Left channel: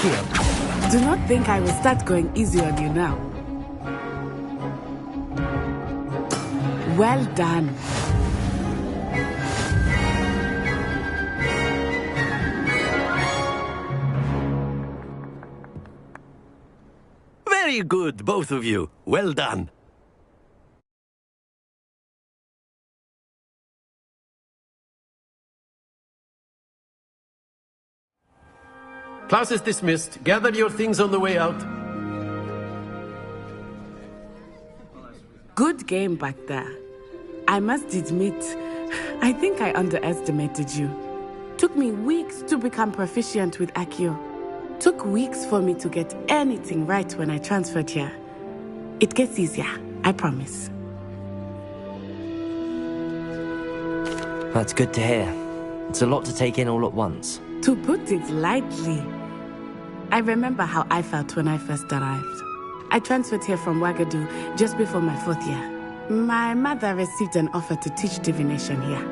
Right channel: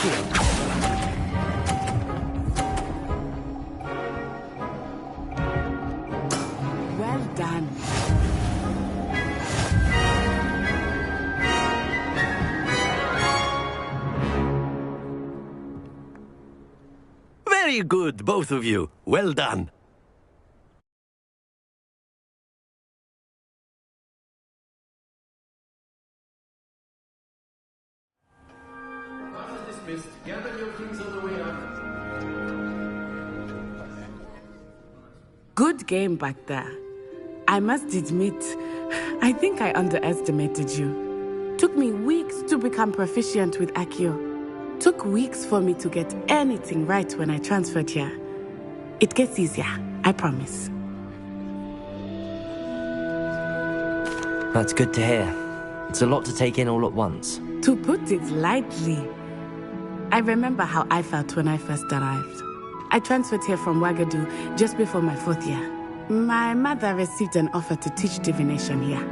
Akio. Do not think I will start going easy on you now. Well done. Very good, both of you. Well done. Class is dismissed. Gather your things on the way out. Good game back there. I must admit, I think I underestimated you. Took me weeks to become proficient with Akio. Took weeks for me to get anything right when I transferred here. It gets easier, I promise. That's good to hear. It's a lot to take in all at once. To put it lightly, I remember how I felt when I first arrived. I transferred here from Wagadu just before my 4th year. My mother received an offer to teach divination here.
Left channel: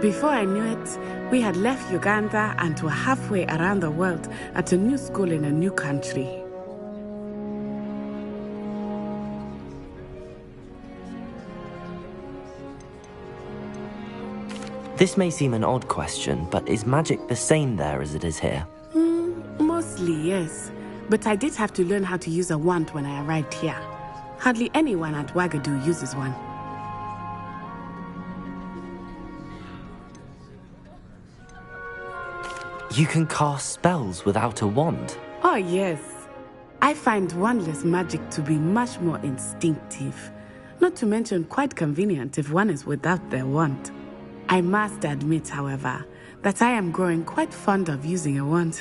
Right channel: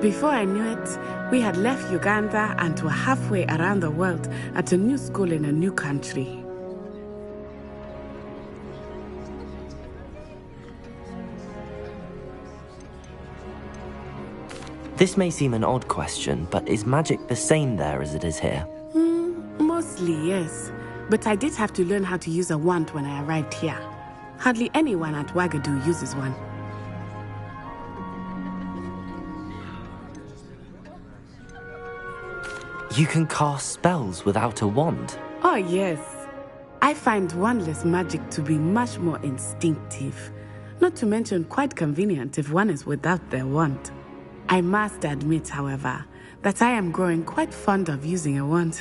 Before I knew it, we had left Uganda and were halfway around the world at a new school in a new country. This may seem an odd question, but is magic the same there as it is here? Mostly, yes. But I did have to learn how to use a wand when I arrived here. Hardly anyone at Wagadu uses one. You can cast spells without a wand? Oh, yes. I find wandless magic to be much more instinctive. Not to mention quite convenient if one is without their wand. I must admit, however, that I am growing quite fond of using a wand.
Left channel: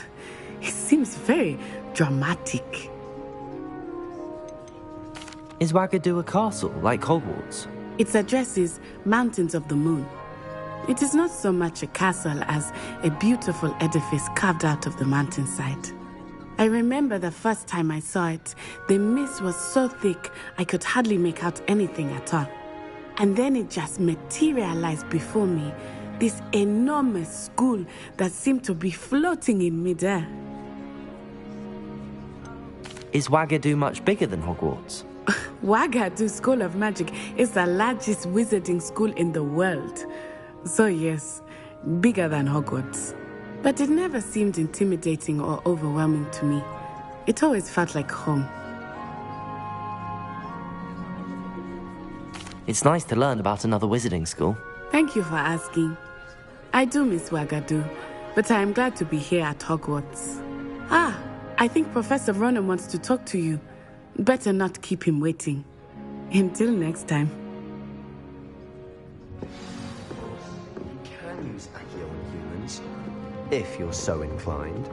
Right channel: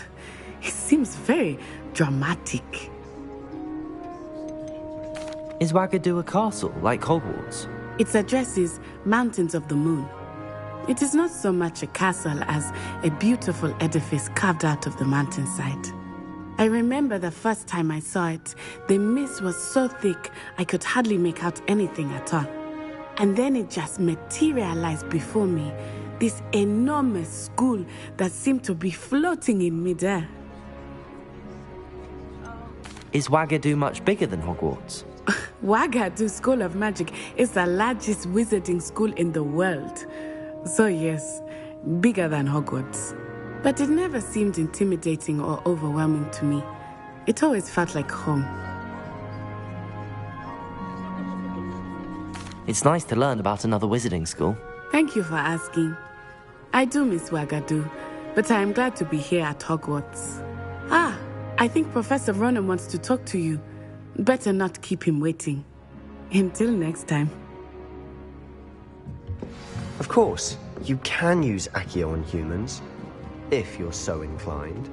It seems very dramatic. Is Wagadu a castle, like Hogwarts? Its address is Mountains of the Moon. It is not so much a castle as a beautiful edifice carved out of the mountainside. I remember the first time I saw it, the mist was so thick I could hardly make out anything at all. And then it just materialized before me, this enormous school that seemed to be floating in midair. Is Wagadu much bigger than Hogwarts? Wagadu School of Magic is the largest wizarding school in the world. So yes, bigger than Hogwarts. But it never seemed intimidating or overwhelming to me. It always felt like home. It's nice to learn about another wizarding school. Thank you for asking. I do miss Wagadu, but I am glad to be here at Hogwarts. I think Professor Ronan wants to talk to you. Better not keep him waiting. Until next time. Of course, you can use Accio on humans, if you're so inclined.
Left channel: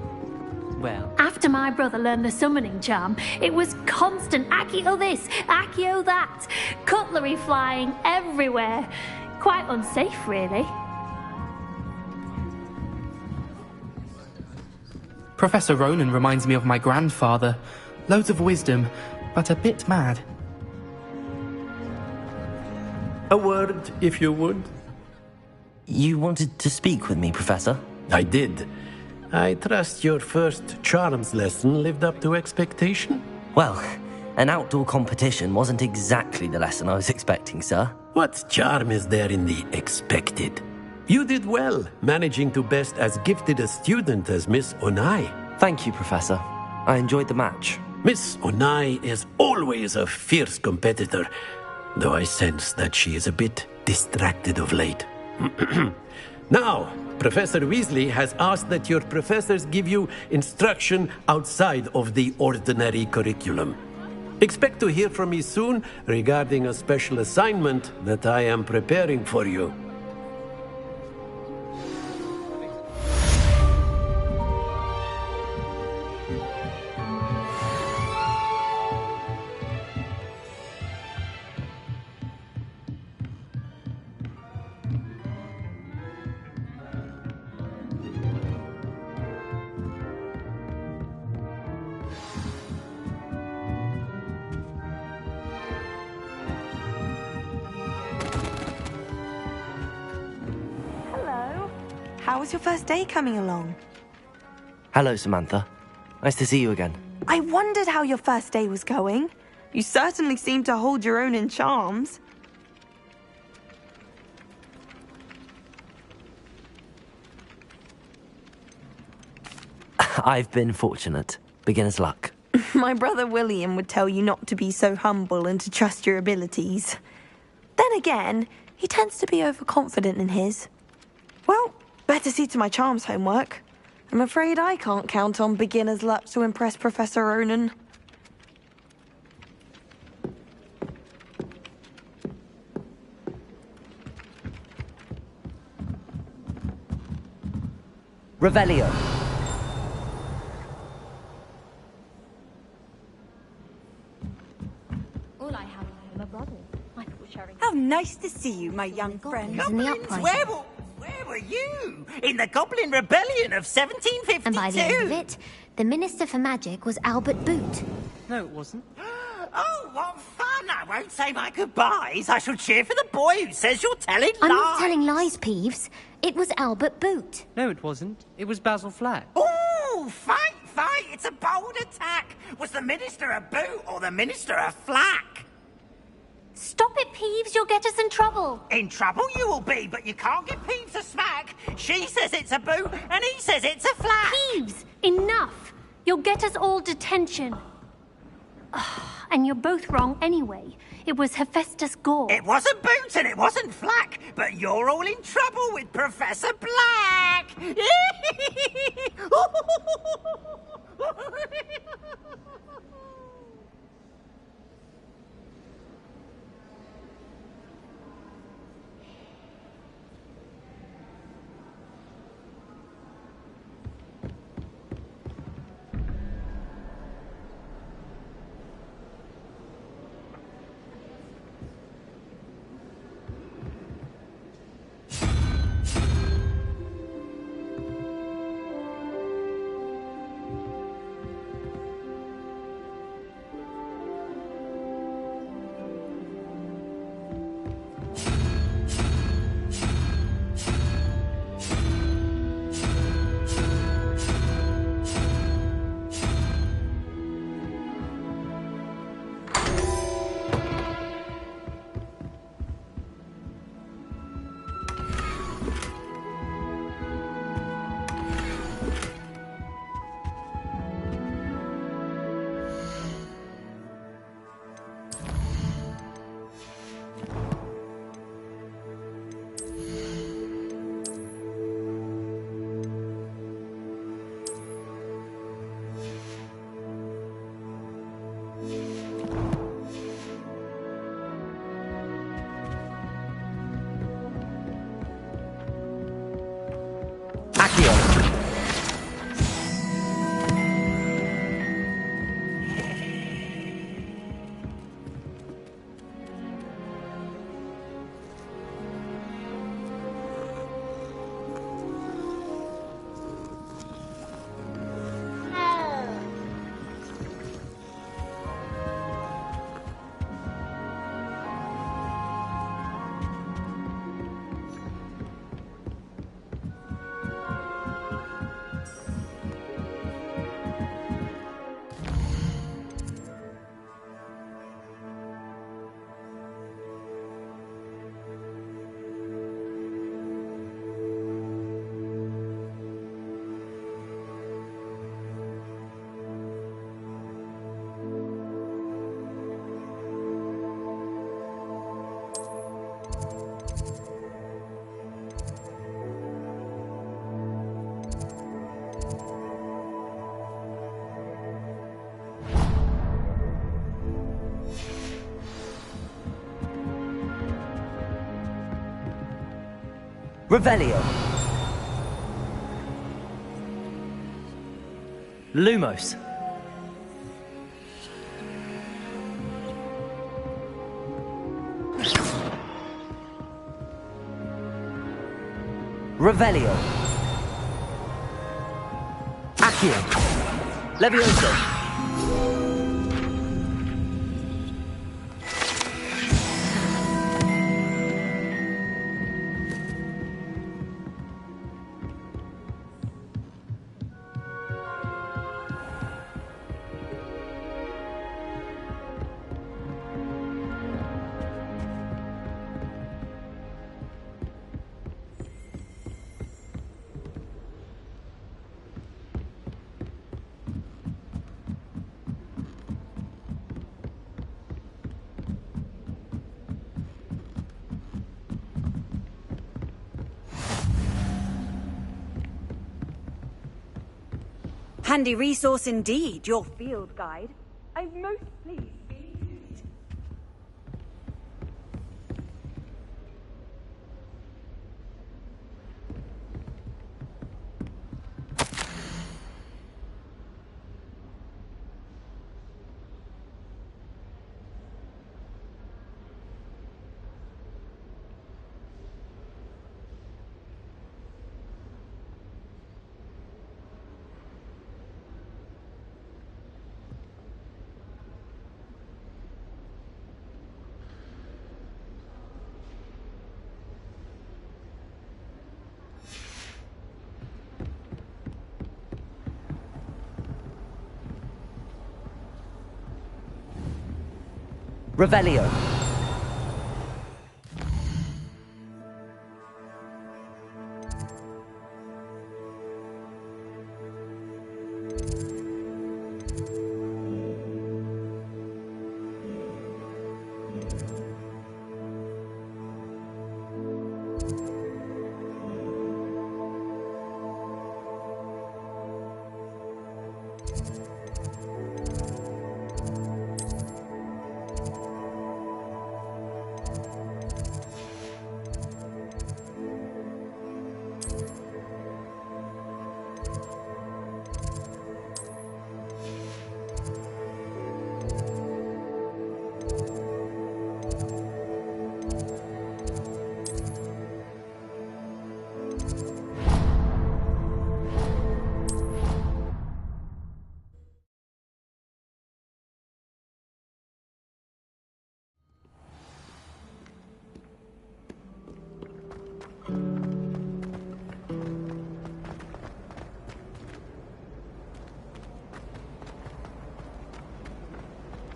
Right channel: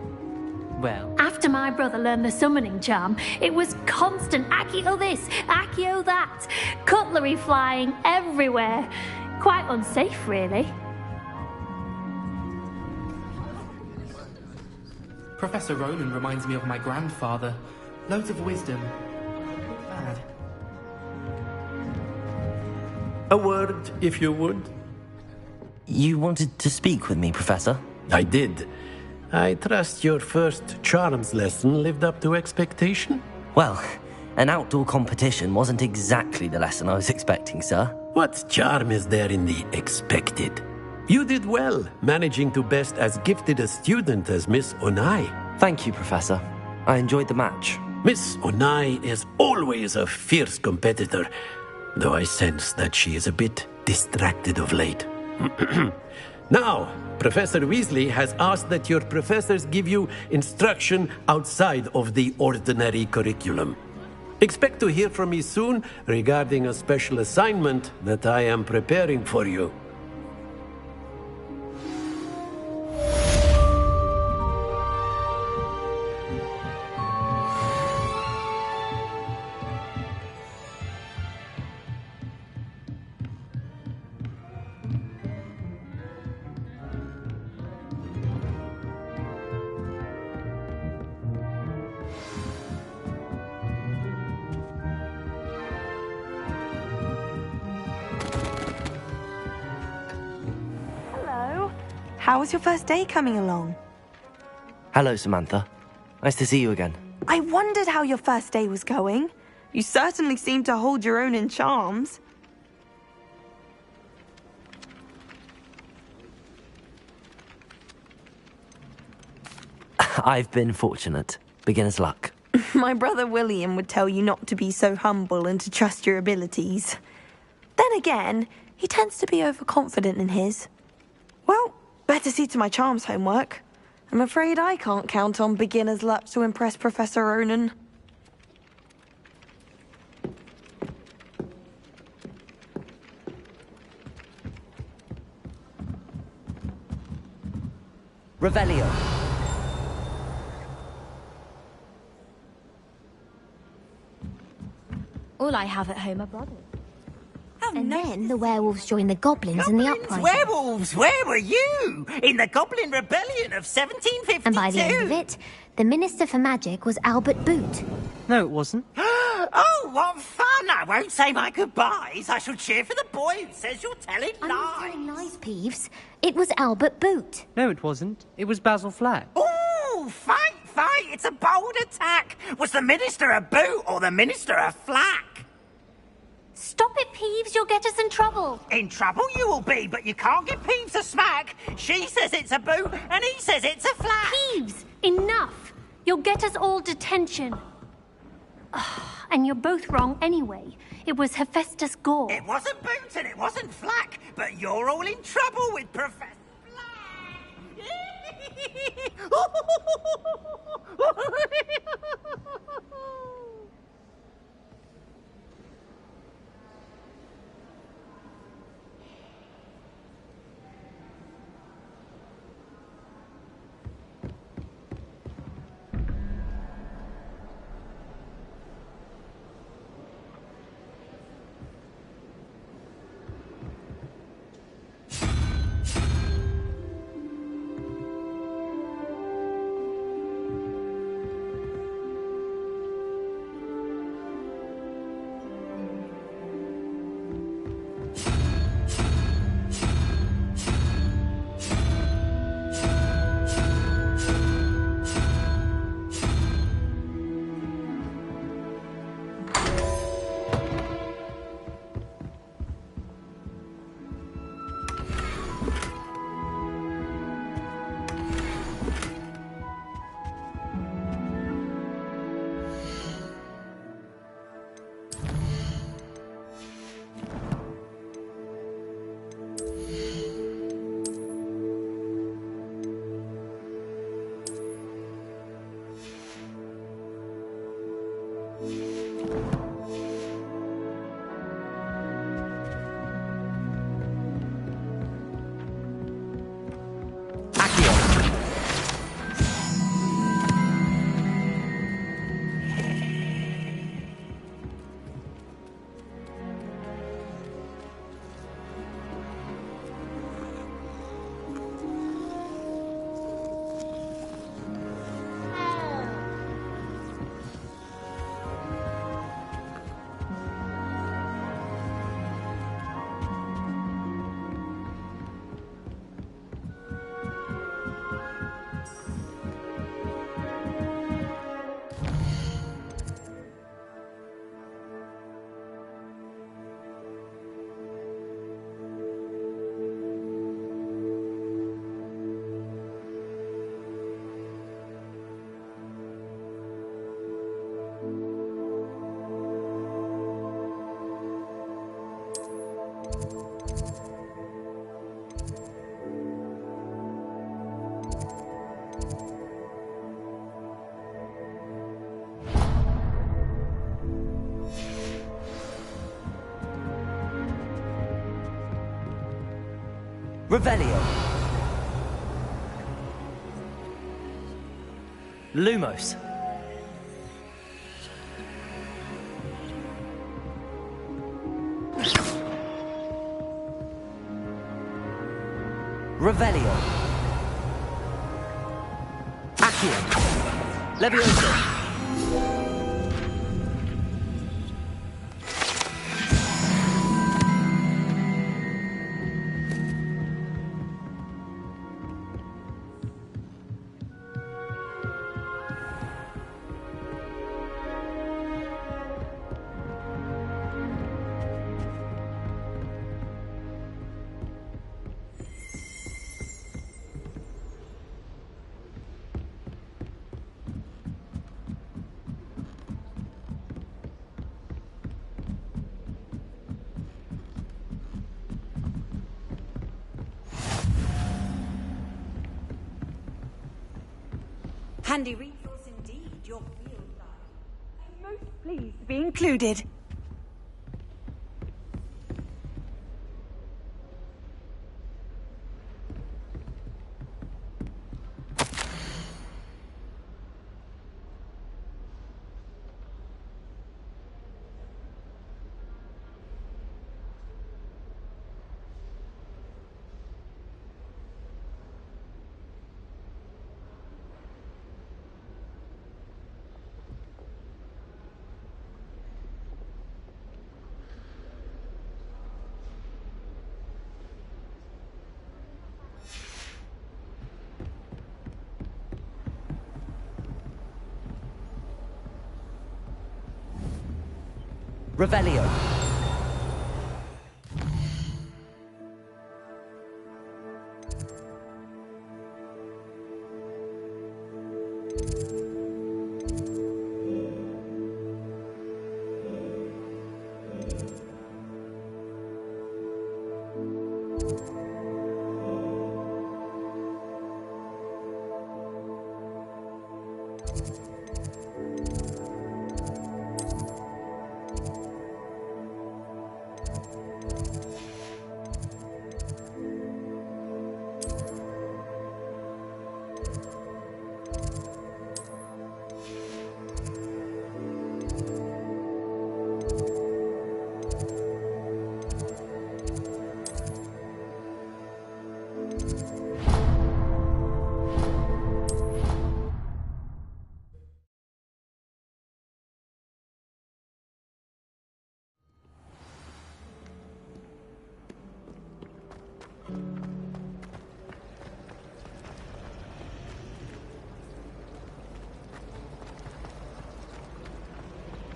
Well, After my brother learned the summoning charm, it was constant Accio this, Accio that, cutlery flying everywhere. Quite unsafe, really. Professor Ronan reminds me of my grandfather. Loads of wisdom, but a bit mad. A word, if you would. you wanted to speak with me, Professor? I did. I trust your first charms lesson lived up to expectation? Well, an outdoor competition wasn't exactly the lesson I was expecting, sir. What charm is there in the expected? You did well, managing to best as gifted a student as Miss Onai. Thank you, Professor. I enjoyed the match. Miss Onai is always a fierce competitor, though I sense that she is a bit distracted of late. Now, Professor Weasley has asked that your professors give you instruction outside of the ordinary curriculum. Expect to hear from me soon regarding a special assignment that I am preparing for you. How was your first day coming along? Hello, Samantha. Nice to see you again. I wondered how your first day was going. You certainly seem to hold your own in charms. I've been fortunate. Beginner's luck. My brother William would tell you not to be so humble and to trust your abilities. Then again, he tends to be overconfident in his. Well, better see to my charms homework. I'm afraid I can't count on beginner's luck to impress Professor Ronan. Revelio. All I have at home are brothers. How nice then to the see you, werewolves my joined young the goblins friend. in the Goblins, uprising. werewolves, where were you? In the Goblin Rebellion of 1752? And by the end of it, the Minister for Magic was Albert Boot. No, it wasn't. Oh, what fun! I won't say my goodbyes. I shall cheer for the boy who says you're telling lies. I'm not telling lies, Peeves. It was Albert Boot. No, it wasn't. It was Basil Flack. Oh, fight! It's a bold attack. Was the Minister a boot or the Minister a flack? Stop it, Peeves. You'll get us in trouble. In trouble you will be, but you can't give Peeves a smack. She says it's a boot, and he says it's a flack. Peeves, enough. You'll get us all detention. And you're both wrong anyway. It was Hephaestus Gore. It wasn't boot and it wasn't flack, but you're all in trouble with Professor Black. Revelio. Lumos. Revelio. Accio. Levioso. Handy resource indeed, your field guide. I'm most pleased to be included. Revelio.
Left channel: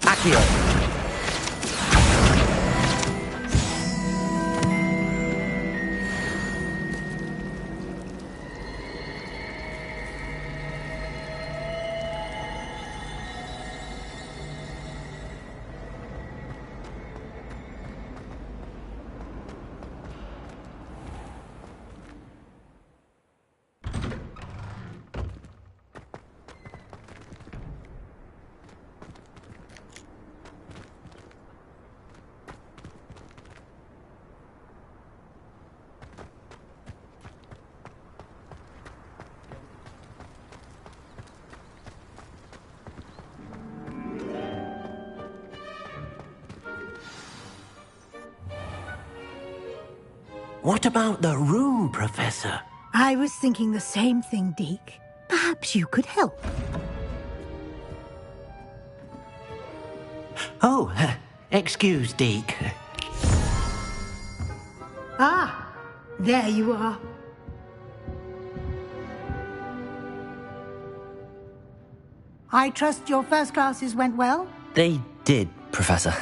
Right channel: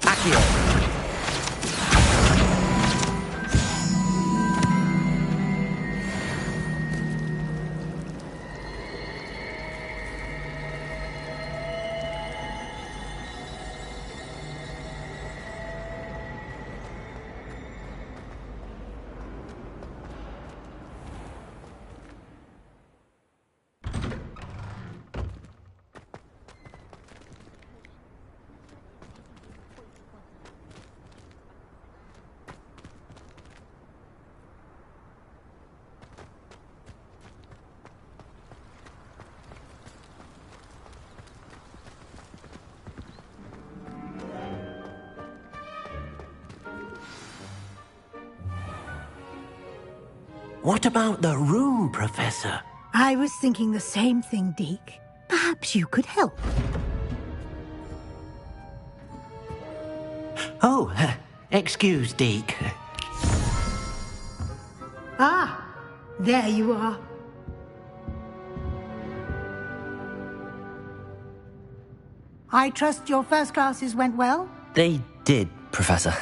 Accio. What about the room, Professor? I was thinking the same thing, Deke. Perhaps you could help. Oh, excuse, Deke. Ah, there you are. I trust your first classes went well? They did, Professor.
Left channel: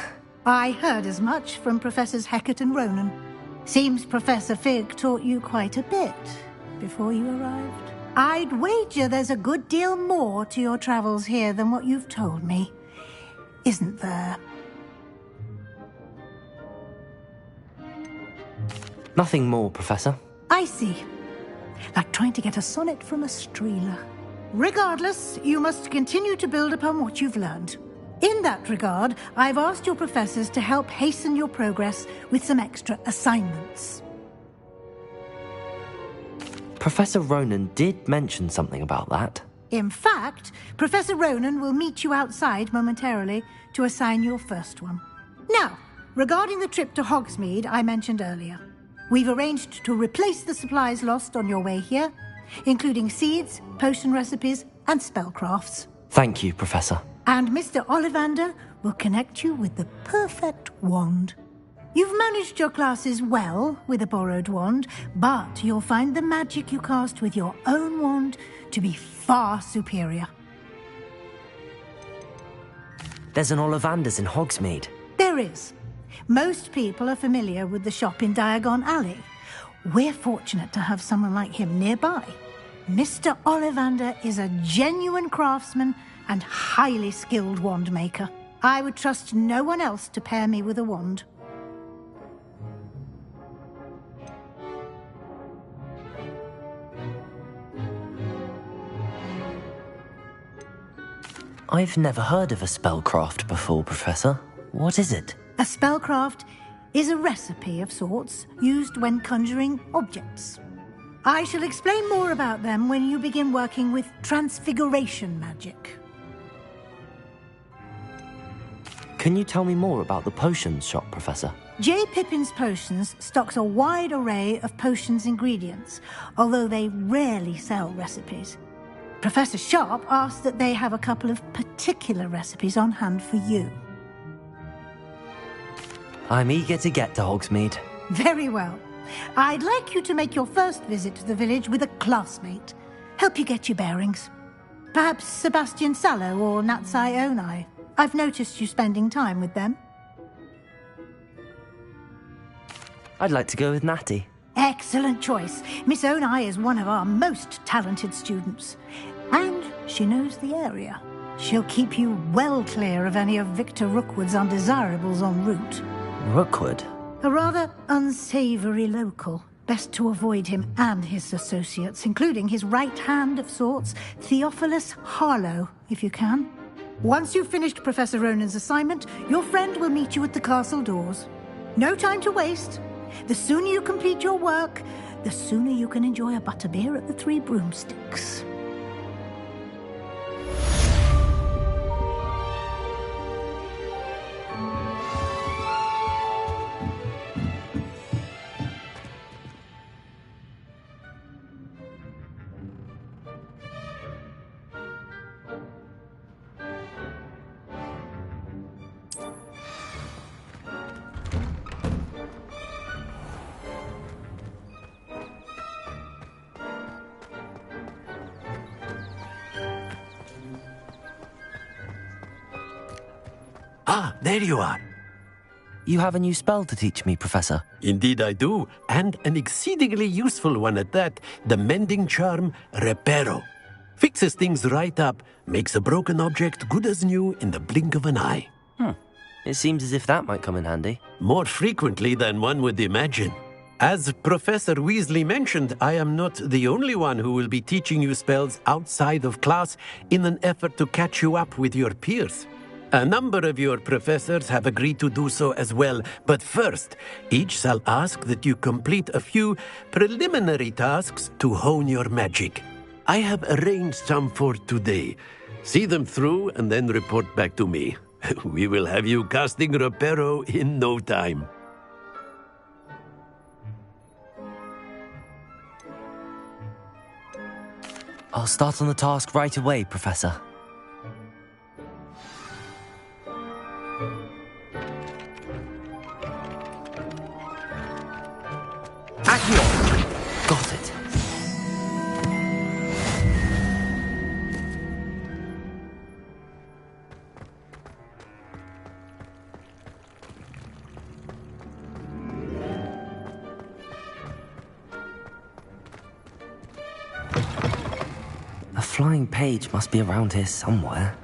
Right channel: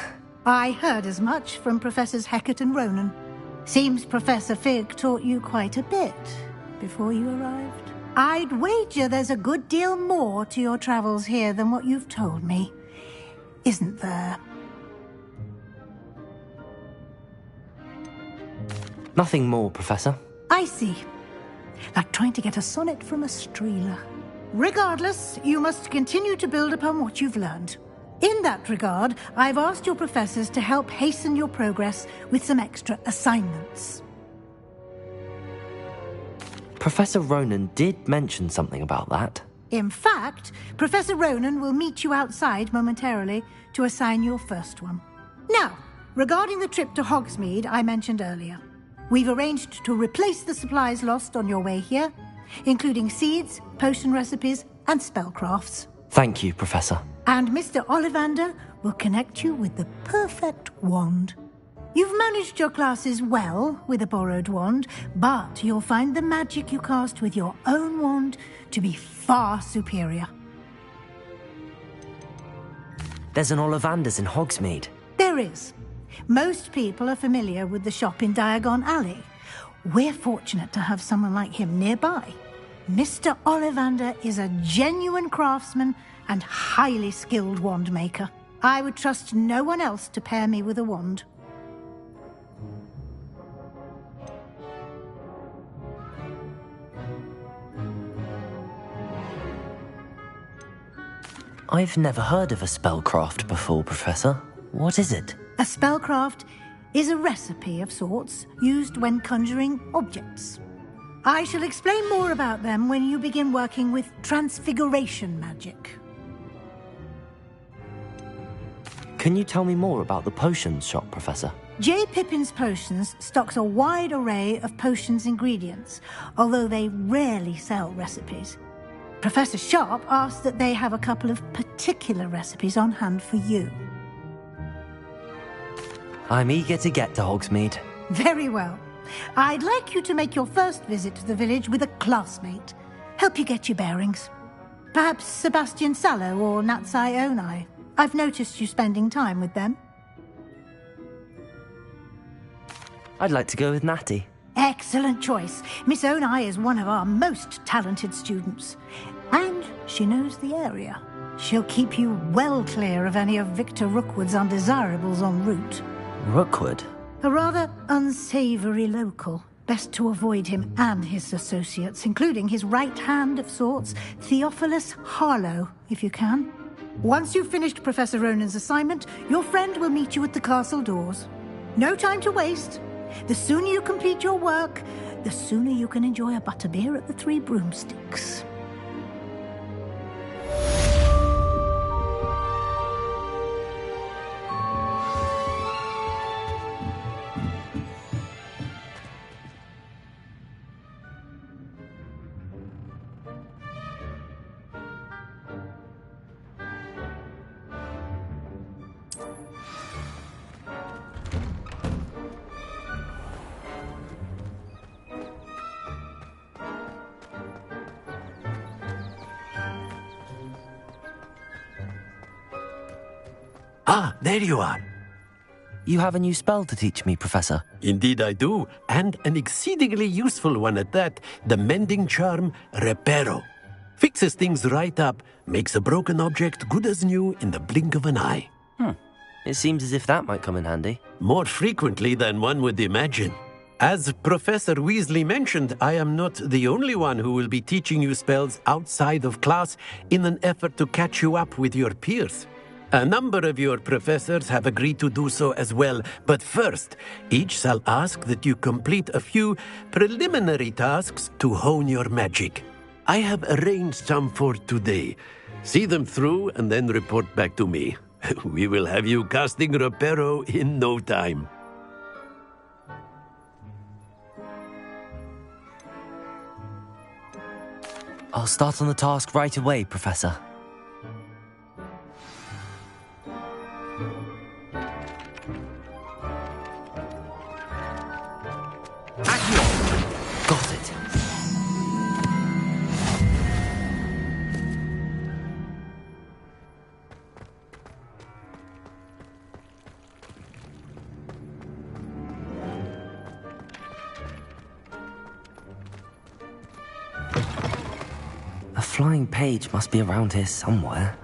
I heard as much from Professors Hecat and Ronan. Seems Professor Fig taught you quite a bit before you arrived. I'd wager there's a good deal more to your travels here than what you've told me. Isn't there? Nothing more, Professor. I see. Like trying to get a sonnet from a streeler. Regardless, you must continue to build upon what you've learned. In that regard, I've asked your professors to help hasten your progress with some extra assignments. Professor Ronan did mention something about that. In fact, Professor Ronan will meet you outside momentarily to assign your first one. Now, regarding the trip to Hogsmeade I mentioned earlier, we've arranged to replace the supplies lost on your way here, including seeds, potion recipes, and spellcrafts. Thank you, Professor. And Mr. Ollivander will connect you with the perfect wand. You've managed your classes well with a borrowed wand, but you'll find the magic you cast with your own wand to be far superior. There's an Ollivander's in Hogsmeade. There is. Most people are familiar with the shop in Diagon Alley. We're fortunate to have someone like him nearby. Mr. Ollivander is a genuine craftsman and highly skilled wand maker. I would trust no one else to pair me with a wand. I've never heard of a spellcraft before, Professor. What is it? A spellcraft is a recipe of sorts used when conjuring objects. I shall explain more about them when you begin working with transfiguration magic. Can you tell me more about the potions shop, Professor? J. Pippin's Potions stocks a wide array of potions ingredients, although they rarely sell recipes. Professor Sharp asked that they have a couple of particular recipes on hand for you. I'm eager to get to Hogsmeade. Very well. I'd like you to make your first visit to the village with a classmate. Help you get your bearings. Perhaps Sebastian Sallow or Natsai Onai. I've noticed you spending time with them. I'd like to go with Natty. Excellent choice. Miss Onai is one of our most talented students. And she knows the area. She'll keep you well clear of any of Victor Rookwood's undesirables en route. Rookwood? A rather unsavoury local. Best to avoid him and his associates, including his right hand of sorts, Theophilus Harlow, if you can. Once you've finished Professor Ronan's assignment, your friend will meet you at the castle doors. No time to waste. The sooner you complete your work, the sooner you can enjoy a butterbeer at the Three Broomsticks. Ah, there you are. You have a new spell to teach me, Professor. Indeed I do, and an exceedingly useful one at that, the mending charm Reparo. Fixes things right up, makes a broken object good as new in the blink of an eye. It seems as if that might come in handy. More frequently than one would imagine. As Professor Weasley mentioned, I am not the only one who will be teaching you spells outside of class in an effort to catch you up with your peers. A number of your professors have agreed to do so as well, but first, each shall ask that you complete a few preliminary tasks to hone your magic. I have arranged some for today. See them through and then report back to me. We will have you casting Reparo in no time. I'll start on the task right away, Professor. Got it. A flying page must be around here somewhere.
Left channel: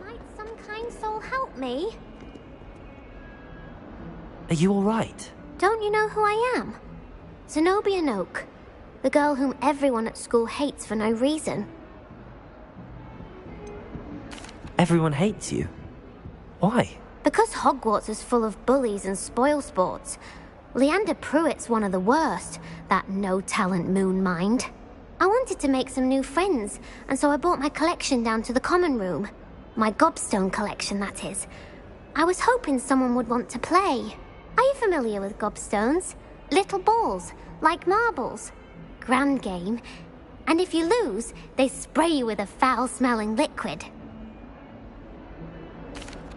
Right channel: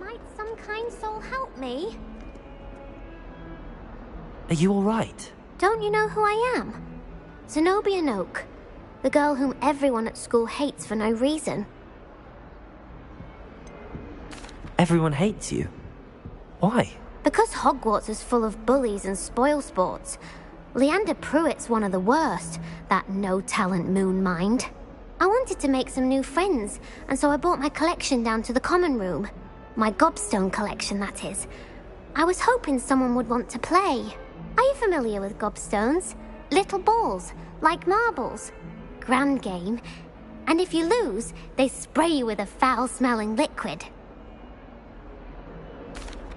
Might some kind soul help me? Are you all right? Don't you know who I am? Zenobia Noak, the girl whom everyone at school hates for no reason. Everyone hates you. Why? Because Hogwarts is full of bullies and spoilsports. Leander Pruitt's one of the worst, that no-talent moon mind. I wanted to make some new friends, and so I brought my collection down to the common room. My gobstone collection, that is. I was hoping someone would want to play. Are you familiar with gobstones? Little balls, like marbles. Grand game. And if you lose, they spray you with a foul-smelling liquid.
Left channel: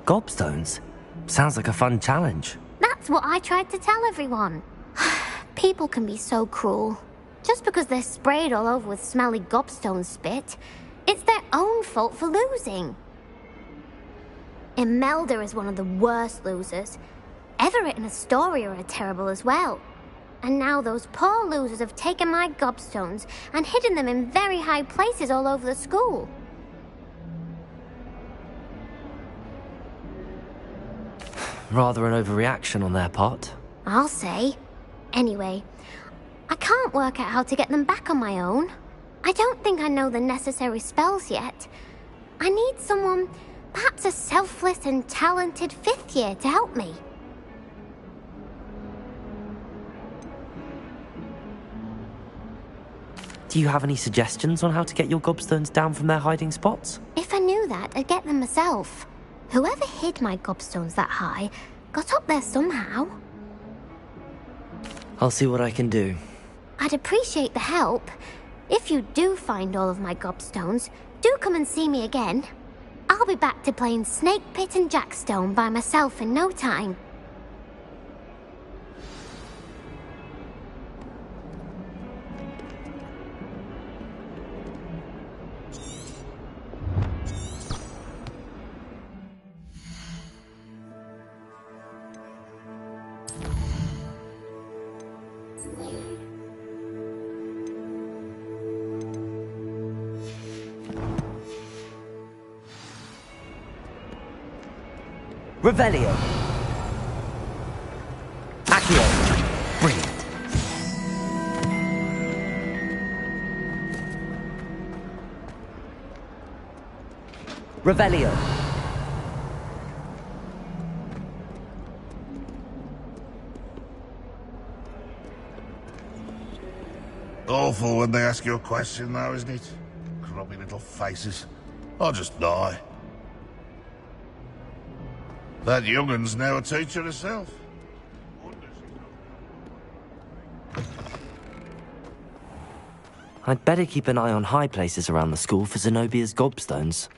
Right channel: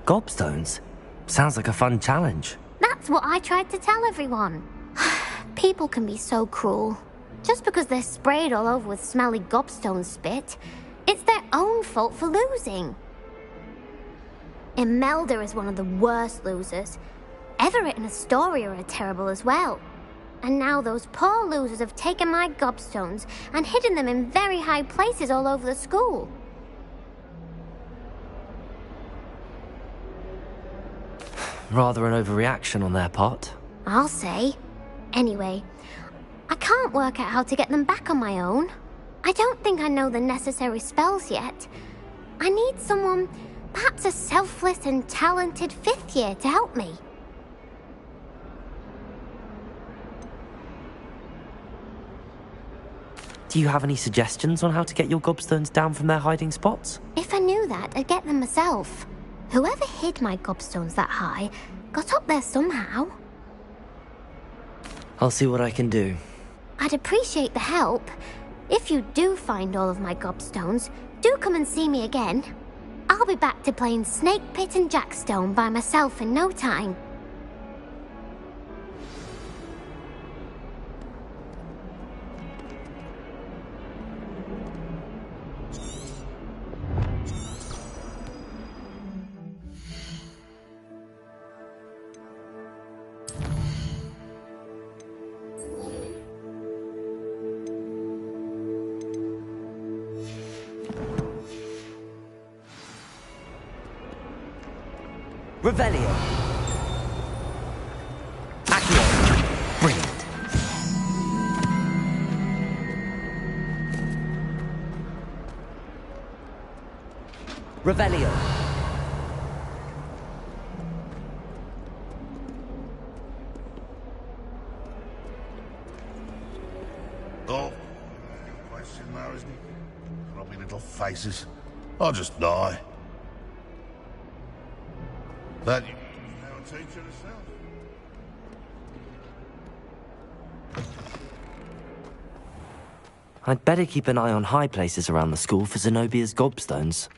Gobstones? Sounds like a fun challenge. That's what I tried to tell everyone. People can be so cruel. Just because they're sprayed all over with smelly gobstone spit, it's their own fault for losing. Imelda is one of the worst losers. Everett and Astoria are terrible as well. And now those poor losers have taken my gobstones and hidden them in very high places all over the school. Rather an overreaction on their part. I'll say. Anyway, I can't work out how to get them back on my own. I don't think I know the necessary spells yet. I need someone, perhaps a selfless and talented 5th year to help me. Do you have any suggestions on how to get your gobstones down from their hiding spots? If I knew that, I'd get them myself. Whoever hid my gobstones that high got up there somehow. I'll see what I can do. I'd appreciate the help. If you do find all of my gobstones, do come and see me again. I'll be back to playing Snake Pit and Jackstone by myself in no time. Revelio. Accio. Brilliant. Revelio. Awful when they ask you a question, though, isn't it? Grubby little faces. I'll just die. That young'un's now a teacher herself. I'd better keep an eye on high places around the school for Zenobia's gobstones.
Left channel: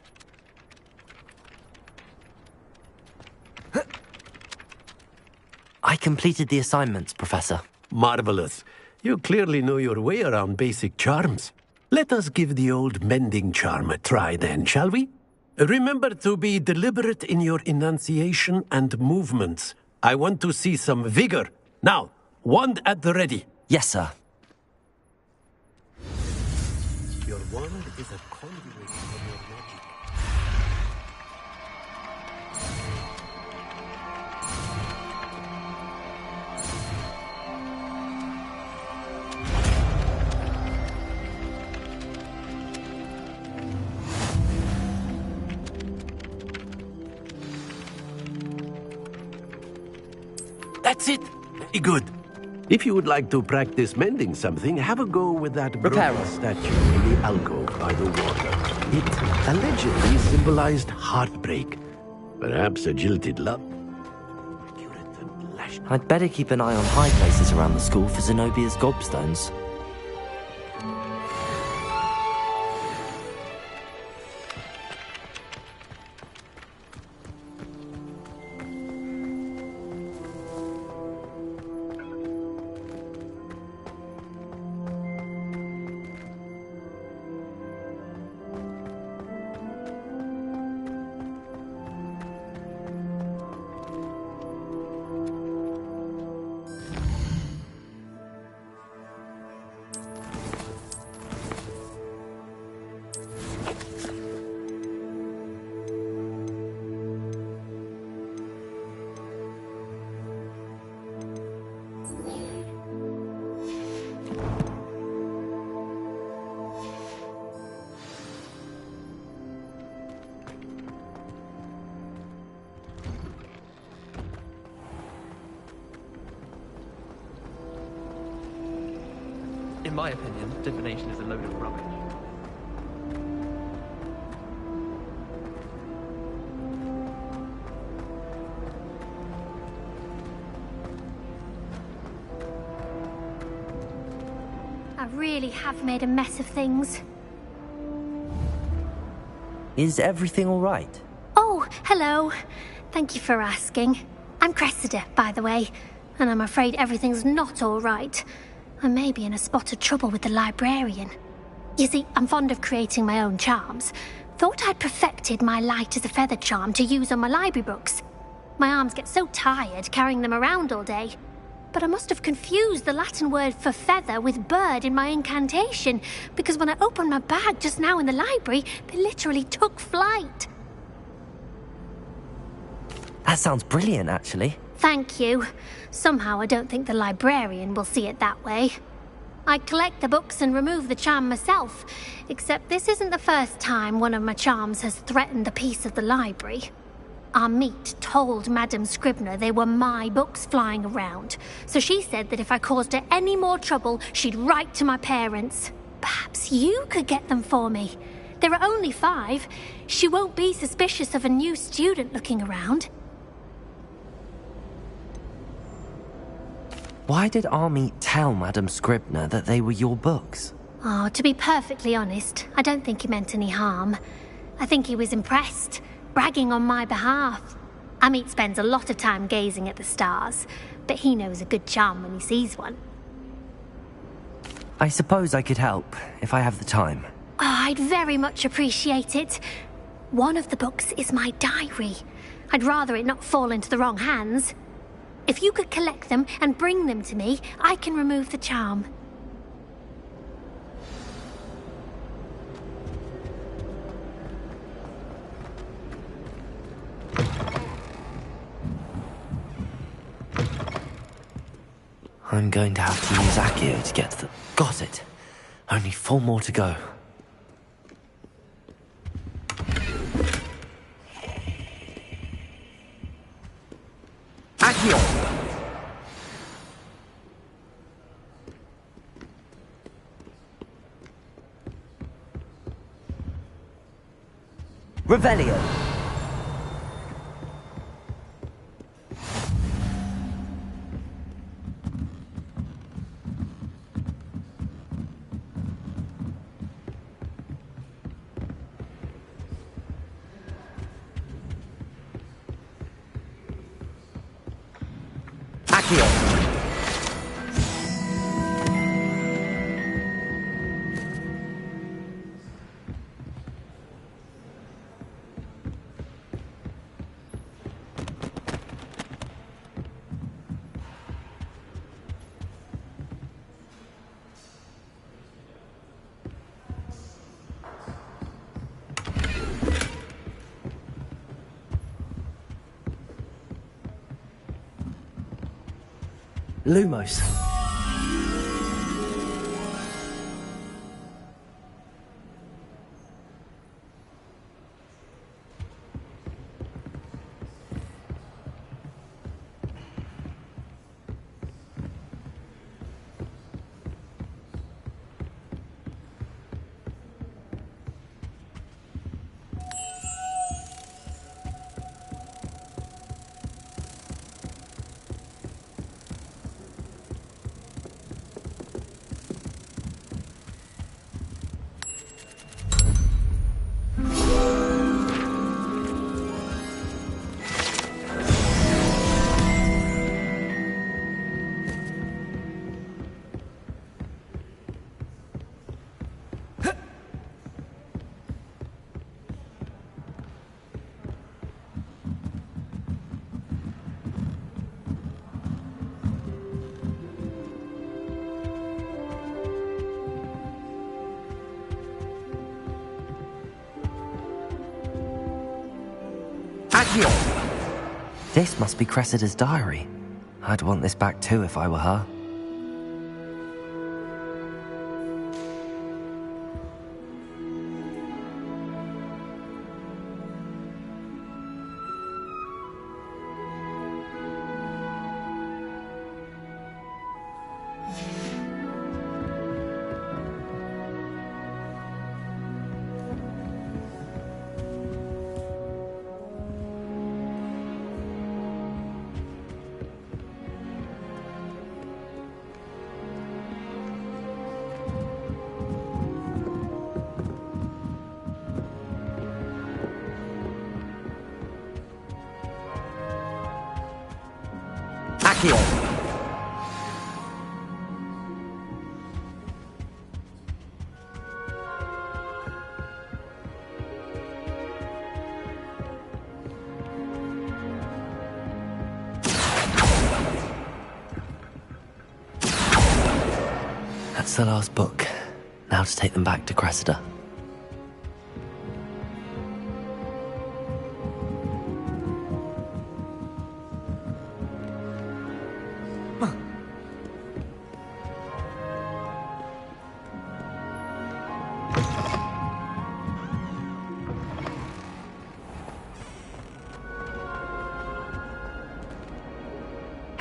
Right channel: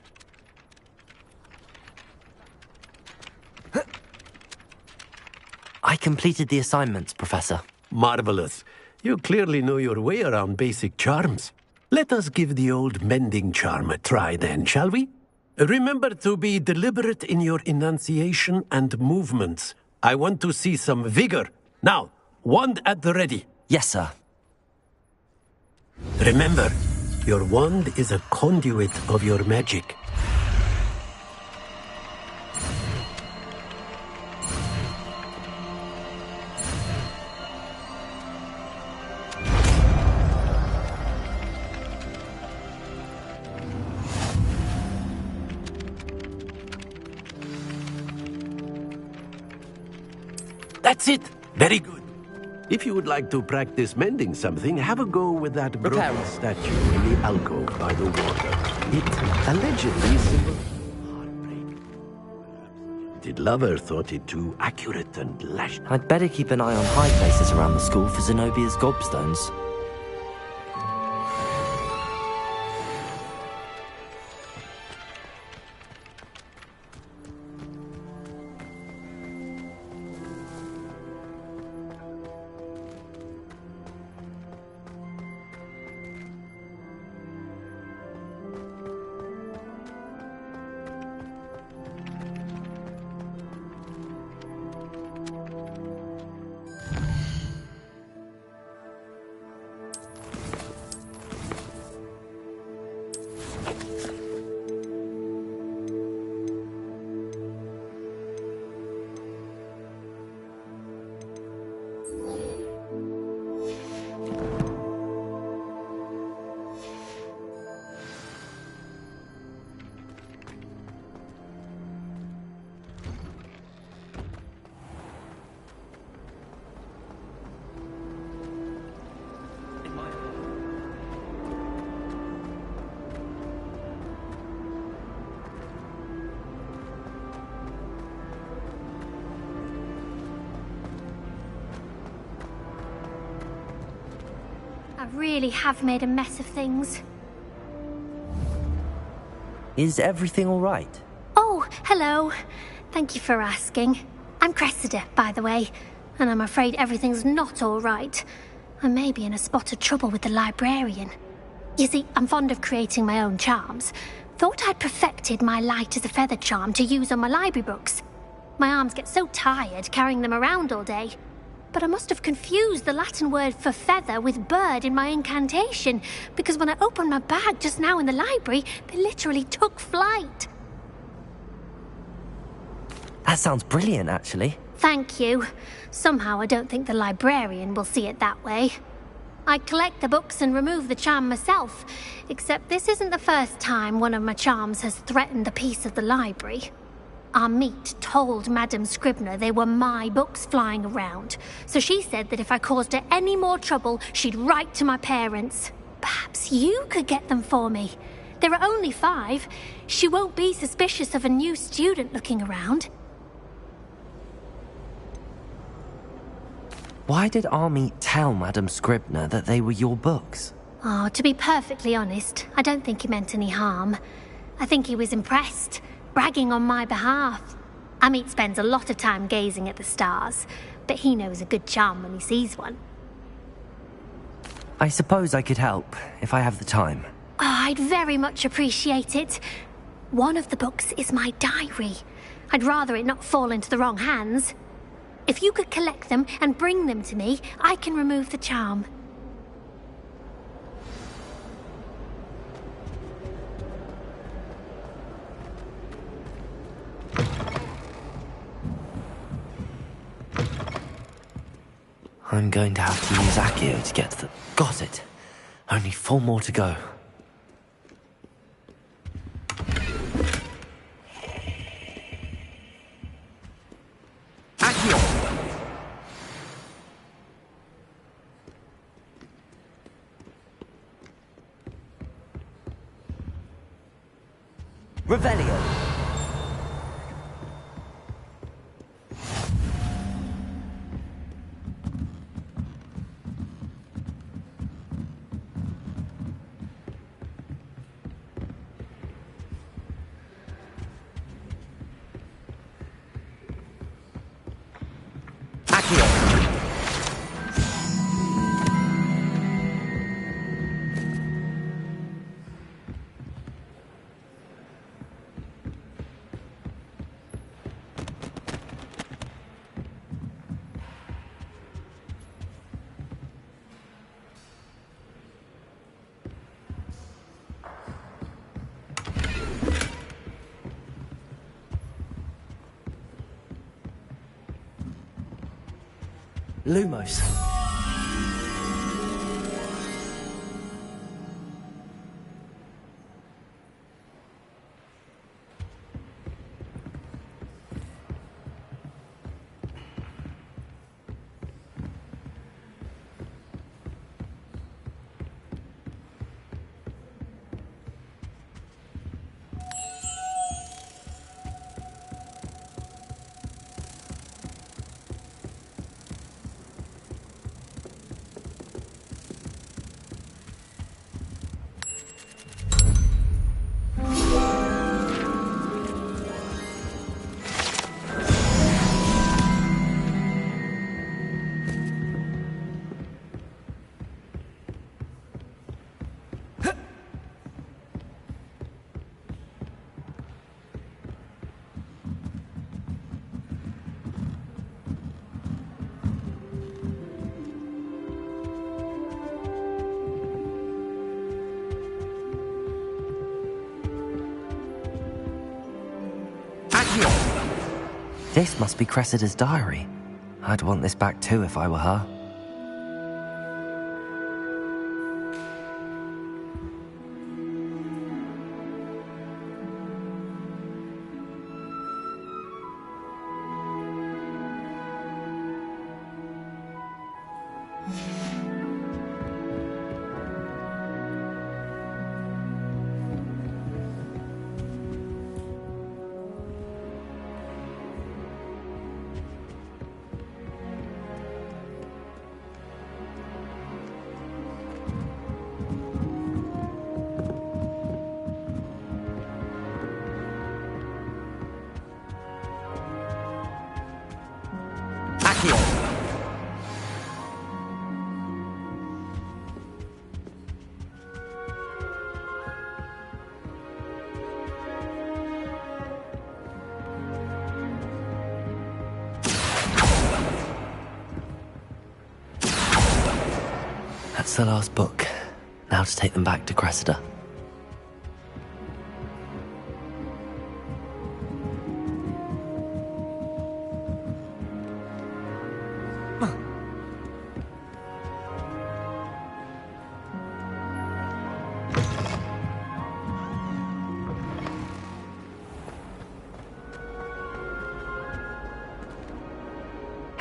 I completed the assignments, Professor. Marvelous. You clearly know your way around basic charms. Let us give the old mending charm a try then, shall we? Remember to be deliberate in your enunciation and movements. I want to see some vigor. Now, wand at the ready. Yes, sir. Remember, your wand is a conduit of your magic. That's it. Very good. If you would like to practice mending something, have a go with that broken statue in the alcove by the water. It allegedly symbolized heartbreak. Perhaps a jilted lover thought it too accurate and lashed. I'd better keep an eye on high places around the school for Zenobia's gobstones. In my opinion, divination is a load of rubbish. I really have made a mess of things. Is everything all right? Oh, hello. Thank you for asking. I'm Cressida, by the way, and I'm afraid everything's not all right. I may be in a spot of trouble with the librarian. You see, I'm fond of creating my own charms. Thought I'd perfected my light as a feather charm to use on my library books. My arms get so tired carrying them around all day. But I must have confused the Latin word for feather with bird in my incantation, because when I opened my bag just now in the library, they literally took flight. That sounds brilliant, actually. Thank you. Somehow I don't think the librarian will see it that way. I collect the books and remove the charm myself, except this isn't the first time one of my charms has threatened a piece of the library. Amit told Madame Scribner they were my books flying around, so she said that if I caused her any more trouble, she'd write to my parents. Perhaps you could get them for me. There are only 5. She won't be suspicious of a new student looking around. Why did Amit tell Madame Scribner that they were your books? Oh, to be perfectly honest, I don't think he meant any harm. I think he was impressed, bragging on my behalf. Amit spends a lot of time gazing at the stars, but he knows a good charm when he sees one. I suppose I could help, if I have the time. Oh, I'd very much appreciate it. One of the books is my diary. I'd rather it not fall into the wrong hands. If you could collect them and bring them to me, I can remove the charm. I'm going to have to use Accio to get to the... Got it! Only 4 more to go. Accio! Revelio! Lumos. This must be Cressida's diary. I'd want this back too if I were her. That's the last book. Now to take them back to Cressida.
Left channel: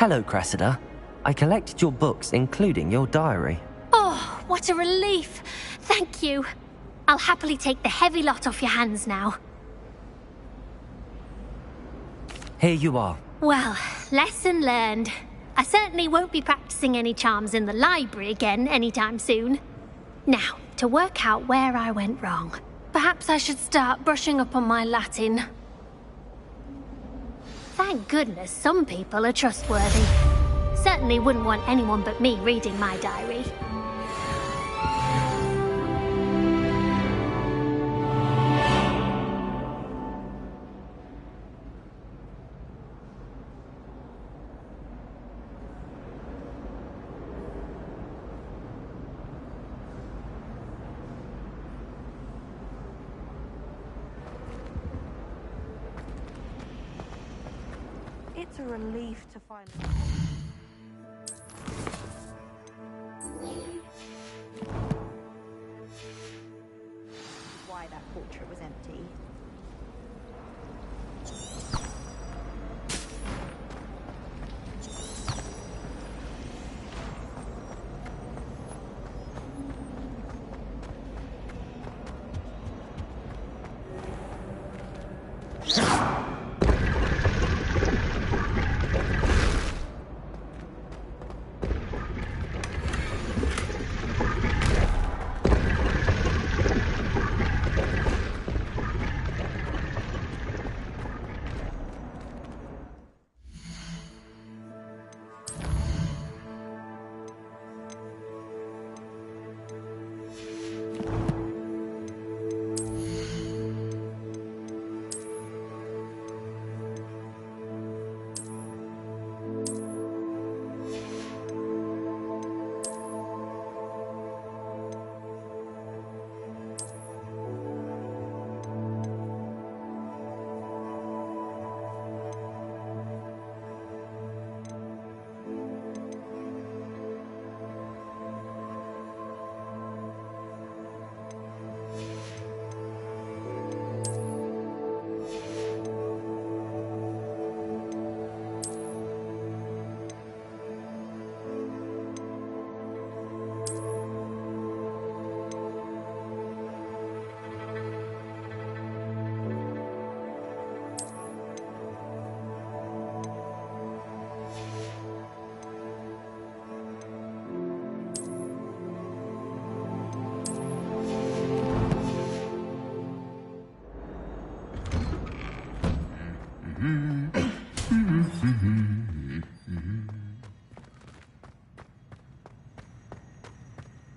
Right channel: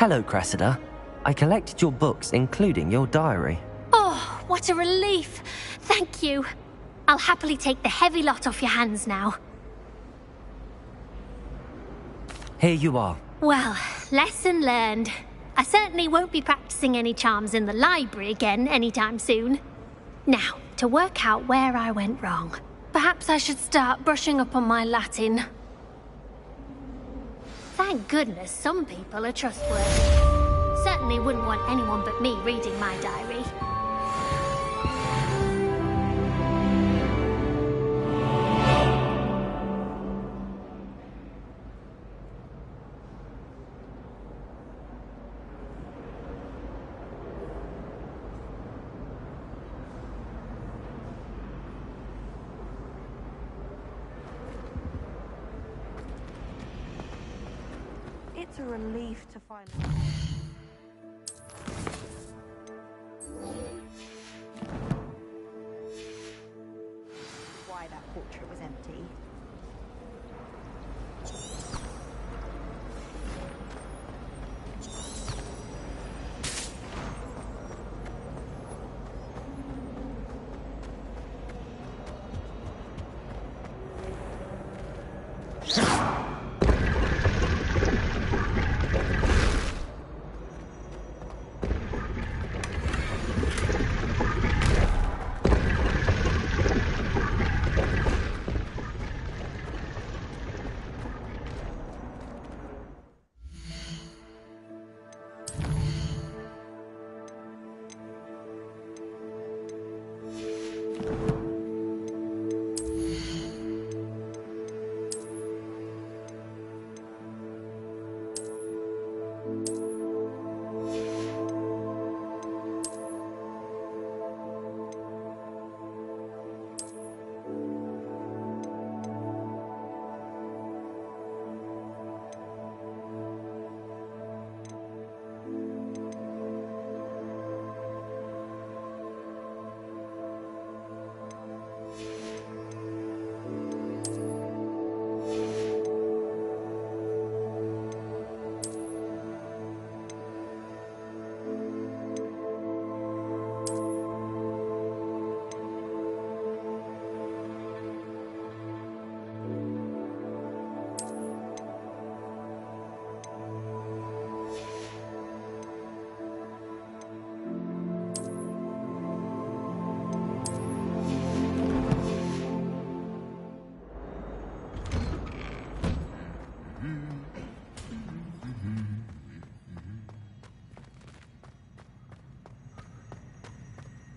Hello, Cressida. I collected your books, including your diary. Oh, what a relief. Thank you. I'll happily take the heavy lot off your hands now. Here you are. Well, lesson learned. I certainly won't be practicing any charms in the library again anytime soon. Now, to work out where I went wrong. Perhaps I should start brushing up on my Latin. Thank goodness some people are trustworthy. Certainly wouldn't want anyone but me reading my diary. It's a relief to find... Why that portrait was empty.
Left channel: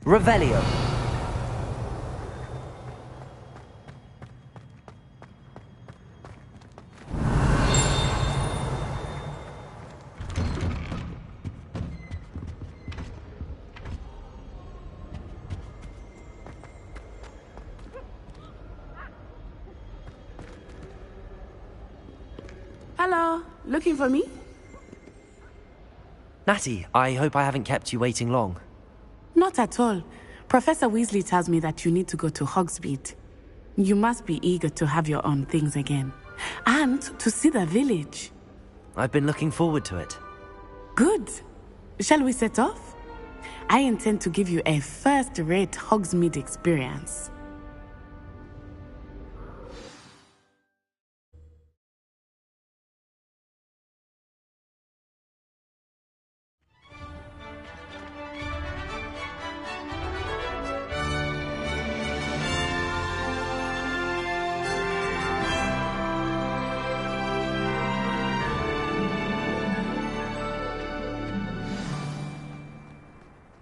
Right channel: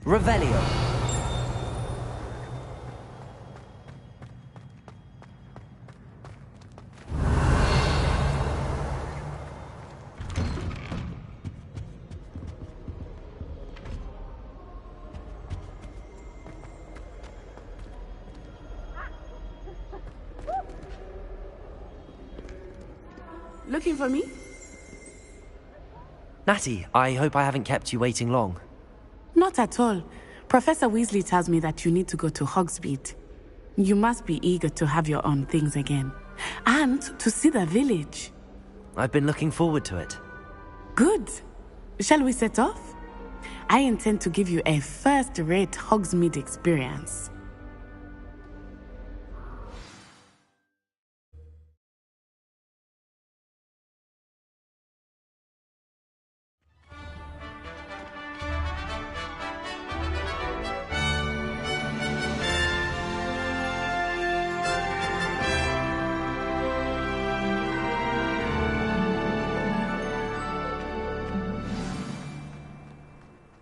Revelio. Hello, looking for me? Natty, I hope I haven't kept you waiting long. Not at all. Professor Weasley tells me that you need to go to Hogsmeade. You must be eager to have your own things again. And to see the village. I've been looking forward to it. Good. Shall we set off? I intend to give you a first-rate Hogsmeade experience.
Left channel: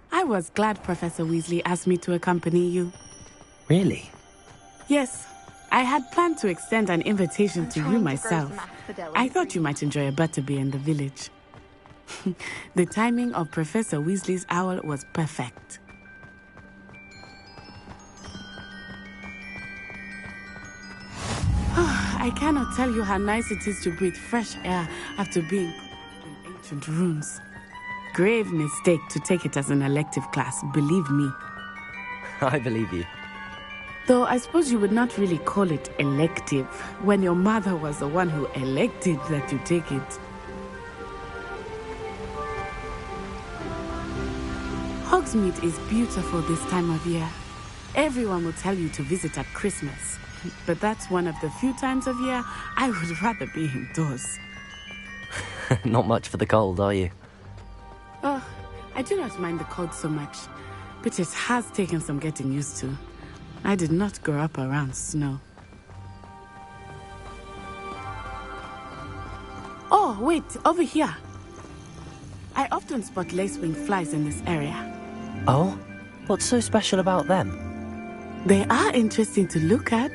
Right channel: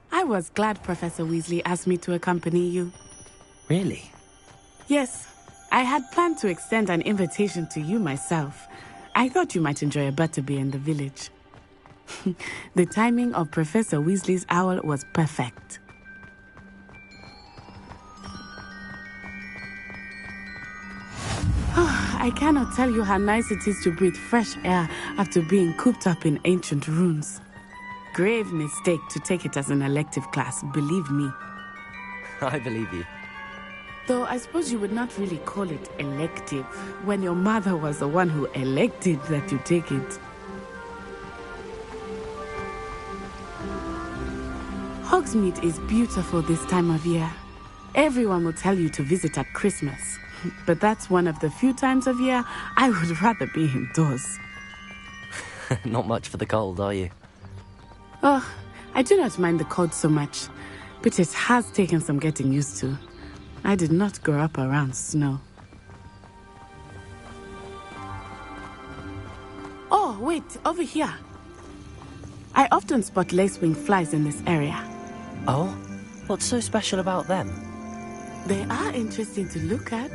I was glad Professor Weasley asked me to accompany you. Really? Yes. I had planned to extend an invitation to you myself. I thought you might enjoy a butterbeer in the village. The timing of Professor Weasley's owl was perfect. I cannot tell you how nice it is to breathe fresh air after being cooped up in ancient ruins. Grave mistake to take it as an elective class, believe me. I believe you. Though I suppose you would not really call it elective when your mother was the one who elected that you take it. Hogsmeade is beautiful this time of year. Everyone will tell you to visit at Christmas. But that's one of the few times of year I would rather be indoors. Not much for the cold, are you? Oh, I do not mind the cold so much, but it has taken some getting used to. I did not grow up around snow. Oh, wait, over here. I often spot lacewing flies in this area. Oh? What's so special about them? They are interesting to look at,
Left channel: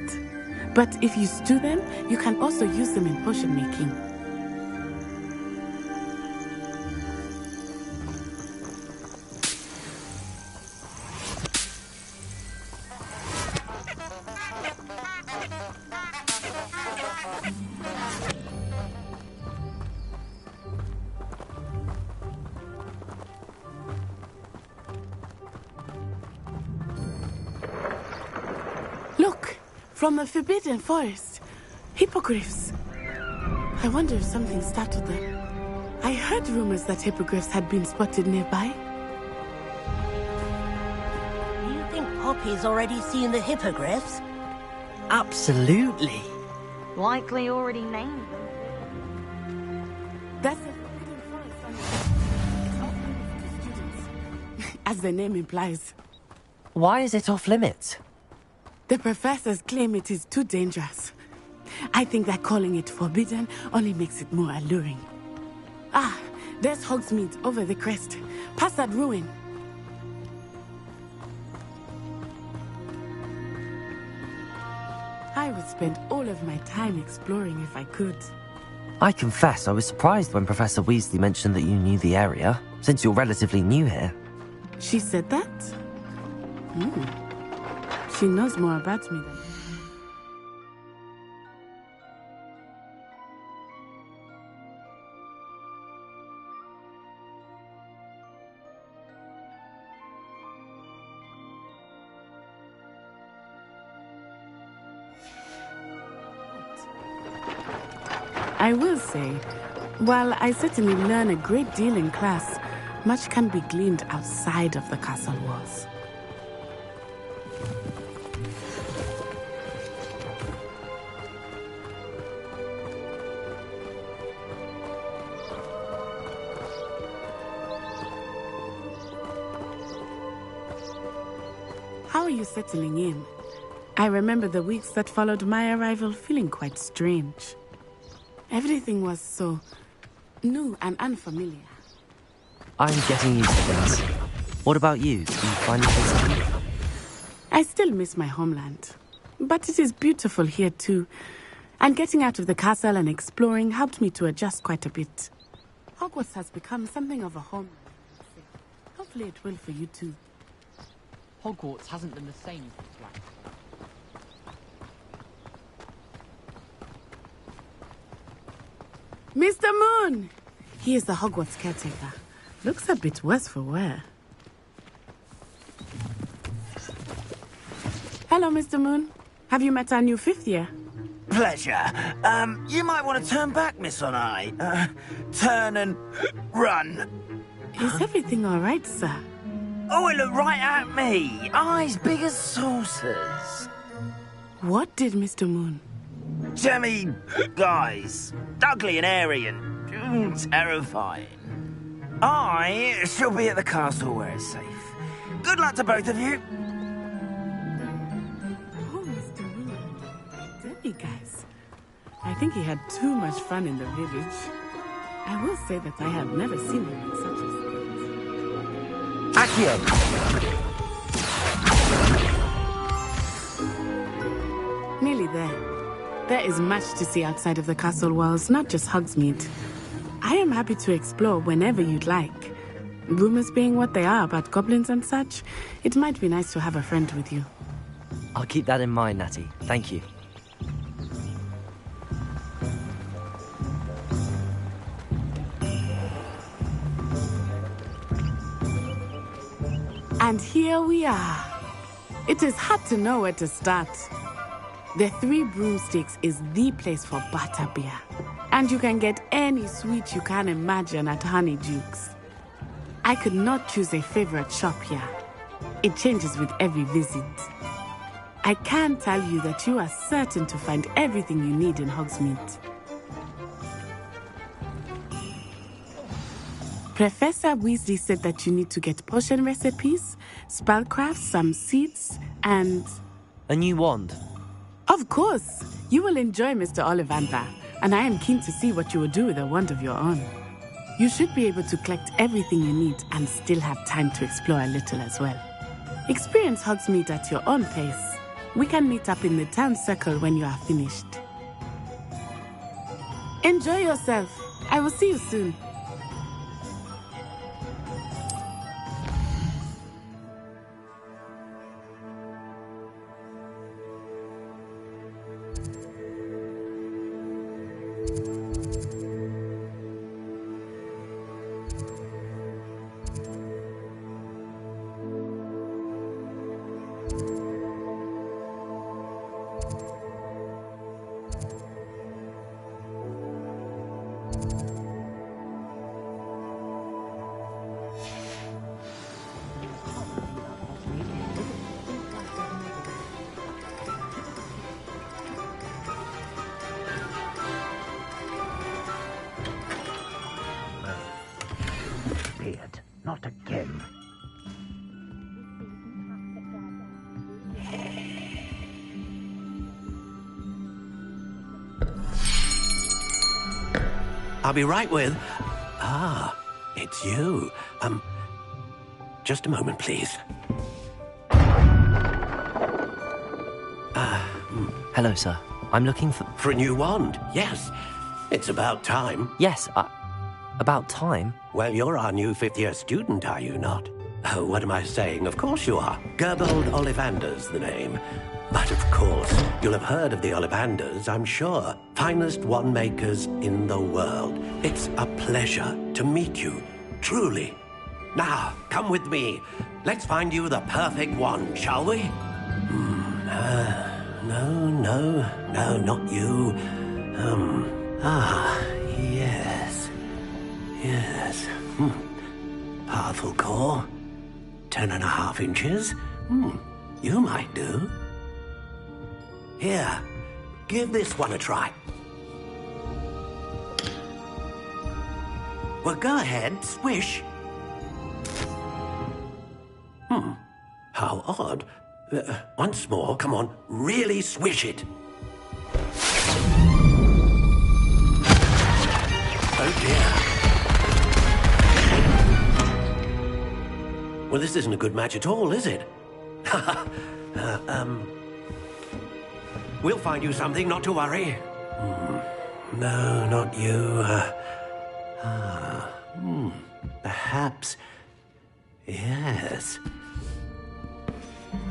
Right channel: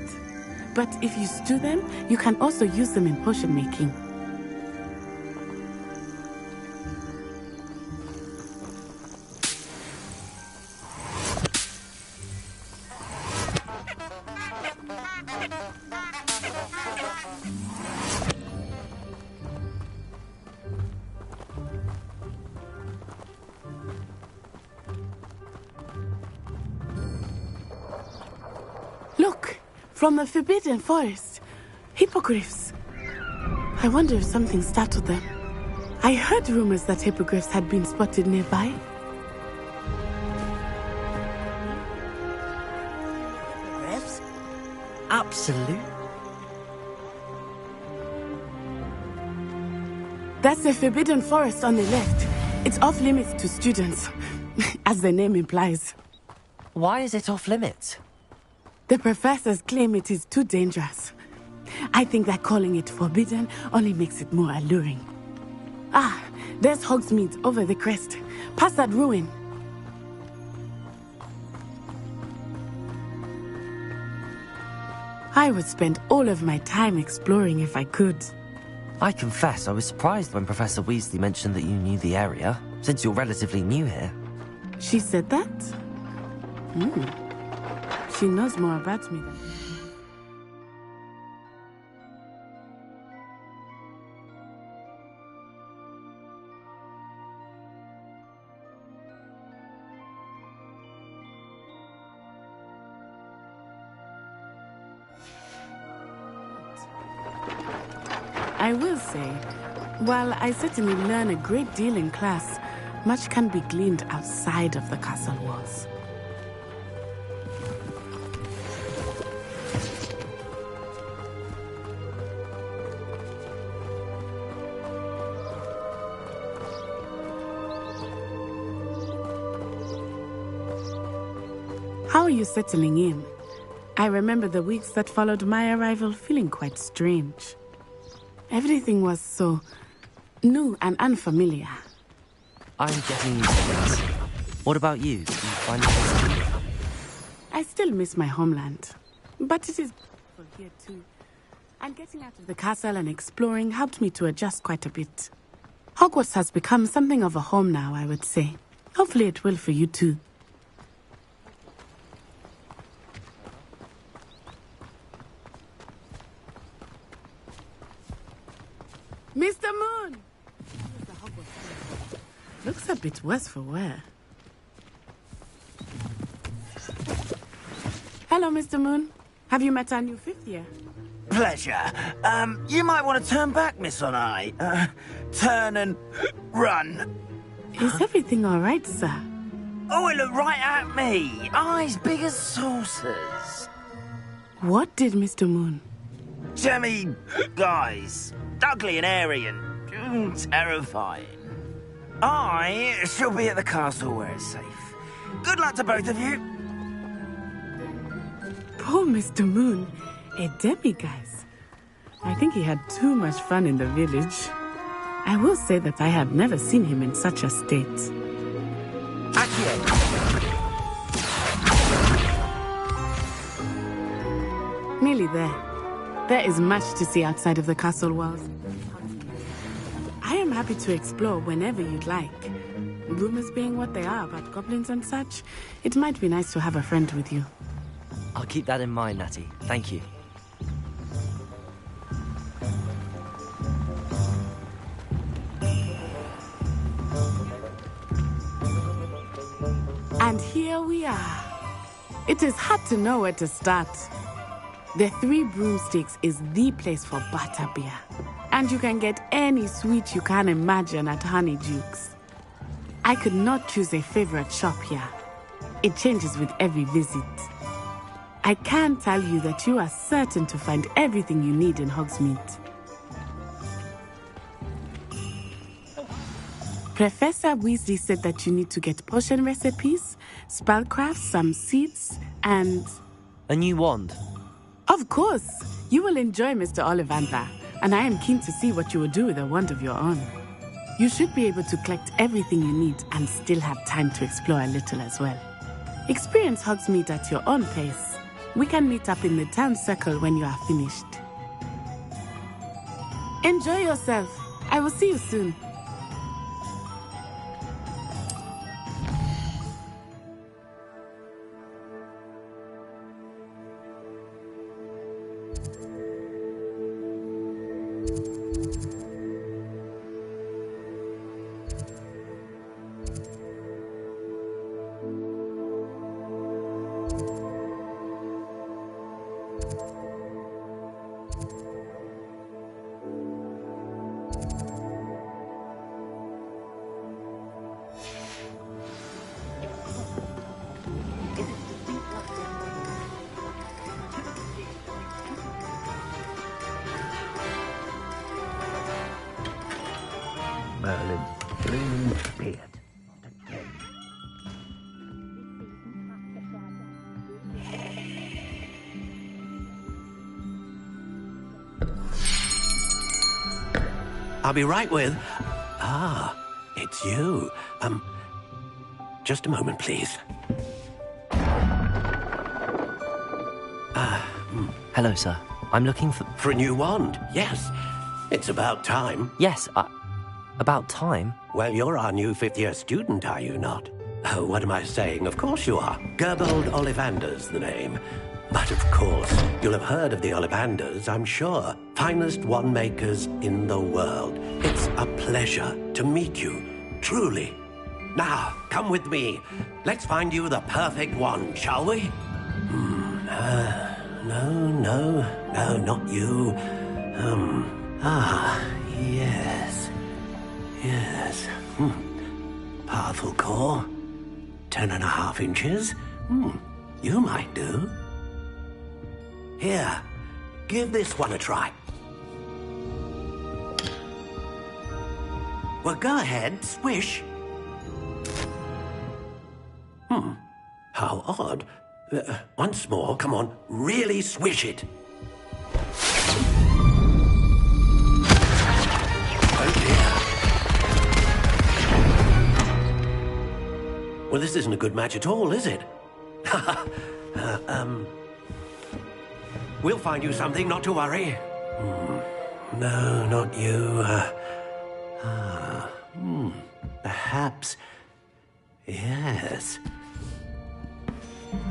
but if you stew them, you can also use them in potion making. Look, from the Forbidden Forest. Hippogriffs. I wonder if something startled them. I heard rumors that hippogriffs had been spotted nearby. Do you think Poppy's already seen the hippogriffs? Absolutely. Likely already named. That's the Forbidden Forest on the left. It's off limits to students, as the name implies. Why is it off limits? The professors claim it is too dangerous. I think that calling it forbidden only makes it more alluring. Ah, there's Hogsmeade over the crest. Past that ruin. I would spend all of my time exploring if I could. I confess I was surprised when Professor Weasley mentioned that you knew the area, since you're relatively new here. She said that? She knows more about me than... I will say, while I certainly learn a great deal in class, much can be gleaned outside of the castle walls. How are you settling in? I remember the weeks that followed my arrival feeling quite strange. Everything was so new and unfamiliar. I'm getting used to things. What about you? Do you find it? I still miss my homeland, but it is beautiful here too. And getting out of the castle and exploring helped me to adjust quite a bit. Hogwarts has become something of a home now, I would say. Hopefully it will for you too. Hogwarts hasn't been the same. Mr. Moon! He is the Hogwarts caretaker. Looks a bit worse for wear. Hello, Mr. Moon. Have you met our new fifth year? Pleasure. You might want to turn back, Miss Onai. Turn and run. Is everything all right, sir? Oh, it looked right at me. Eyes big as saucers. What did Mr. Moon? Jemmy guys. Ugly and airy and terrifying. I shall be at the castle where it's safe. Good luck to both of you. Poor Mr. Moon. A demiguise. I think he had too much fun in the village. I will say that I have never seen him in such a state. Accio! Nearly there. There is much to see outside of the castle walls, not just Hogsmeade. I am happy to explore whenever you'd like. Rumors being what they are about goblins and such, it might be nice to have a friend with you. I'll keep that in mind, Natty. Thank you. And here we are. It is hard to know where to start. The Three Broomsticks is the place for butterbeer. And you can get any sweet you can imagine at Honeydukes. I could not choose a favorite shop here. It changes with every visit. I can tell you that you are certain to find everything you need in Hogsmeade. Professor Weasley said that you need to get potion recipes, spellcrafts, some seeds, and... A new wand? Of course! You will enjoy Mr. Ollivander, and I am keen to see what you will do with a wand of your own. You should be able to collect everything you need and still have time to explore a little as well. Experience Hogsmeade at your own pace. We can meet up in the town circle when you are finished. Enjoy yourself. I will see you soon. Merlin, beard, not again. I'll be right with... Ah, it's you. Just a moment, please. Hello, sir. I'm looking for... For a new wand, yes. It's about time. Yes, about time? Well, you're our new fifth-year student, are you not? Oh, what am I saying? Of course you are. Gerbold Ollivander's the name. But of course, you'll have heard of the Ollivanders, I'm sure. Finest wand makers in the world. It's a pleasure to meet you, truly. Now, come with me. Let's find you the perfect wand, shall we? No, not you. Yes. Powerful core. 10.5 inches. You might do. Here, give this one a try. Well, go ahead, swish. How odd. Once more, come on, really swish it. Oh dear. Well, this isn't a good match at all, is it? We'll find you something, not to worry. No, not you. Perhaps... Yes.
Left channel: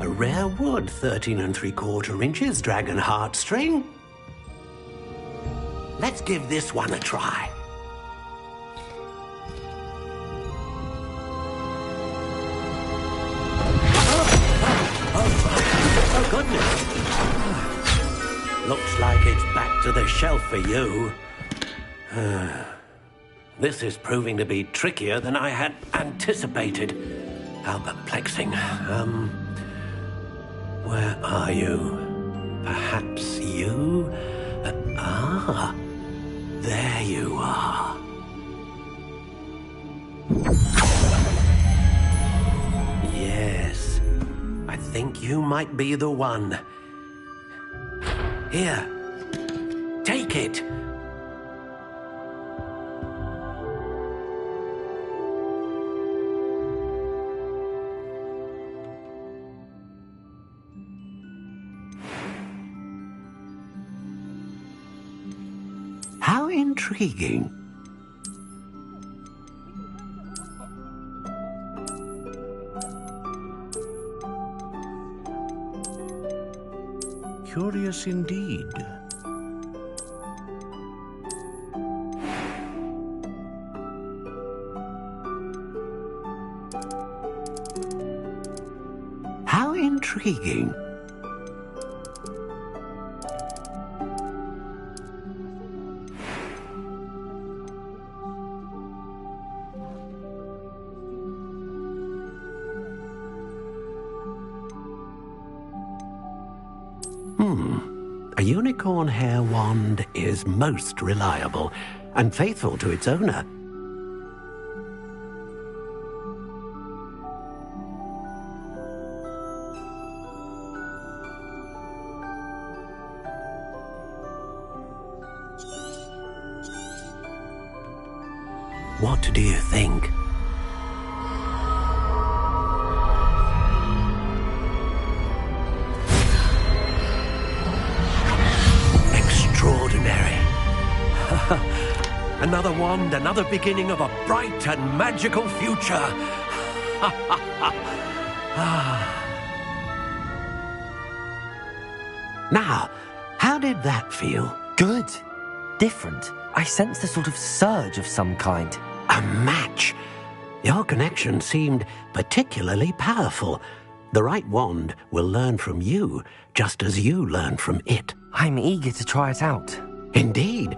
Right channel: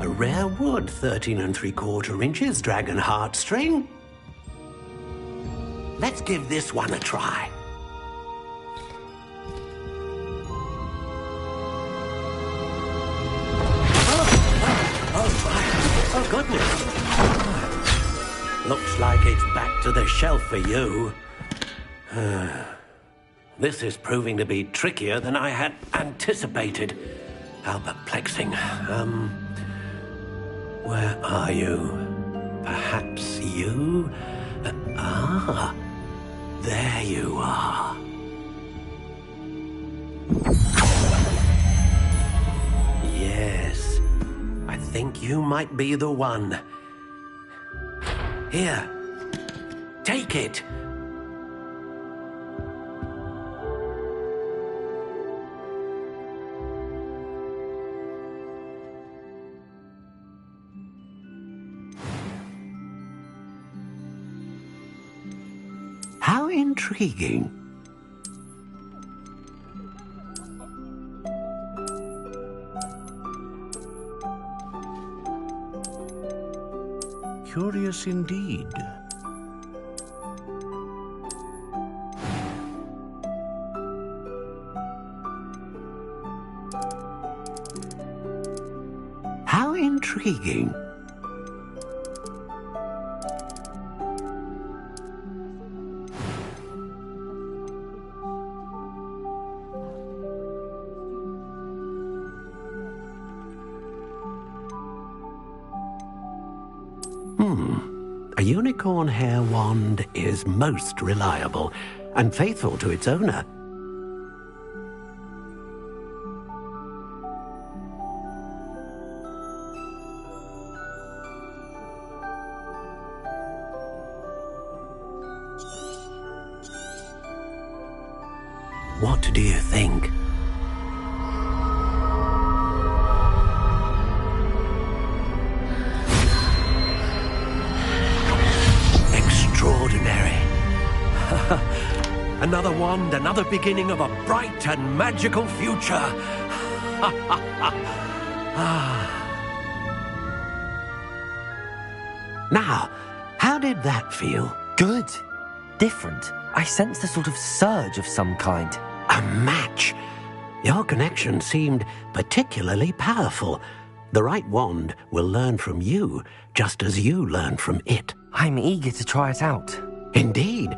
A rare wood, 13 3/4 inches, dragon heartstring. Let's give this one a try. Oh, goodness. Looks like it's back to the shelf for you. This is proving to be trickier than I had anticipated. How perplexing. Where are you? Perhaps you? There you are. Yes, I think you might be the one. Here, take it. How intriguing. Curious indeed. How intriguing. A unicorn hair wand is most reliable and faithful to its owner. What do you think? Extraordinary. Another wand, another beginning of a bright and magical future. Now, how did that feel? Good. Different. I sensed a sort of surge of some kind. A match. Your connection seemed particularly powerful. The right wand will learn from you, just as you learn from it. I'm eager to try it out. Indeed.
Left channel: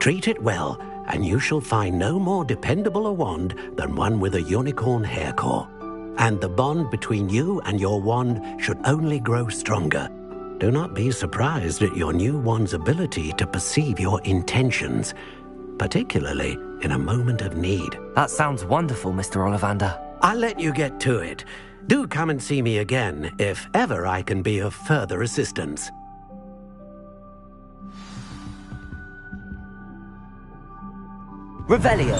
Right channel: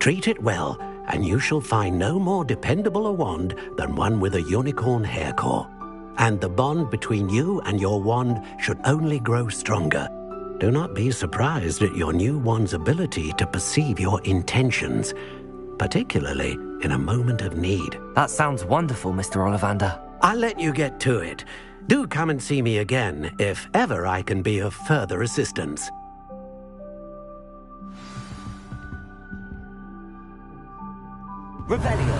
Treat it well, and you shall find no more dependable a wand than one with a unicorn hair core. And the bond between you and your wand should only grow stronger. Do not be surprised at your new wand's ability to perceive your intentions, particularly in a moment of need. That sounds wonderful, Mr. Ollivander. I'll let you get to it. Do come and see me again if ever I can be of further assistance. Revelio.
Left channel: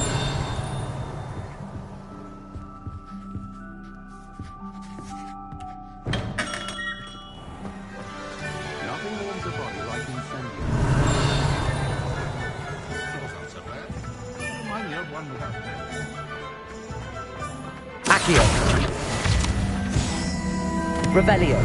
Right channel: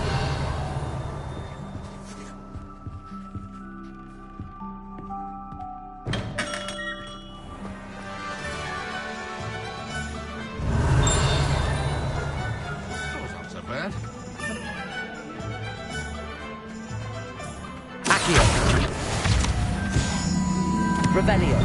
Accio. Revelio.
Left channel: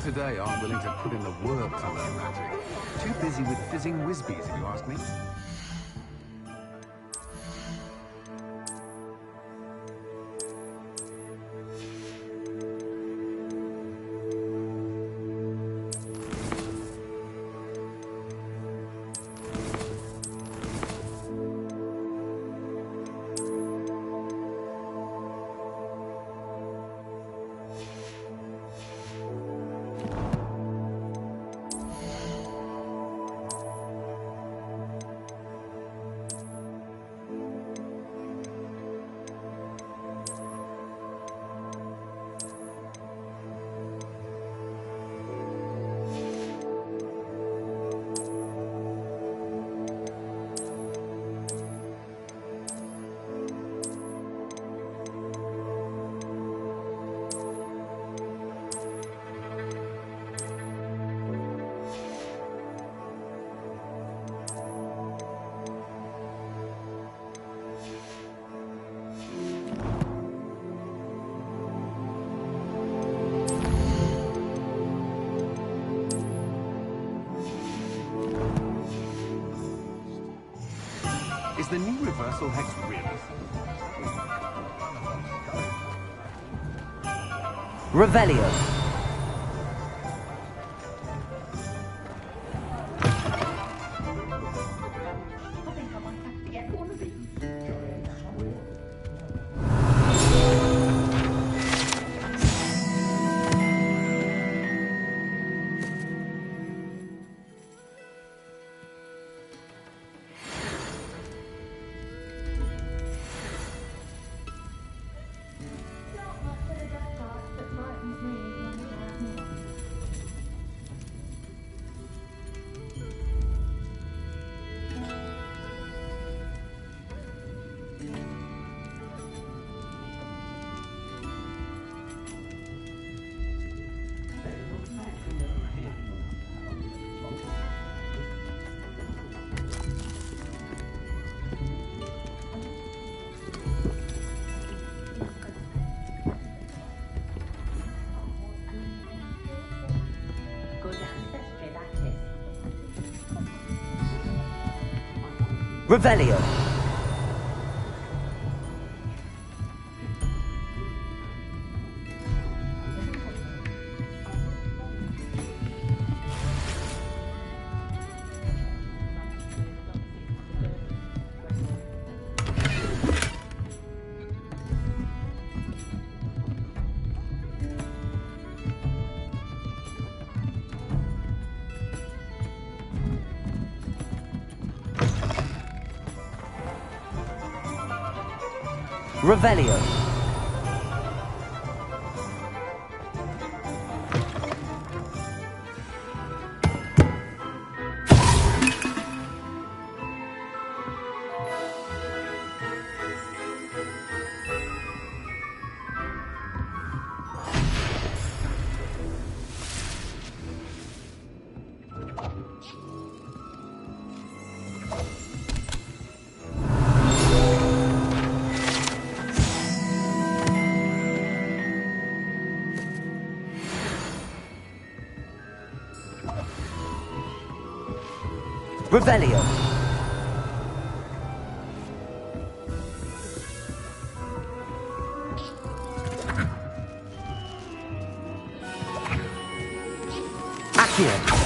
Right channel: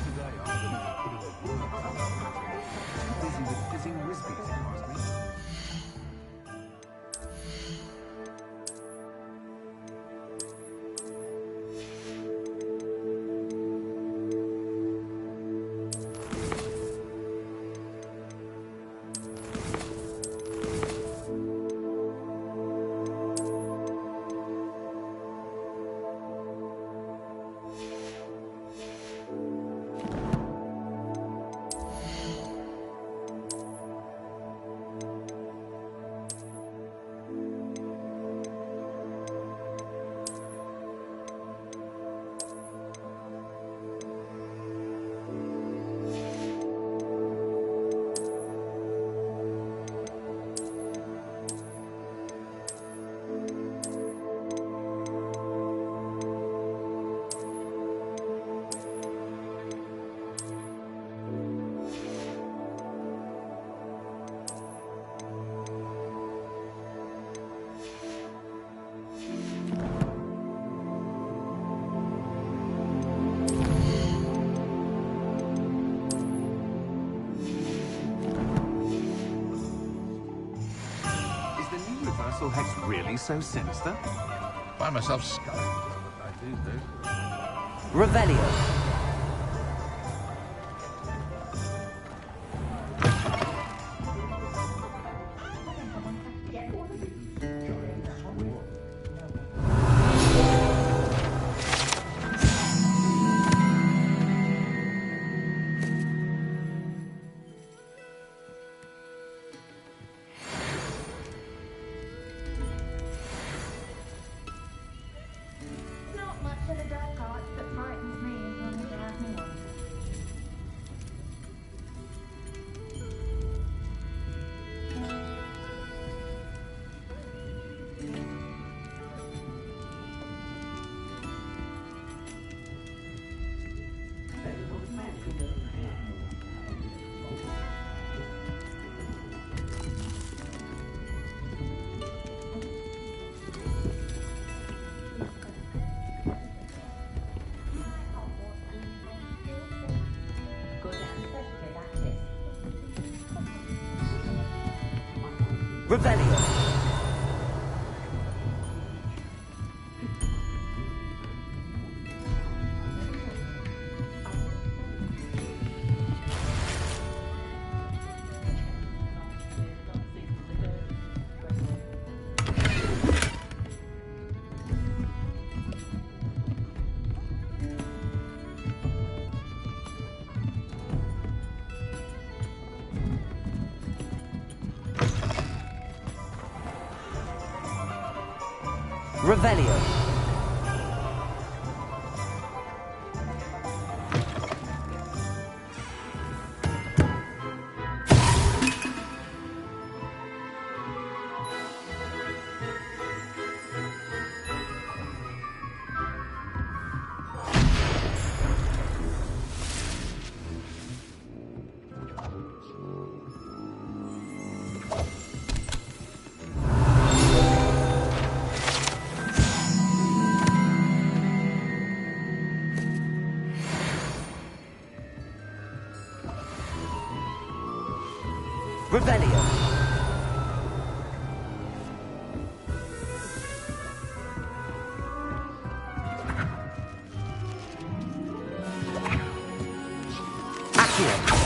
people today aren't willing to put in the work to learn magic. Too busy with fizzing whizbees, if you ask me. Is the new reversal hex really so sinister? I find myself scurrying. Revelio. Revelio. Revelio. Revelio. Accio.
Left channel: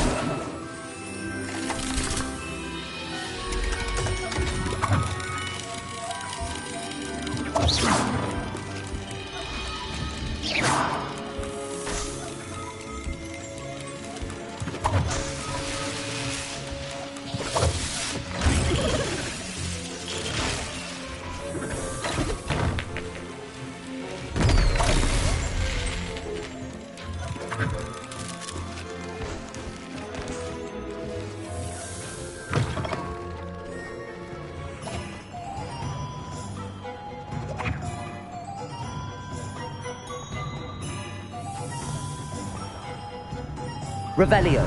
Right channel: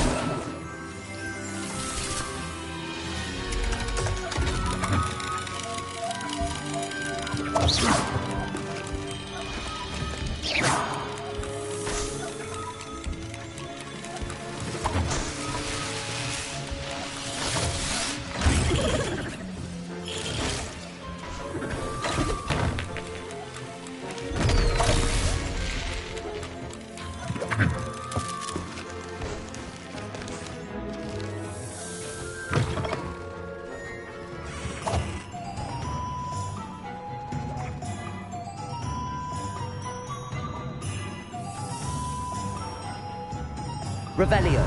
Revelio.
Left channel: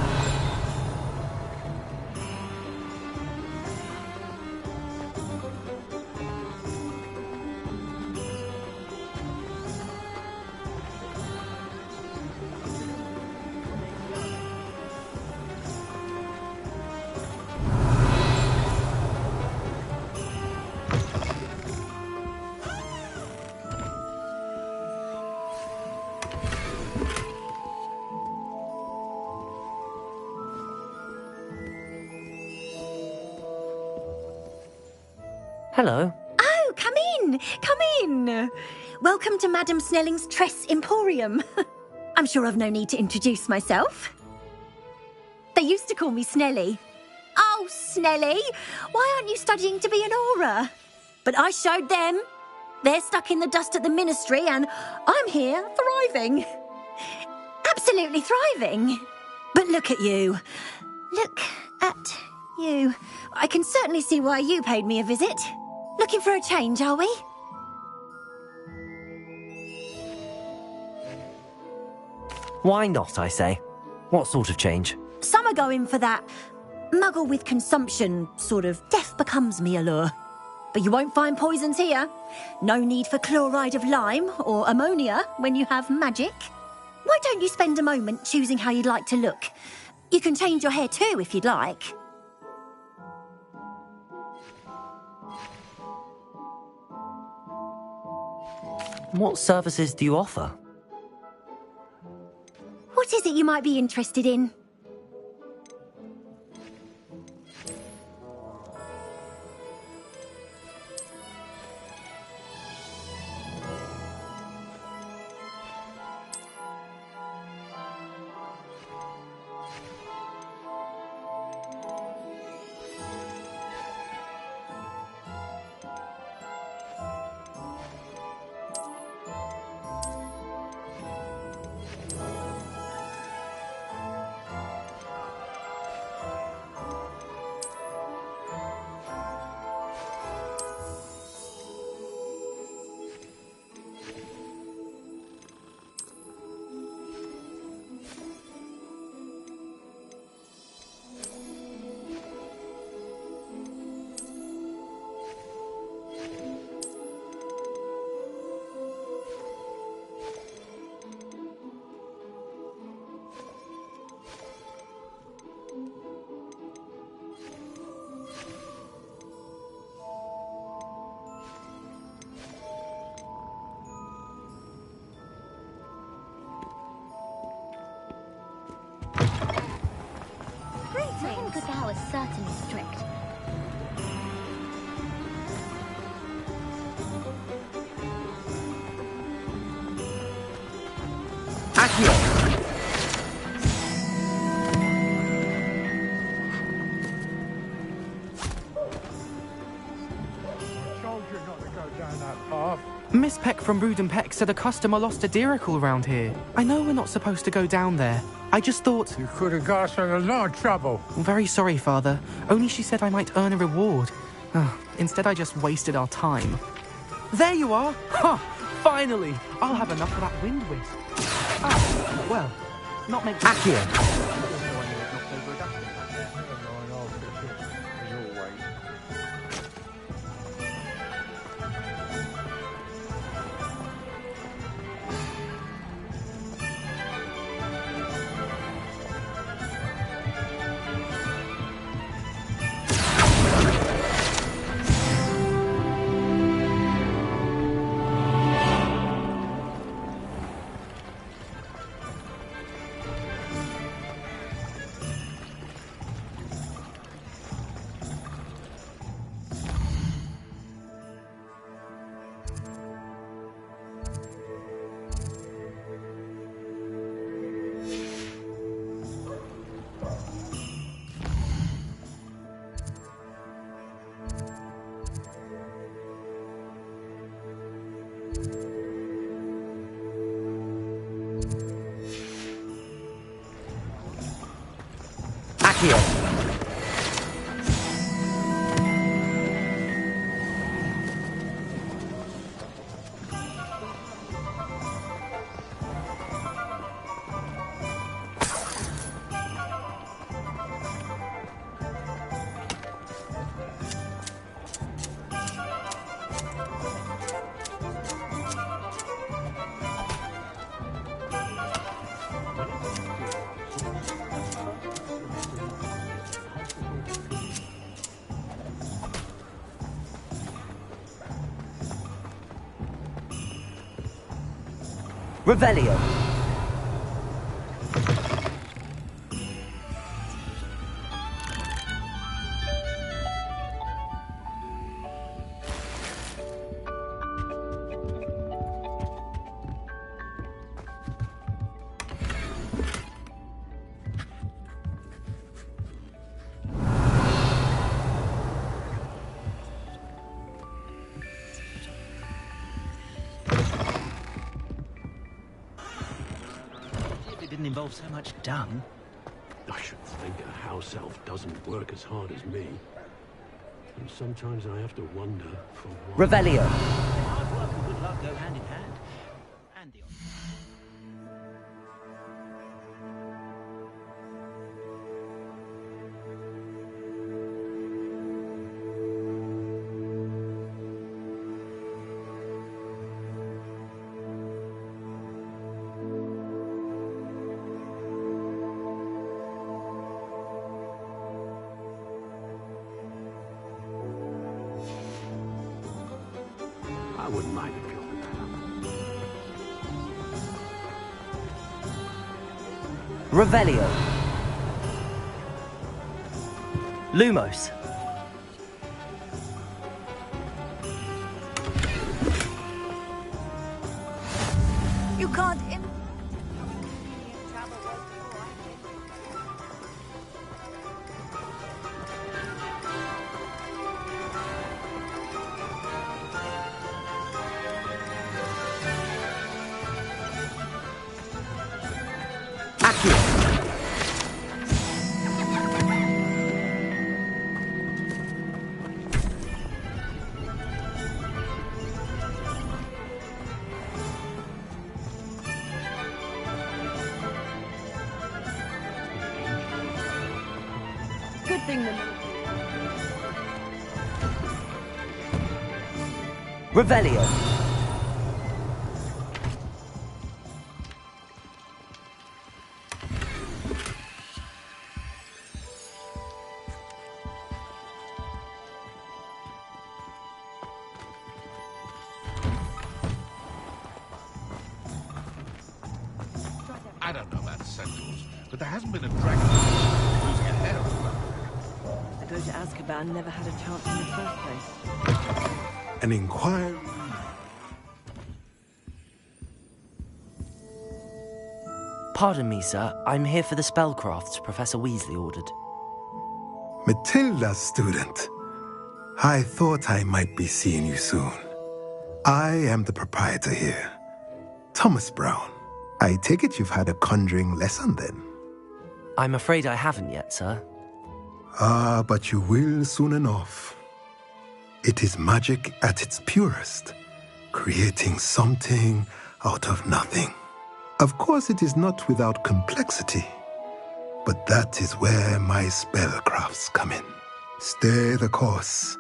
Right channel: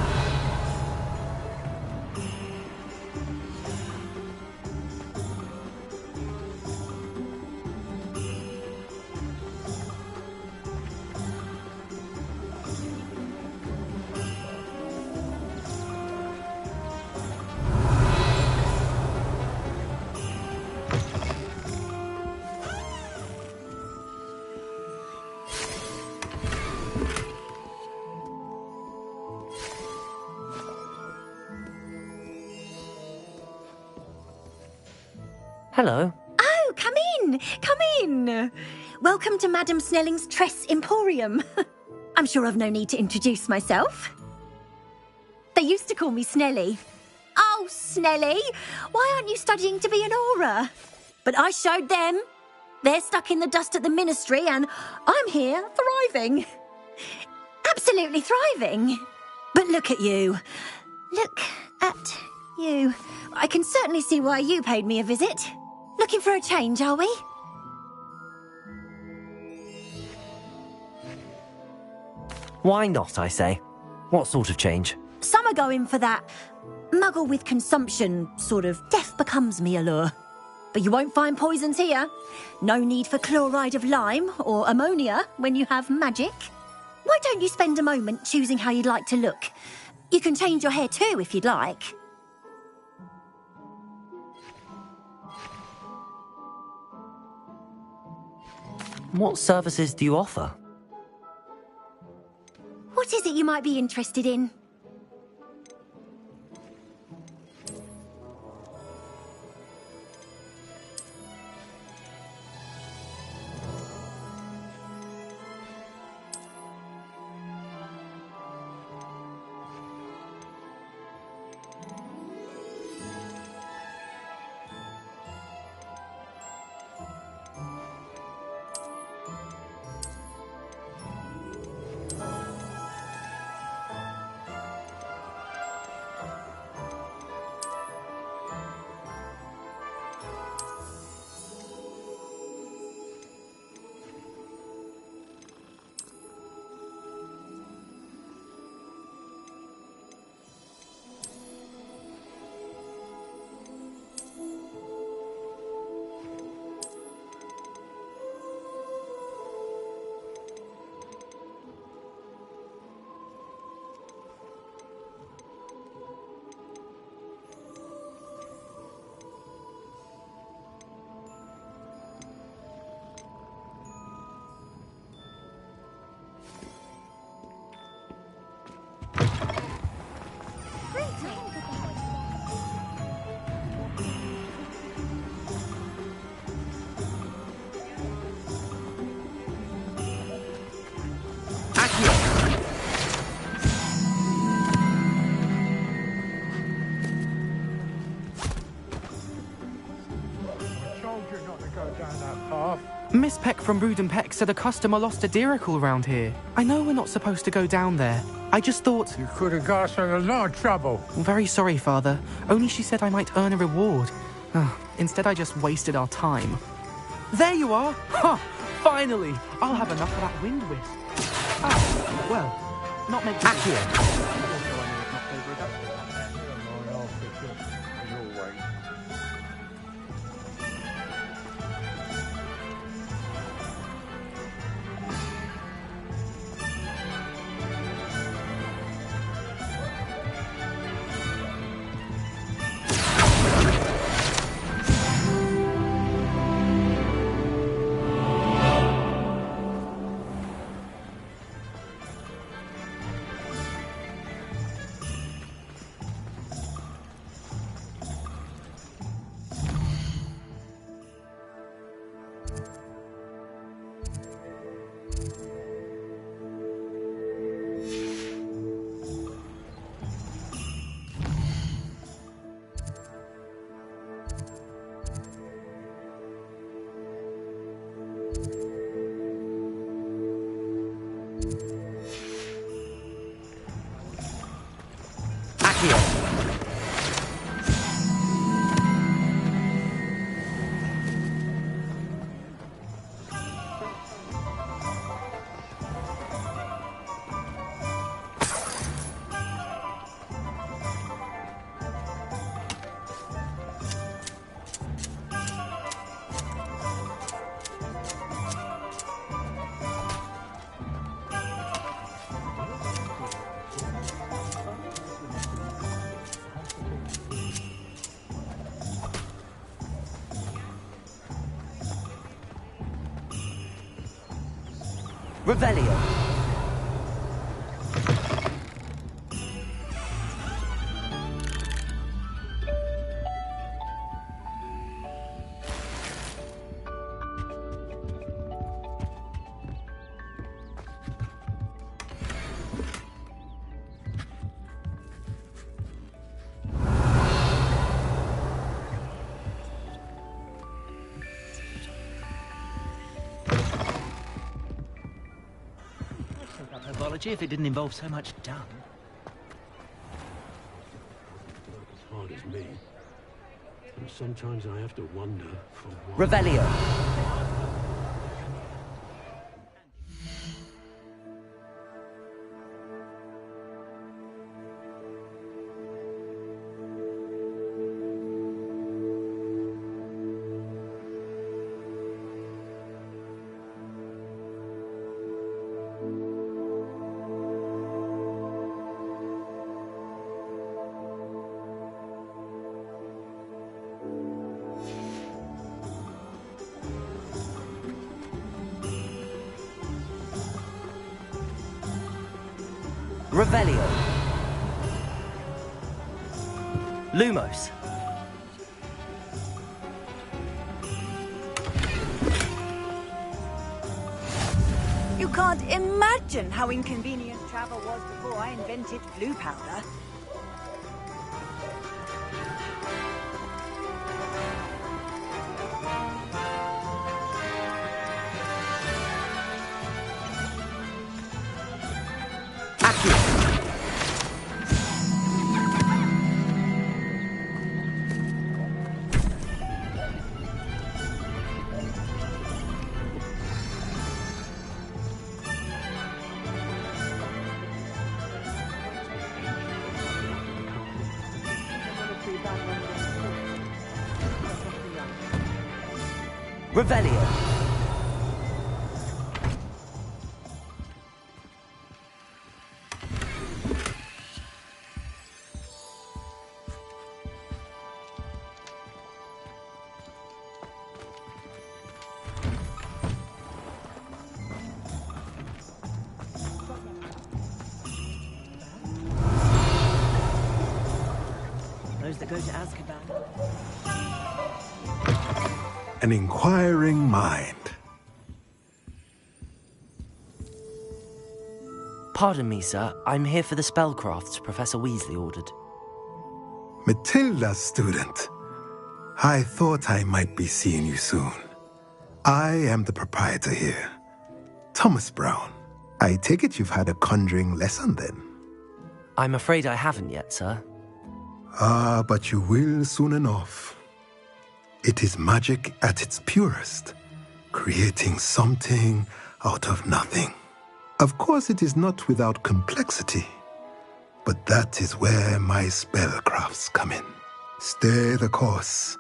Hello. Oh, come in! Come in! Welcome to Madame Snelling's Tress Emporium. I'm sure I've no need to introduce myself. They used to call me Snelly. Oh, Snelly! Why aren't you studying to be an Auror? But I showed them. They're stuck in the dust at the Ministry, and I'm here, thriving. Absolutely thriving. But look at you. Look at you. I can certainly see why you paid me a visit. Looking for a change, are we? Why not, I say? What sort of change? Some are going for that muggle with consumption, sort of death becomes me allure. But you won't find poisons here. No need for chloride of lime or ammonia when you have magic. Why don't you spend a moment choosing how you'd like to look? You can change your hair too if you'd like. What services do you offer? What is it you might be interested in? Miss Peck from Brood and Peck said a customer lost a Dirical round here. I know we're not supposed to go down there. I just thought... You could have got us in a lot of trouble. Very sorry, Father. Only she said I might earn a reward. Instead, I just wasted our time. There you are! Ha! Finally! I'll have enough of that wind wisp. Ah, well, not make... Accio! Revelio. Especially if it didn't involve so much dung. I should think a house elf doesn't work as hard as me. And sometimes I have to wonder for what... Revelio. Hard work and good luck go hand in hand. And the... I wouldn't mind a go. Revelio. Lumos. You can't imagine how inconvenient travel was before I invented glue powder. Good thing the military Revelio. I don't know about Sentinels, but there hasn't been a Those that go to Azkaban never had a chance in the first place. An inquiring mind. Pardon me, sir. I'm here for the spellcrafts Professor Weasley ordered. Matilda, student. I thought I might be seeing you soon. I am the proprietor here, Thomas Brown. I take it you've had a conjuring lesson then? I'm afraid I haven't yet, sir. Ah, but you will soon enough. It is magic at its purest, creating something out of nothing. Of course, it is not without complexity, but that is where my spellcrafts come in. Stay the course,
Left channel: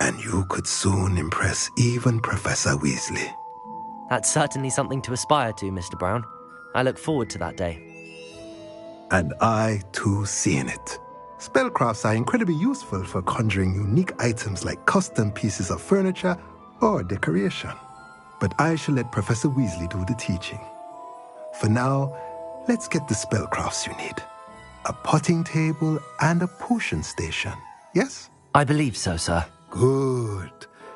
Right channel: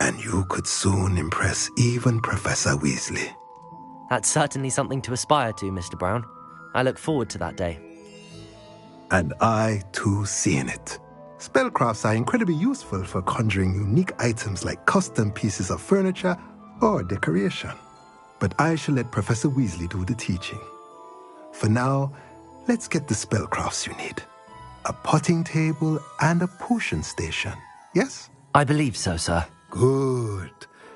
and you could soon impress even Professor Weasley. That's certainly something to aspire to, Mr. Brown. I look forward to that day. And I, too, seeing it. Spellcrafts are incredibly useful for conjuring unique items like custom pieces of furniture or decoration. But I shall let Professor Weasley do the teaching. For now, let's get the spellcrafts you need. A potting table and a potion station, yes? I believe so, sir. Good.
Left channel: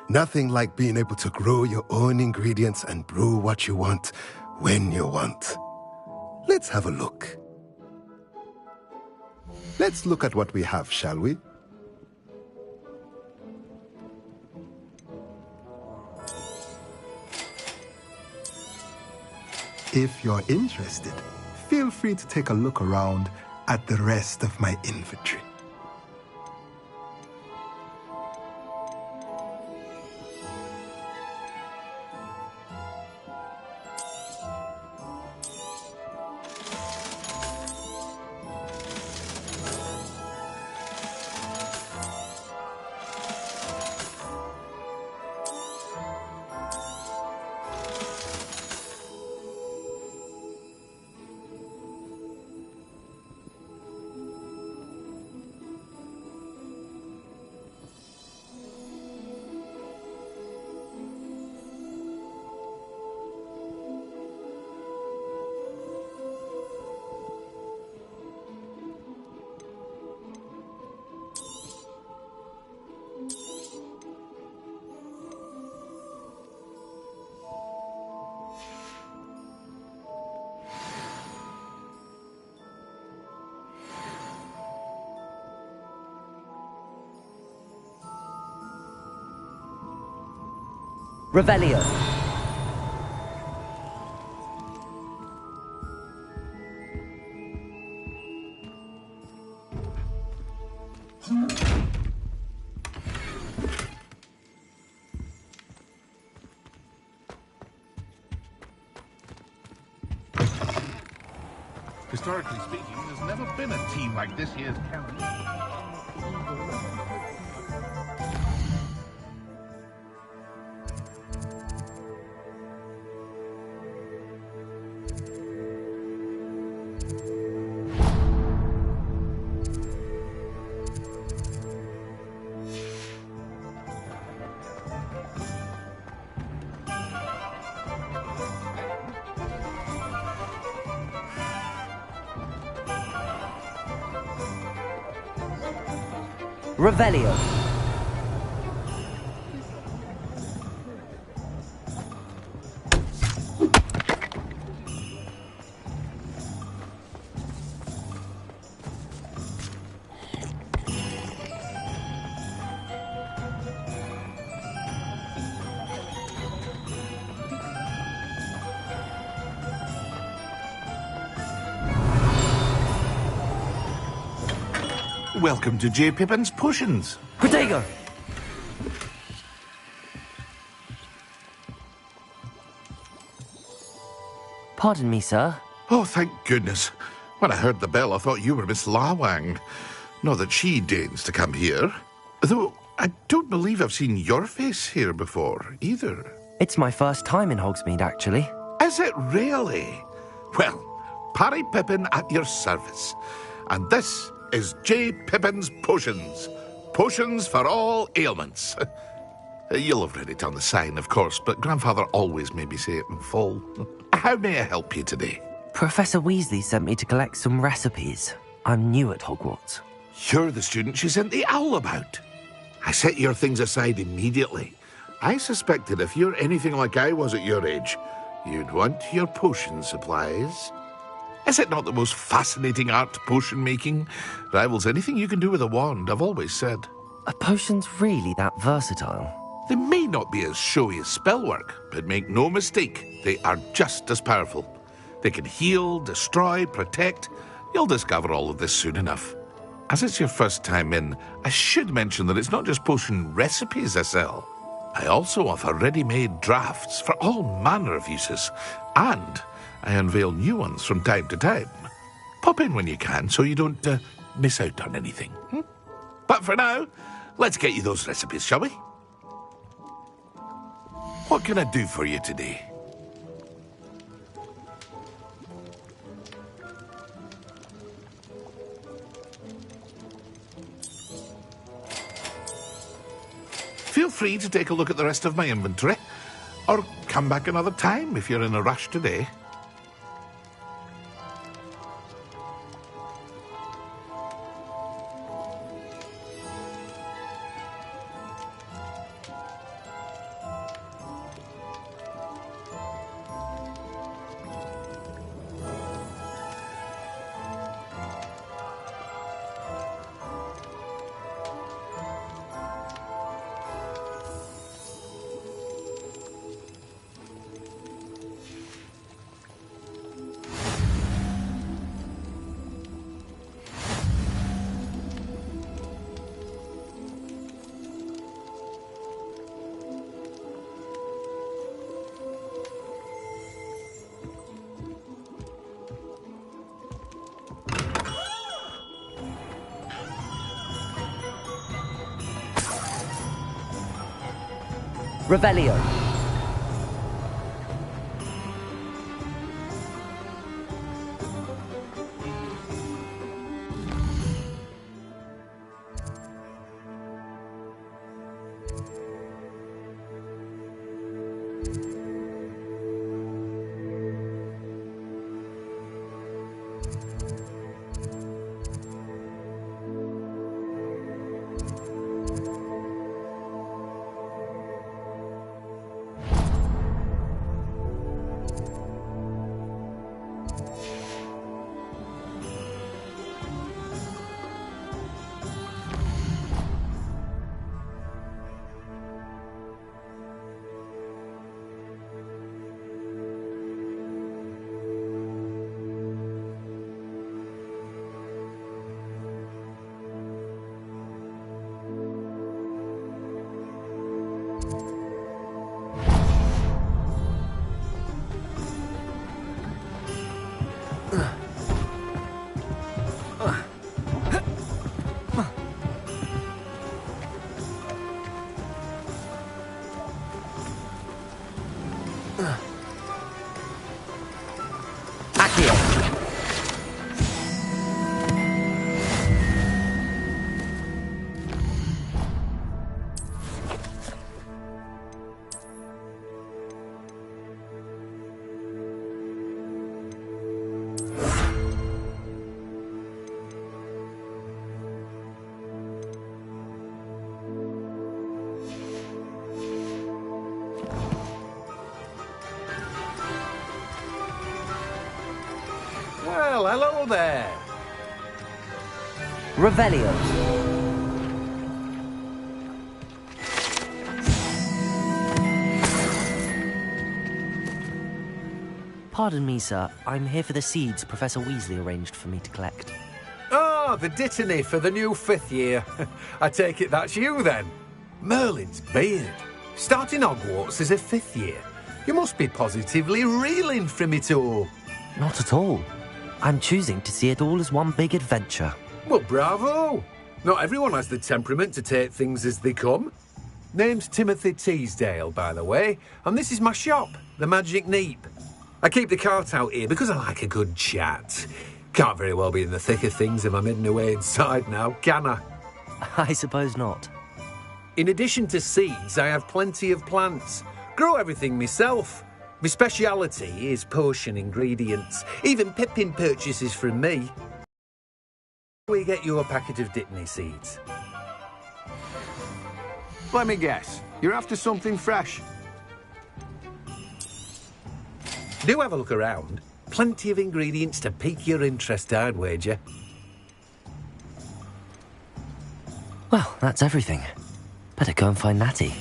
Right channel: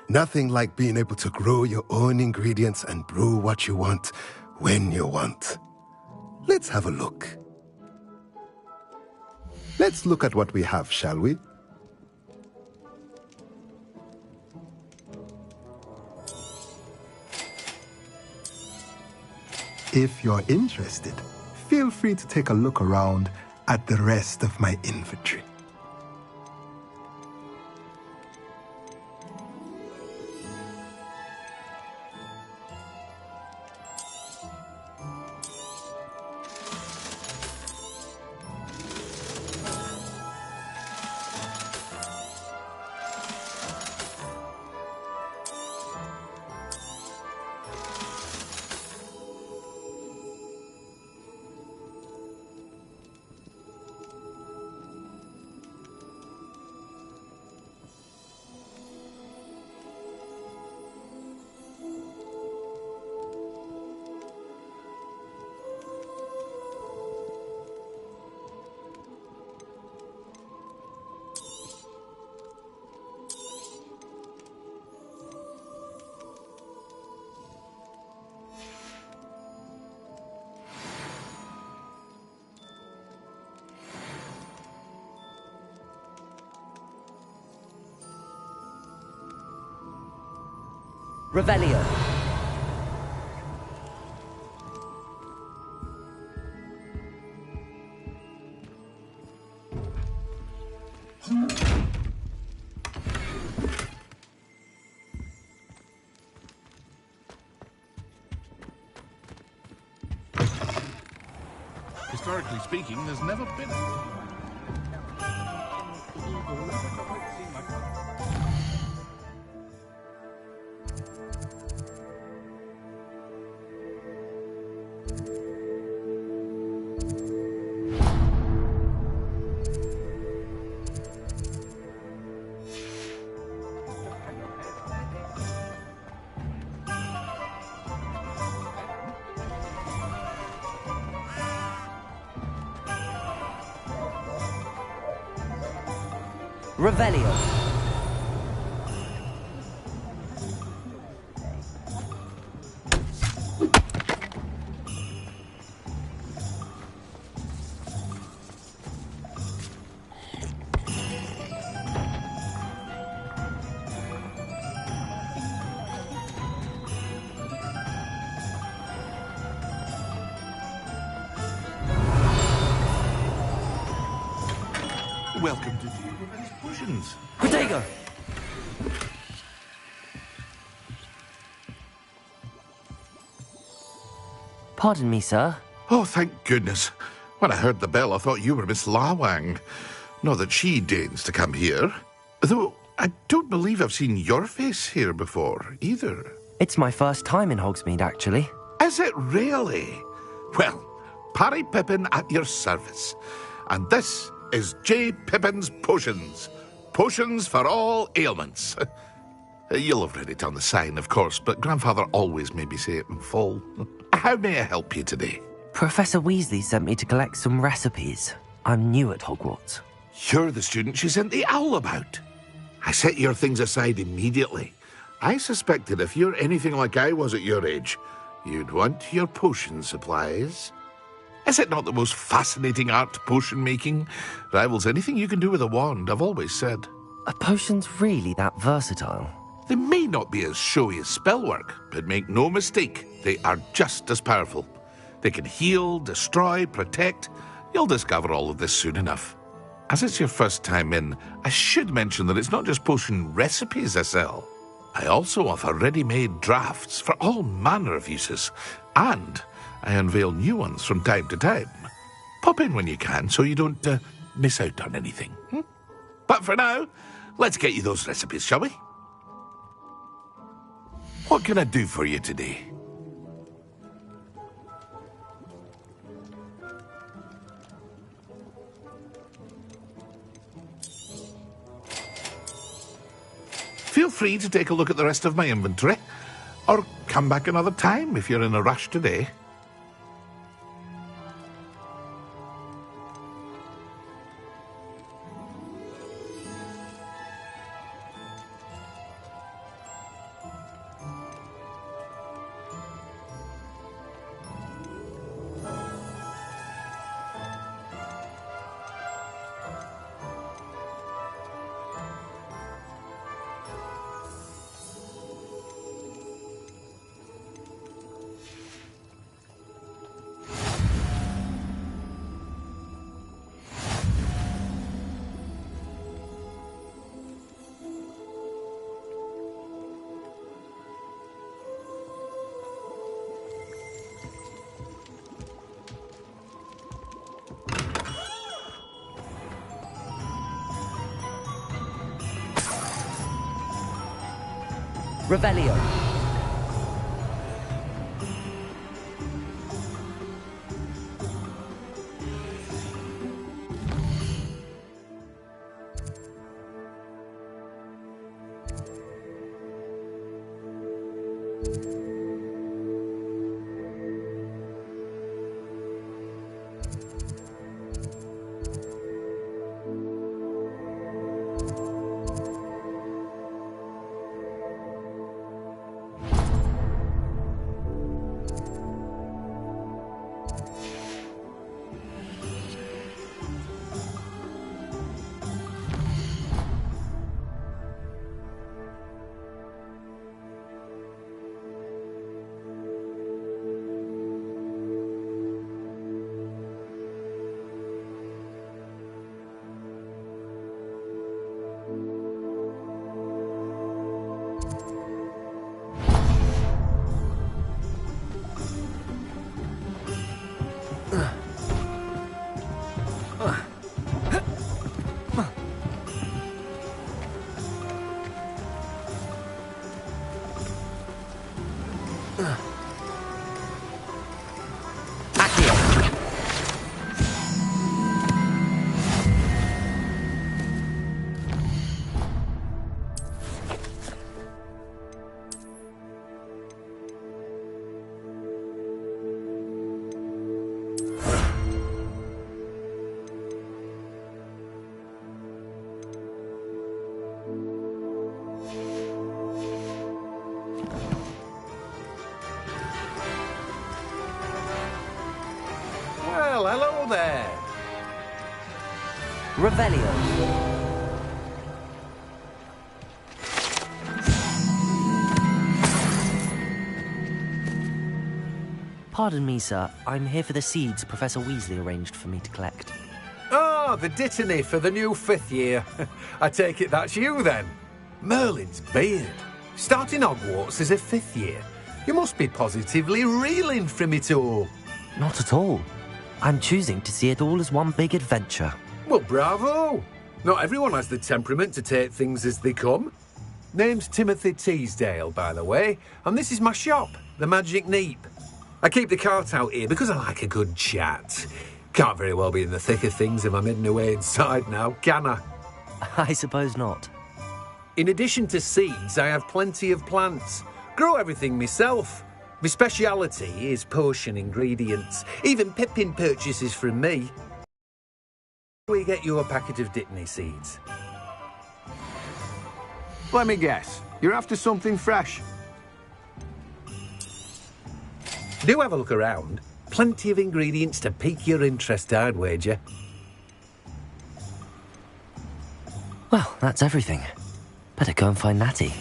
Nothing like being able to grow your own ingredients and brew what you want when you want. Let's have a look. Let's look at what we have, shall we? If you're interested, feel free to take a look around at the rest of my inventory. Revelio. Historically speaking, there's never been a team like this year's canon. Revelio. Welcome to J. Pippin's Potions. Protego! Pardon me, sir. Oh, thank goodness. When I heard the bell, I thought you were Miss Lawang. Not that she deigns to come here. Though I don't believe I've seen your face here before, either. It's my first time in Hogsmeade, actually. Is it really? Well, Parry Pippin at your service. And this is J. Pippin's Potions. Potions for all ailments. You'll have read it on the sign, of course, but Grandfather always made me say it in full. How may I help you today? Professor Weasley sent me to collect some recipes. I'm new at Hogwarts. You're the student she sent the owl about. I set your things aside immediately. I suspected if you're anything like I was at your age, you'd want your potion supplies. Is it not the most fascinating art, potion making? Rivals anything you can do with a wand, I've always said. Are potions really that versatile? They may not be as showy as spellwork, but make no mistake, they are just as powerful. They can heal, destroy, protect. You'll discover all of this soon enough. As it's your first time in, I should mention that it's not just potion recipes I sell. I also offer ready-made drafts for all manner of uses, and I unveil new ones from time to time. Pop in when you can so you don't miss out on anything. But for now, let's get you those recipes, shall we? What can I do for you today? Feel free to take a look at the rest of my inventory, or come back another time if you're in a rush today. Revelio. there! Revelio. Pardon me, sir. I'm here for the seeds Professor Weasley arranged for me to collect. Oh, the Dittany for the new 5th year. I take it that's you, then. Merlin's beard. Starting Hogwarts as a 5th year. You must be positively reeling from it all. Not at all. I'm choosing to see it all as one big adventure. Well, bravo! Not everyone has the temperament to take things as they come. Name's Timothy Teasdale, by the way, and this is my shop, the Magic Neep. I keep the cart out here because I like a good chat. Can't very well be in the thick of things if I'm hidden away inside now, can I? I suppose not. In addition to seeds, I have plenty of plants. Grow everything myself. My speciality is potion ingredients. Even Pippin purchases from me. We get you a packet of Dittany seeds. Let me guess. You're after something fresh. Do have a look around. Plenty of ingredients to pique your interest, I'd wager. Well, that's everything. Better go and find Natty.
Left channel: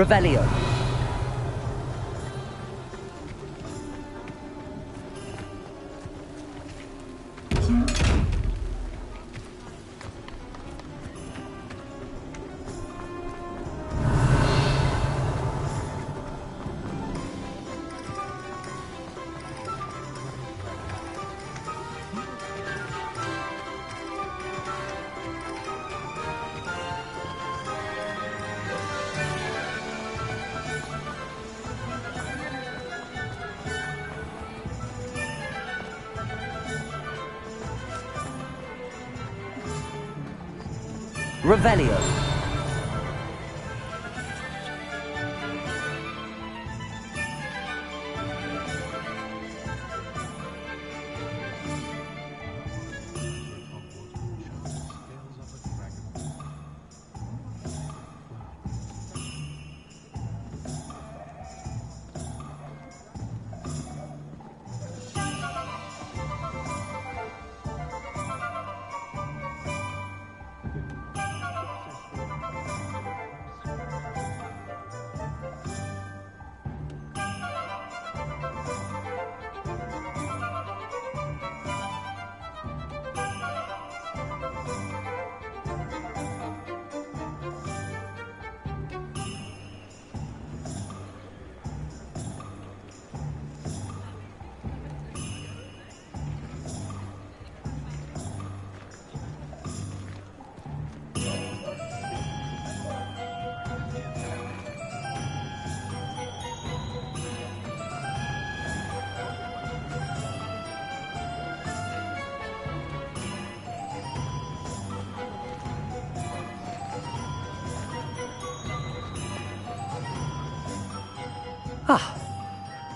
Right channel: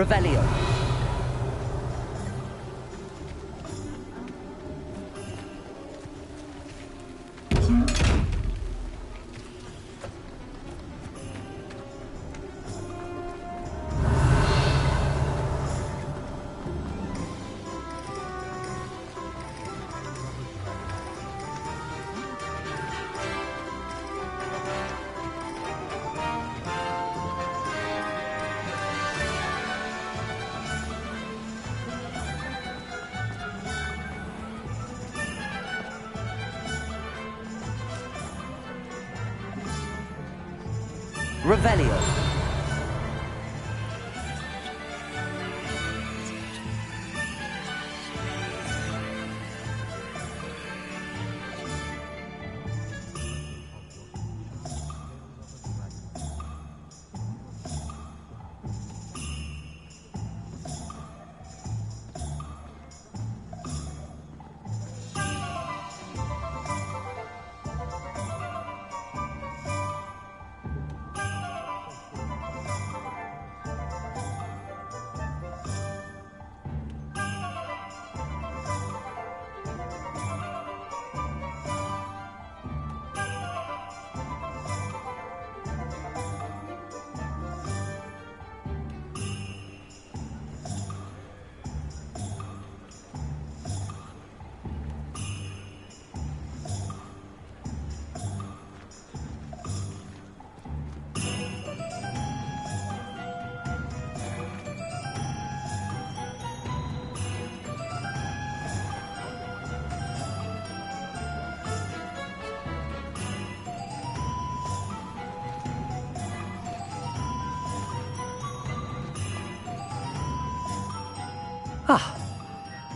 Revelio. Revelio.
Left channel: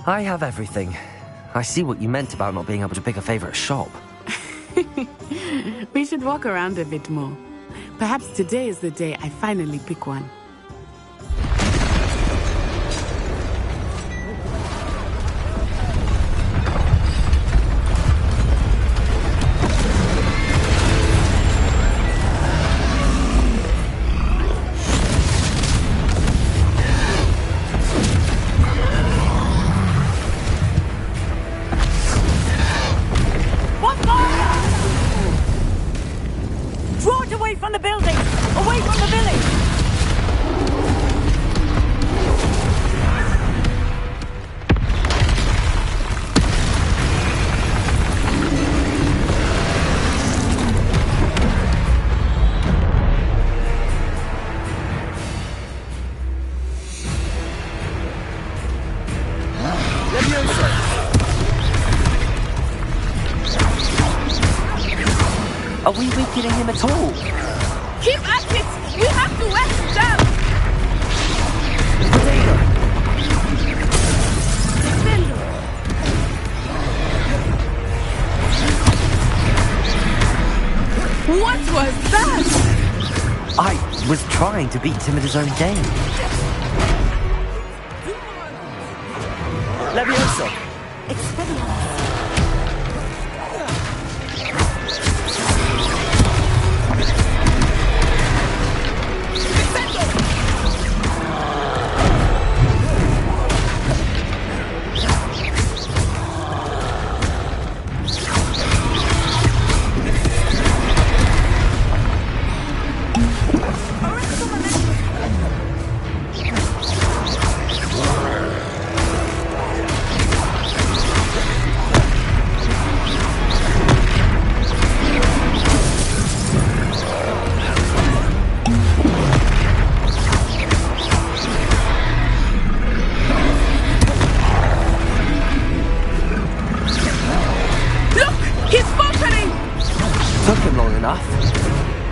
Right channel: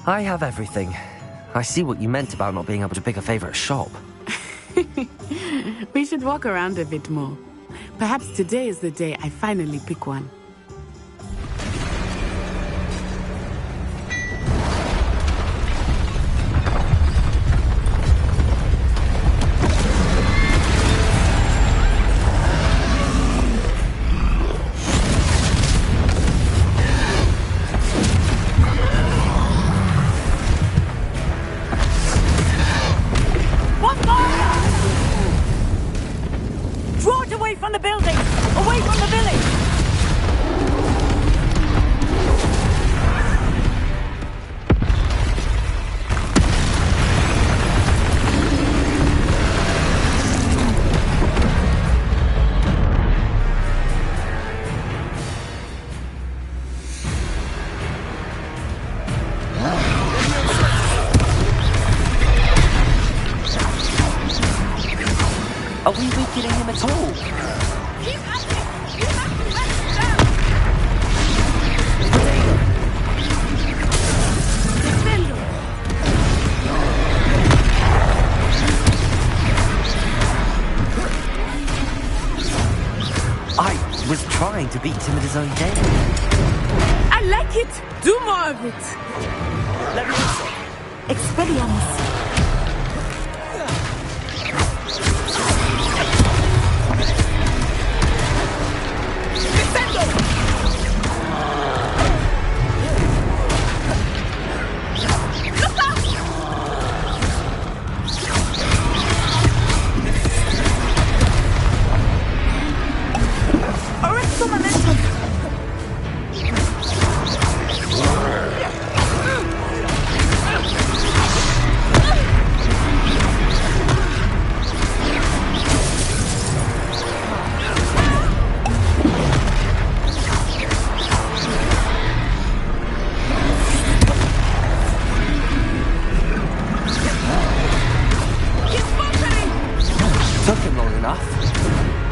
I have everything. I see what you meant about not being able to pick a favorite shop. We should walk around a bit more. Perhaps today is the day I finally pick one. Are we weakening him at all? Keep at it! We have to wet him down! Defendo! What was that? I was trying to beat him at his own game. I like it! Do more of it! Levioso! Expelliarmus!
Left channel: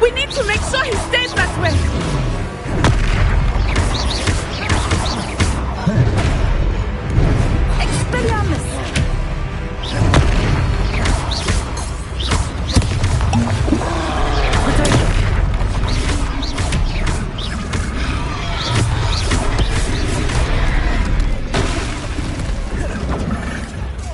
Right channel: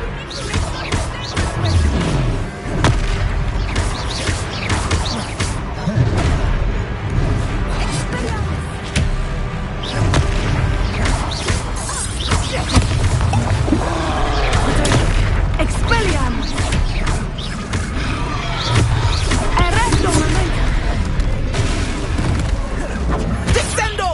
We need to make sure he stays that way! Expelliarmus! Expelliarmus! Descendo!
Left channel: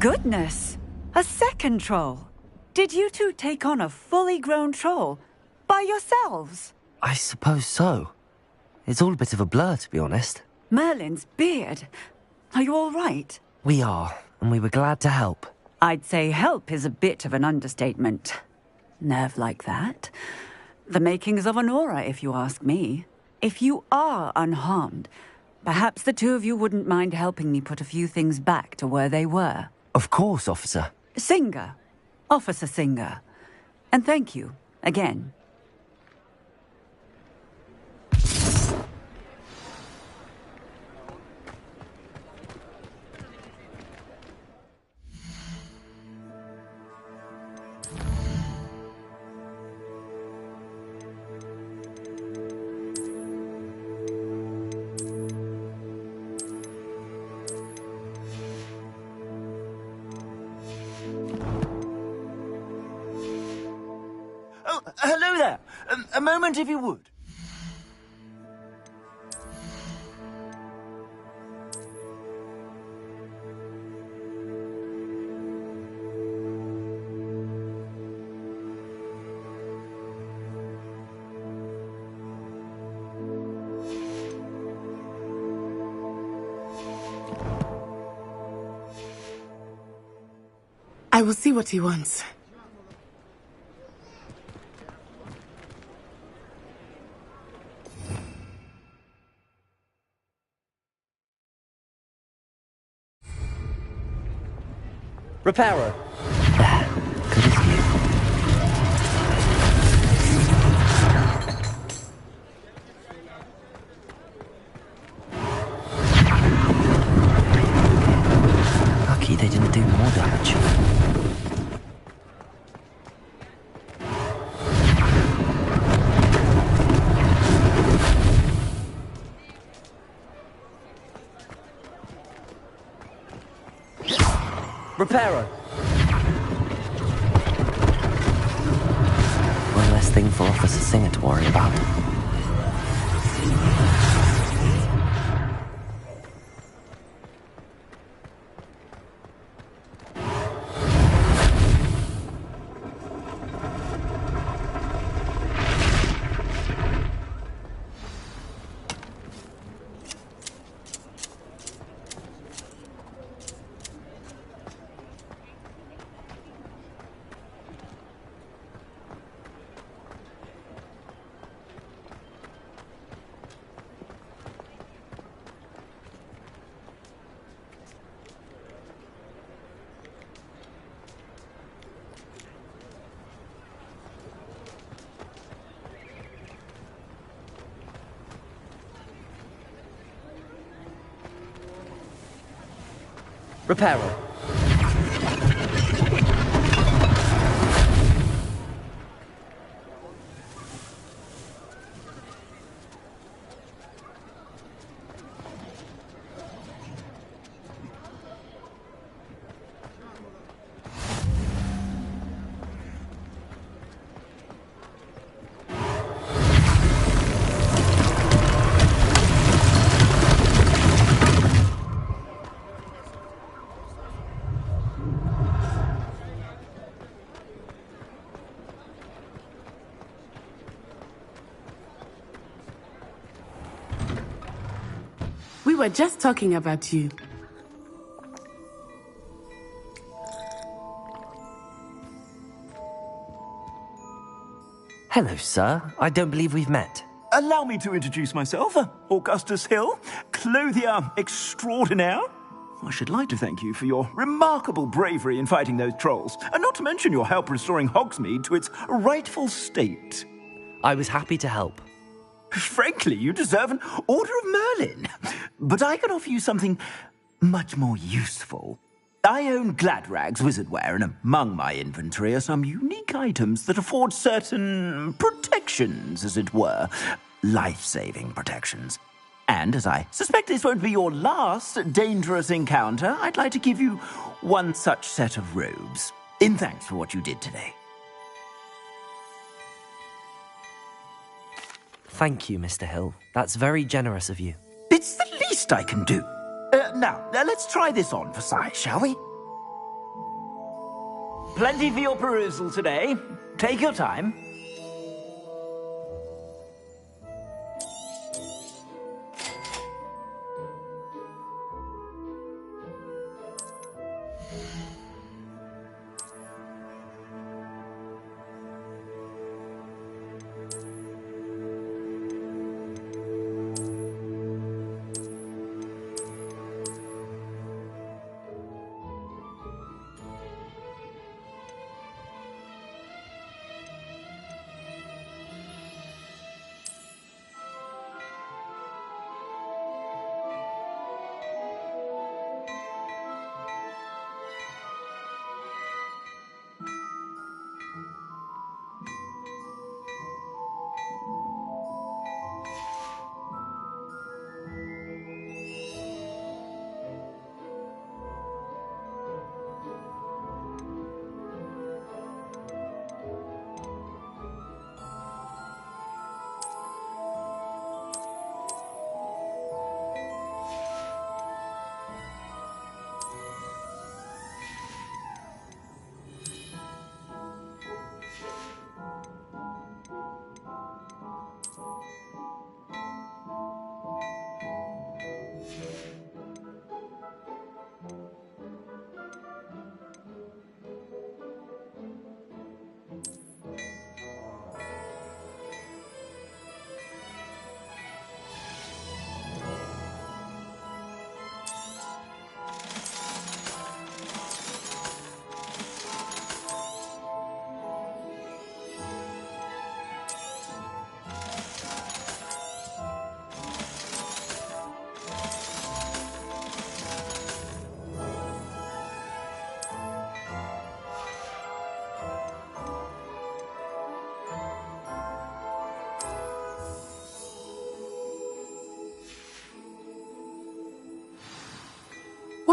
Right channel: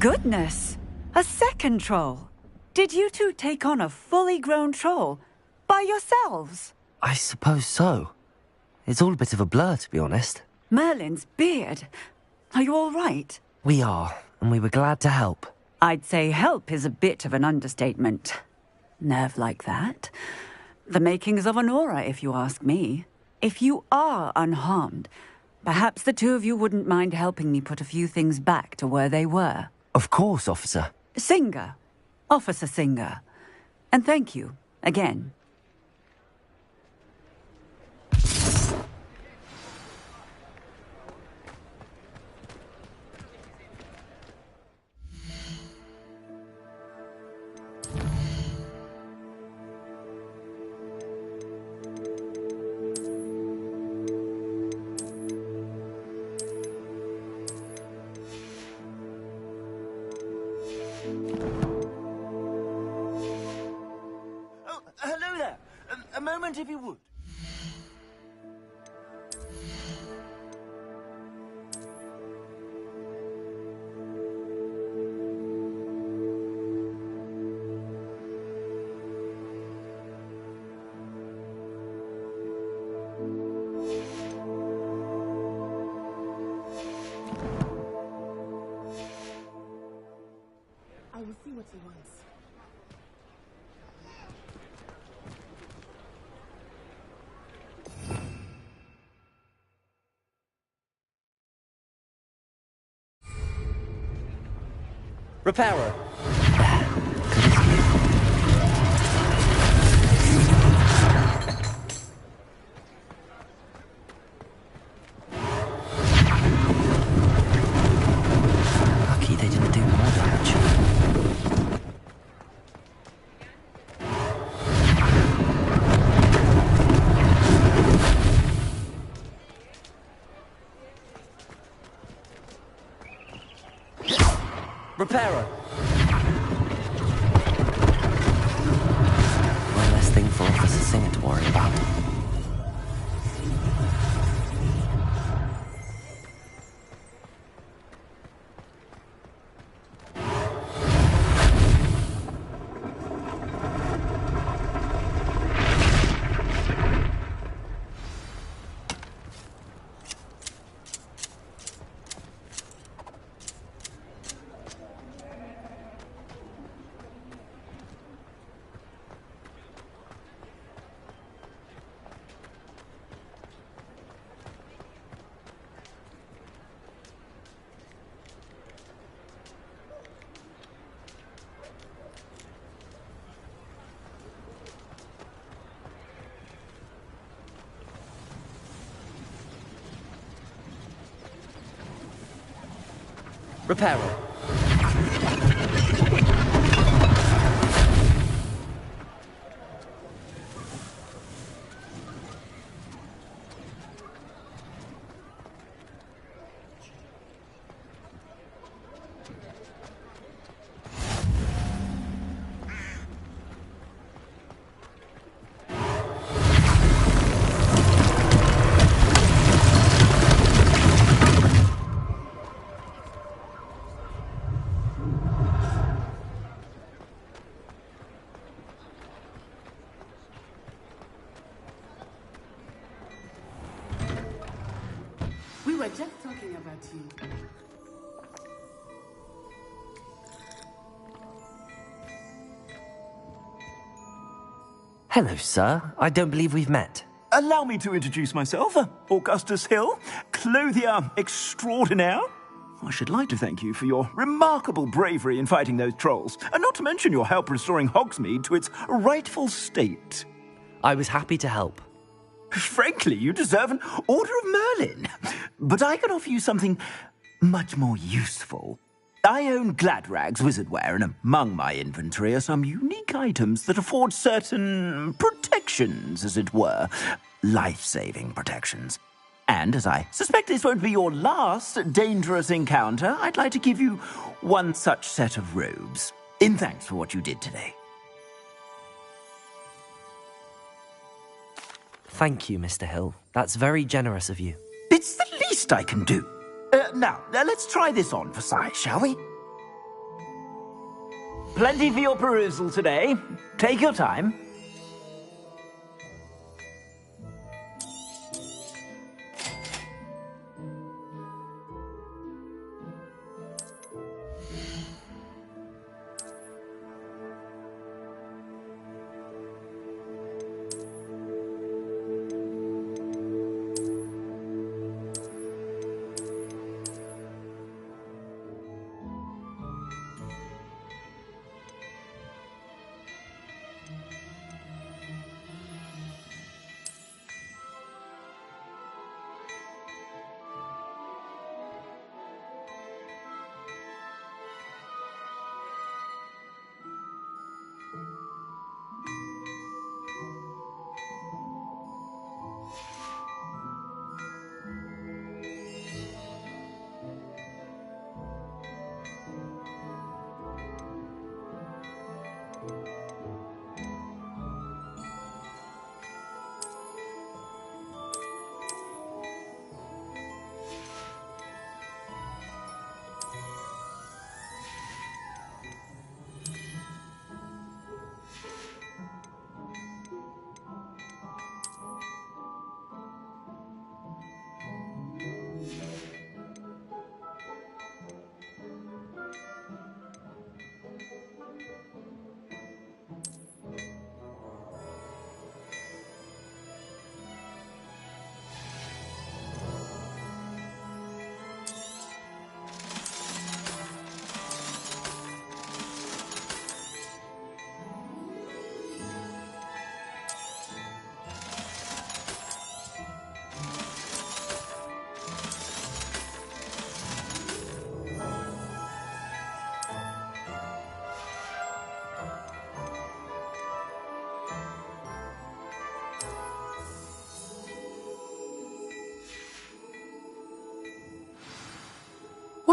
Goodness! A second troll! Did you two take on a fully grown troll? By yourselves? I suppose so. It's all a bit of a blur, to be honest. Merlin's beard. Are you all right? We are, and we were glad to help. I'd say help is a bit of an understatement. Nerve like that. The makings of an aura, if you ask me. If you are unharmed, perhaps the two of you wouldn't mind helping me put a few things back to where they were. Of course, officer. Singer. Officer Singer. And thank you, again. Oh, hello there. A moment, if you would. I will see what he wants. Reparo. Lucky they didn't do more damage. Reparo. One less thing for Officer Singer to worry about. Reparo. We were just talking about you. Hello, sir. I don't believe we've met. Allow me to introduce myself, Augustus Hill, clothier extraordinaire. I should like to thank you for your remarkable bravery in fighting those trolls, and not to mention your help restoring Hogsmeade to its rightful state. I was happy to help. Frankly, you deserve an Order of Merlin. But I can offer you something much more useful. I own Gladrag's wizardware, and among my inventory are some unique items that afford certain protections, as it were. Life-saving protections. And as I suspect this won't be your last dangerous encounter, I'd like to give you one such set of robes, in thanks for what you did today. Thank you, Mr. Hill. That's very generous of you. It's the least I can do. Now, let's try this on for size, shall we? Plenty for your perusal today. Take your time.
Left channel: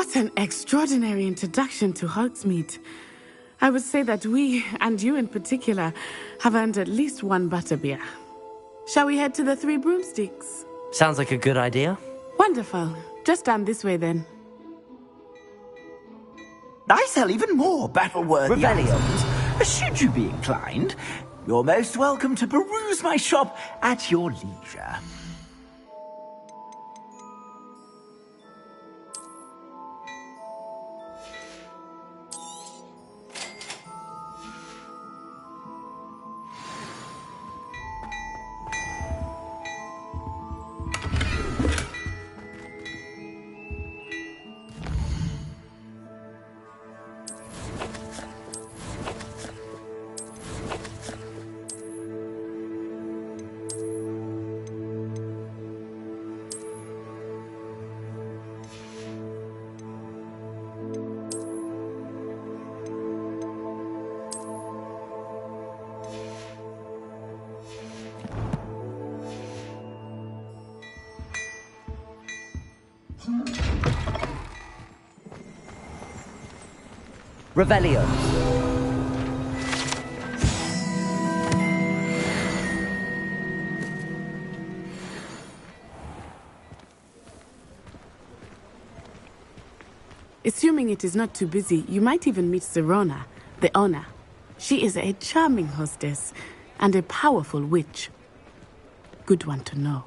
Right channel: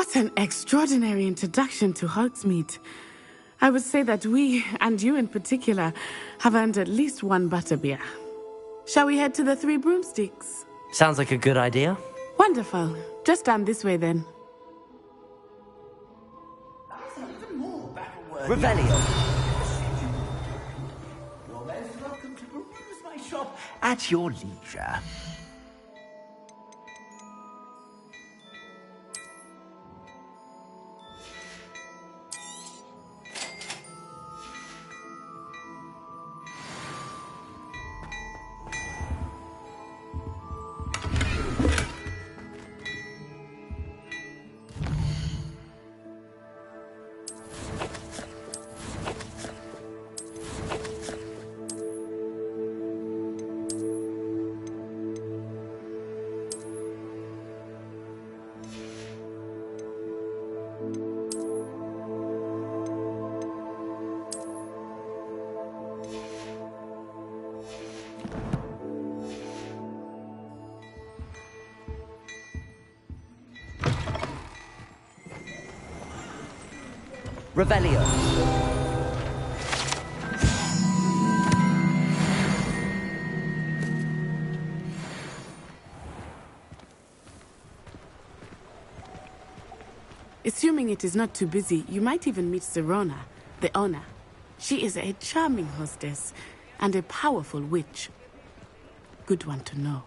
What an extraordinary introduction to Hogsmeade. I would say that we, and you in particular, have earned at least one butterbeer. Shall we head to the Three Broomsticks? Sounds like a good idea. Wonderful. Just down this way then. I sell even more battle-worthy Revelio. items. Should you be inclined, you're most welcome to peruse my shop at your leisure. Revelio. Assuming it is not too busy, you might even meet Sirona, the owner. She is a charming hostess and a powerful witch. Good one to know.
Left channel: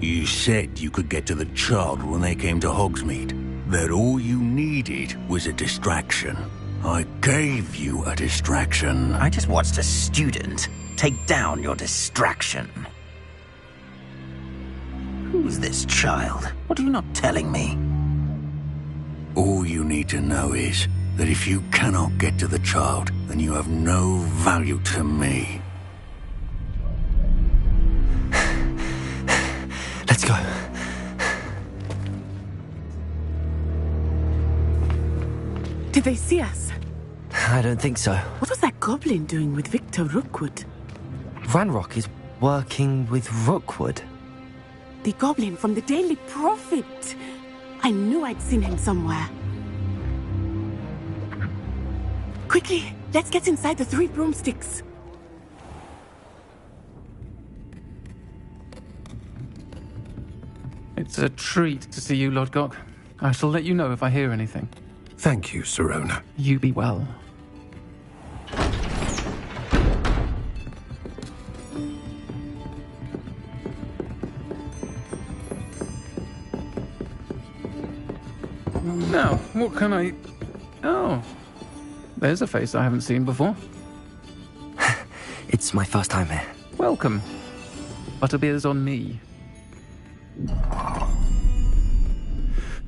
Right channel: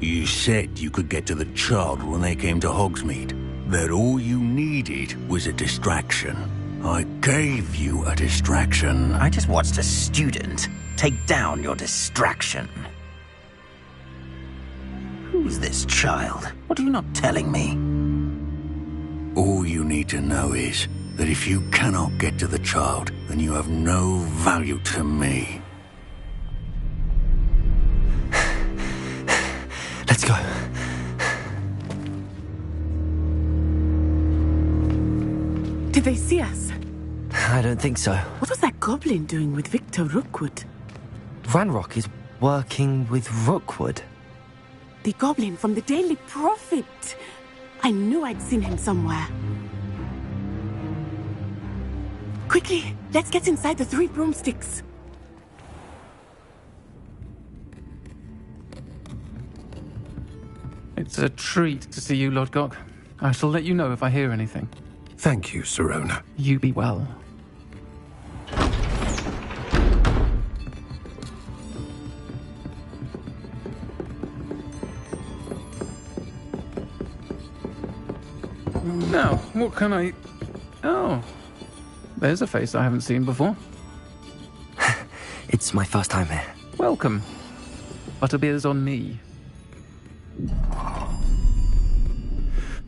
You said you could get to the child when they came to Hogsmeade. That all you needed was a distraction. I gave you a distraction. I just watched a student take down your distraction. Who's this child? What are you not telling me? All you need to know is that if you cannot get to the child, then you have no value to me. Let's go. Did they see us? I don't think so. What was that goblin doing with Victor Rookwood? Ranrock is working with Rookwood. The goblin from the Daily Prophet. I knew I'd seen him somewhere. Quickly, let's get inside the Three Broomsticks. It's a treat to see you, Lodgok. I shall let you know if I hear anything. Thank you, Sirona. You be well. Now, what can I... Oh, there's a face I haven't seen before. It's my first time here. Welcome. Butterbeer's on me.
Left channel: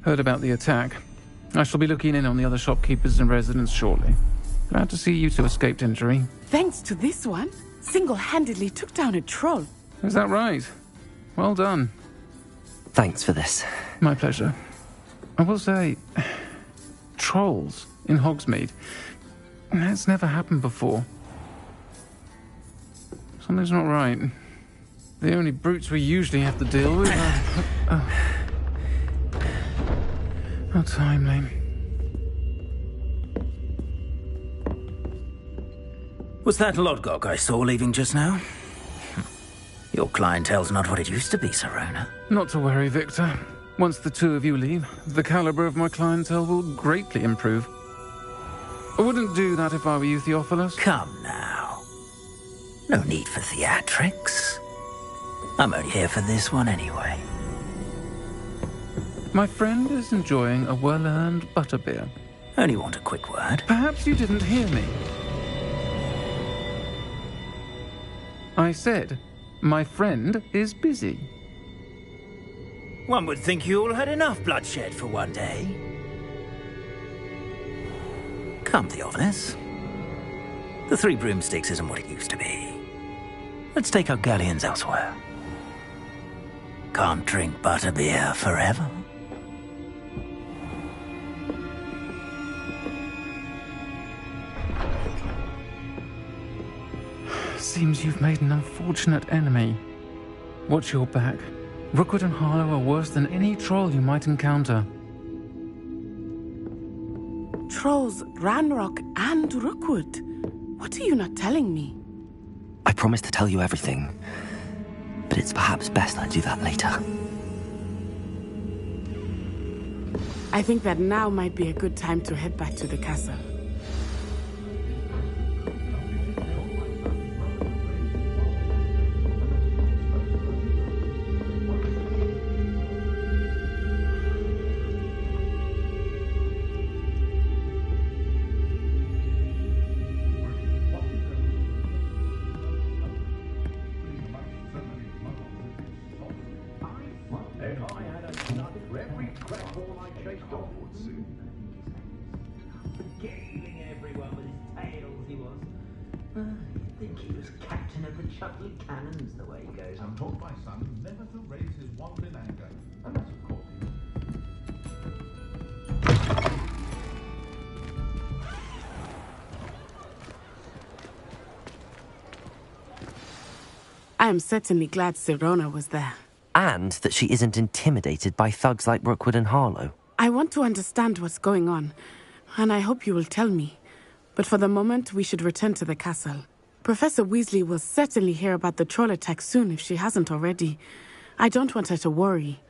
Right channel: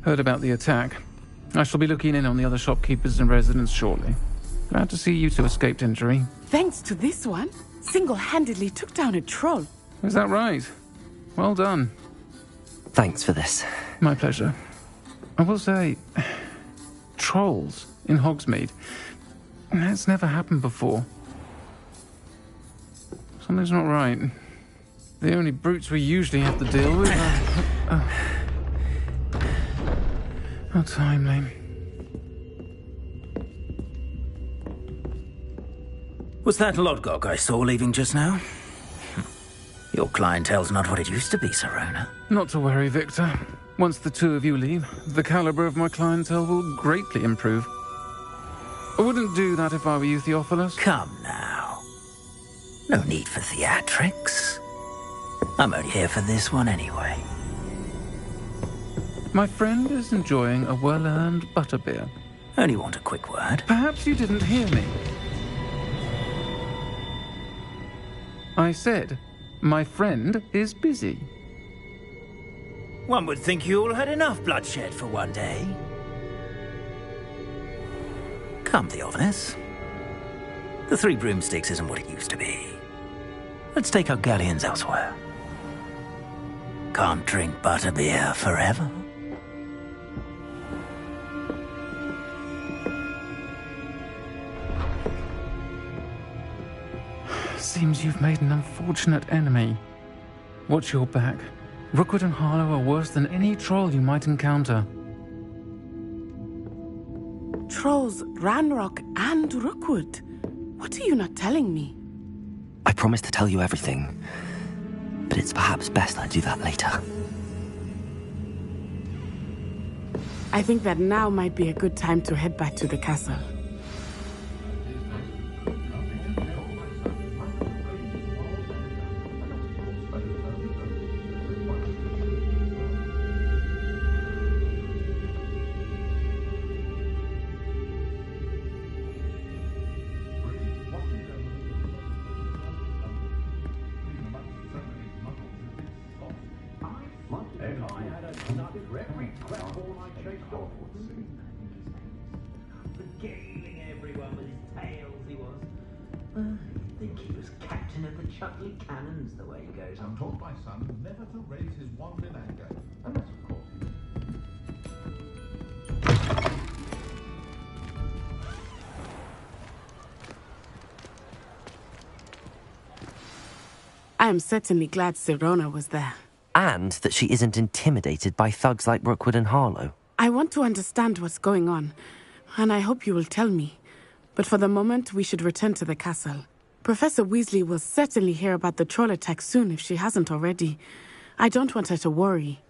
Heard about the attack. I shall be looking in on the other shopkeepers and residents shortly. Glad to see you two escaped injury. Thanks to this one, single-handedly took down a troll. Is that right? Well done. Thanks for this. My pleasure. I will say, trolls in Hogsmeade. That's never happened before. Something's not right. The only brutes we usually have to deal with are... How timely. Was that Lodgok I saw leaving just now? Your clientele's not what it used to be, Sirona. Not to worry, Victor. Once the two of you leave, the caliber of my clientele will greatly improve. I wouldn't do that if I were you, Theophilus. Come now. No need for theatrics. I'm only here for this one anyway. My friend is enjoying a well-earned butterbeer. Only want a quick word. Perhaps you didn't hear me. I said, my friend is busy. One would think you all had enough bloodshed for one day. Come, Theophilus. The Three Broomsticks isn't what it used to be. Let's take our galleons elsewhere. Can't drink butterbeer forever. Seems you've made an unfortunate enemy. Watch your back. Rookwood and Harlow are worse than any troll you might encounter. Trolls, Ranrock, and Rookwood. What are you not telling me? I promised to tell you everything, but it's perhaps best I do that later. I think that now might be a good time to head back to the castle. Regaling everyone with his tales, he was. You'd think he was captain of the Chutley Cannons, the way he goes on. I'm taught my son never to raise his wand in anger, unless, of course, I am certainly glad Sirona was there. And that she isn't intimidated by thugs like Rookwood and Harlow. I want to understand what's going on, and I hope you will tell me. But for the moment, we should return to the castle. Professor Weasley will certainly hear about the troll attack soon if she hasn't already. I don't want her to worry.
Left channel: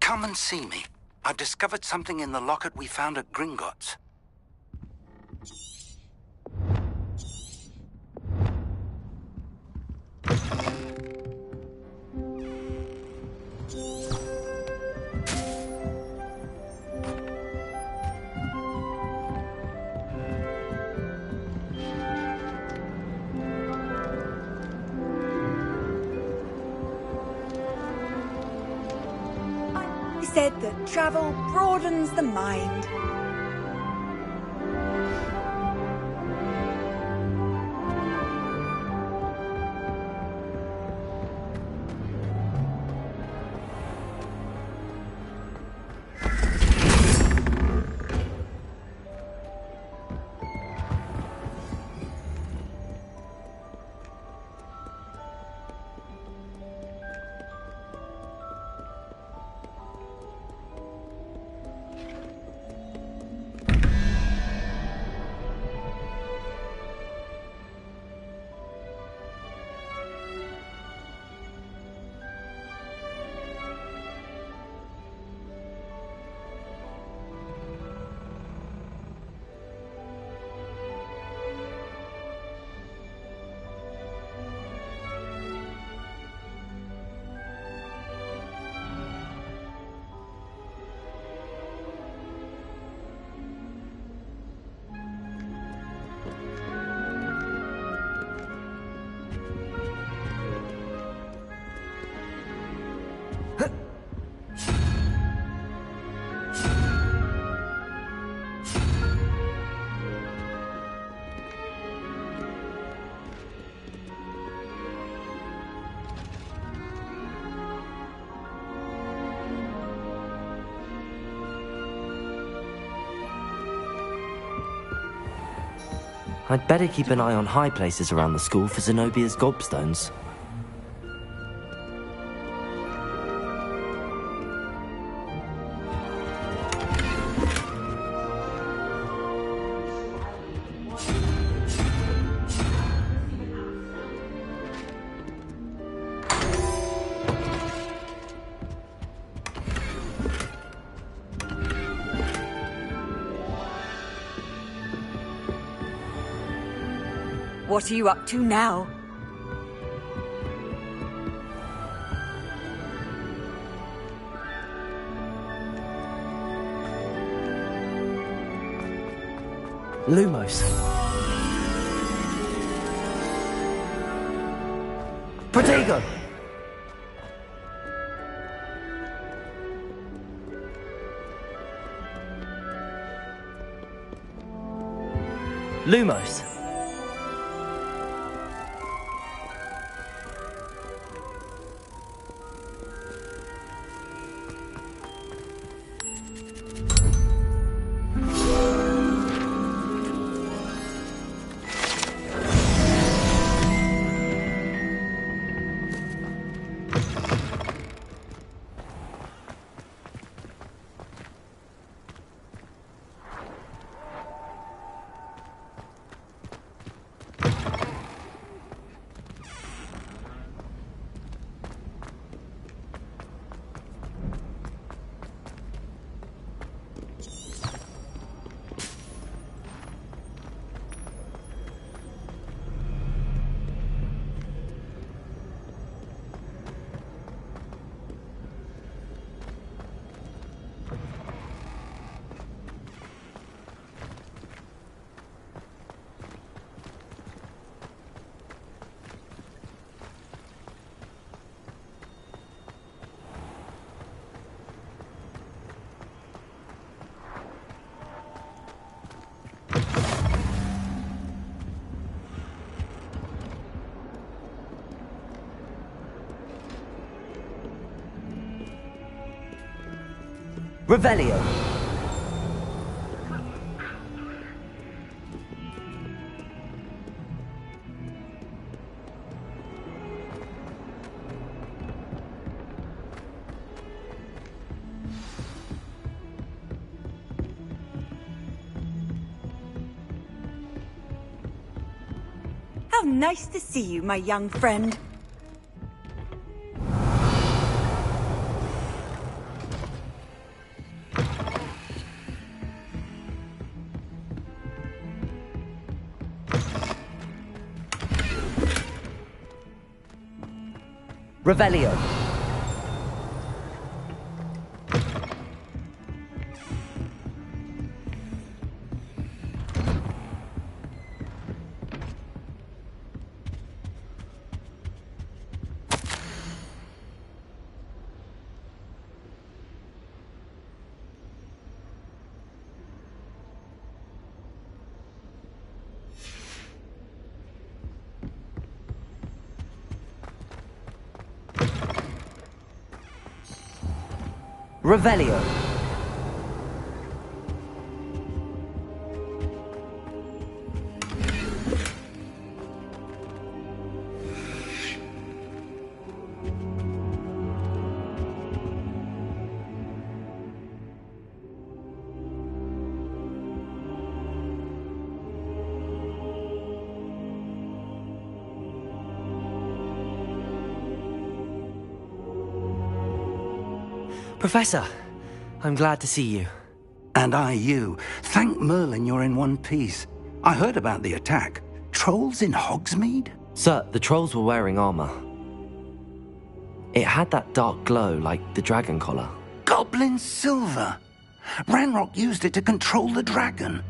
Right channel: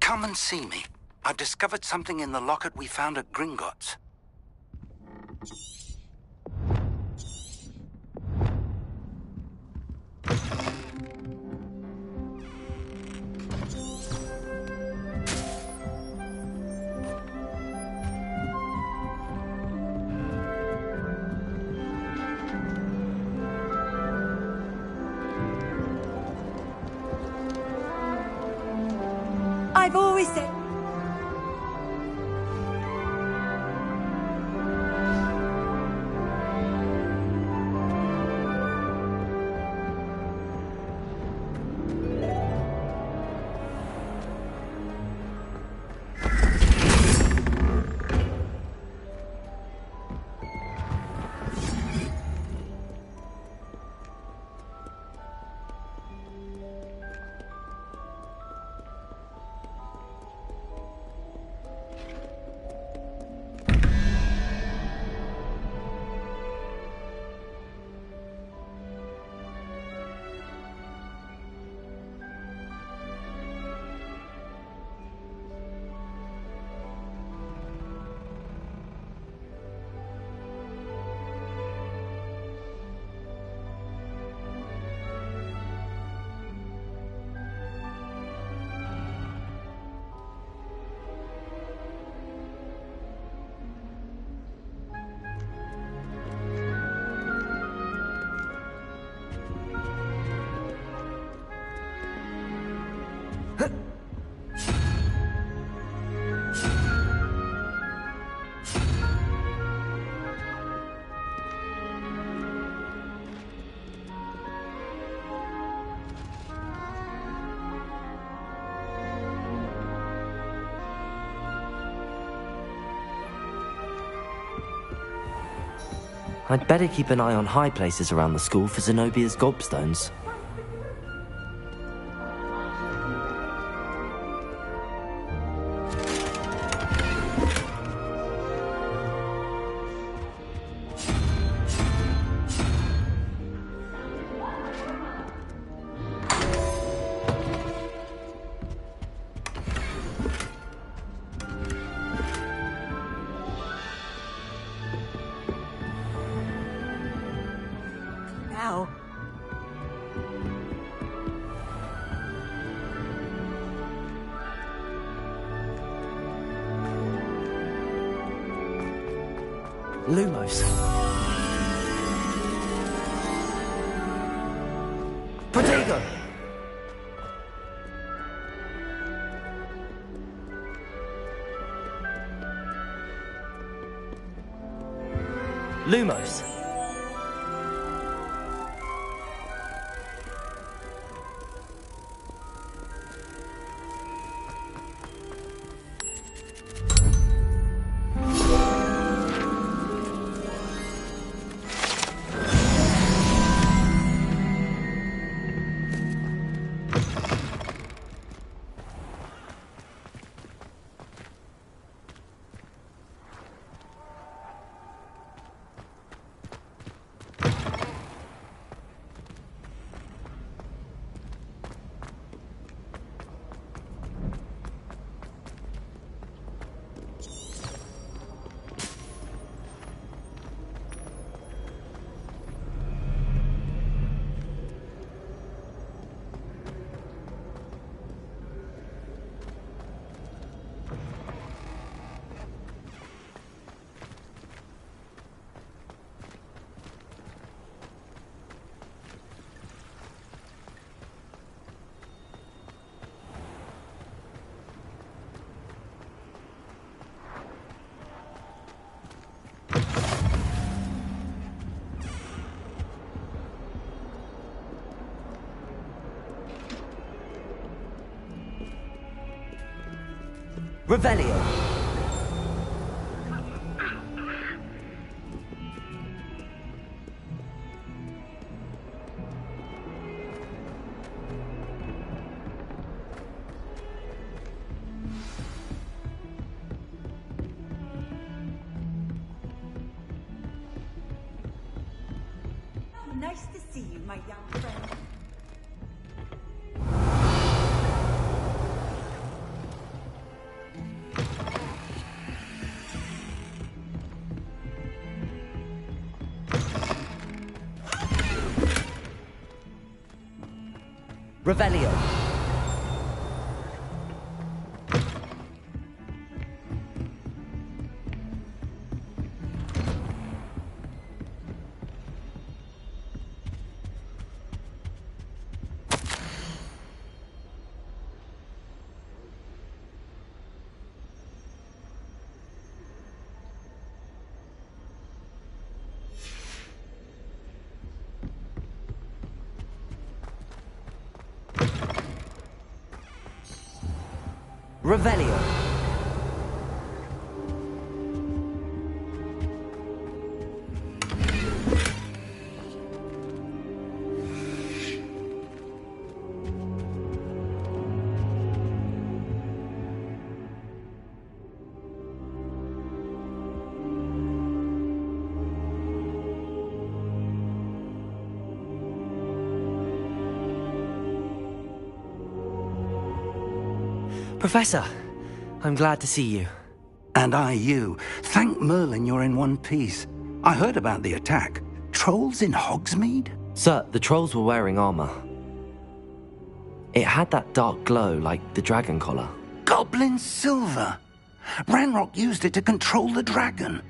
Come and see me. I've discovered something in the locket we found at Gringotts. I've always said that travel broadens the mind. I'd better keep an eye on high places around the school for Zenobia's gobstones. What are you up to now? Lumos. Protego! Lumos. Revelio. How nice to see you, my young friend. Revelio. Revelio. Professor, I'm glad to see you. And I you. Thank Merlin you're in one piece. I heard about the attack. Trolls in Hogsmeade? Sir, the trolls were wearing armor. It had that dark glow like the dragon collar. Goblin silver! Ranrock used it to control the dragon.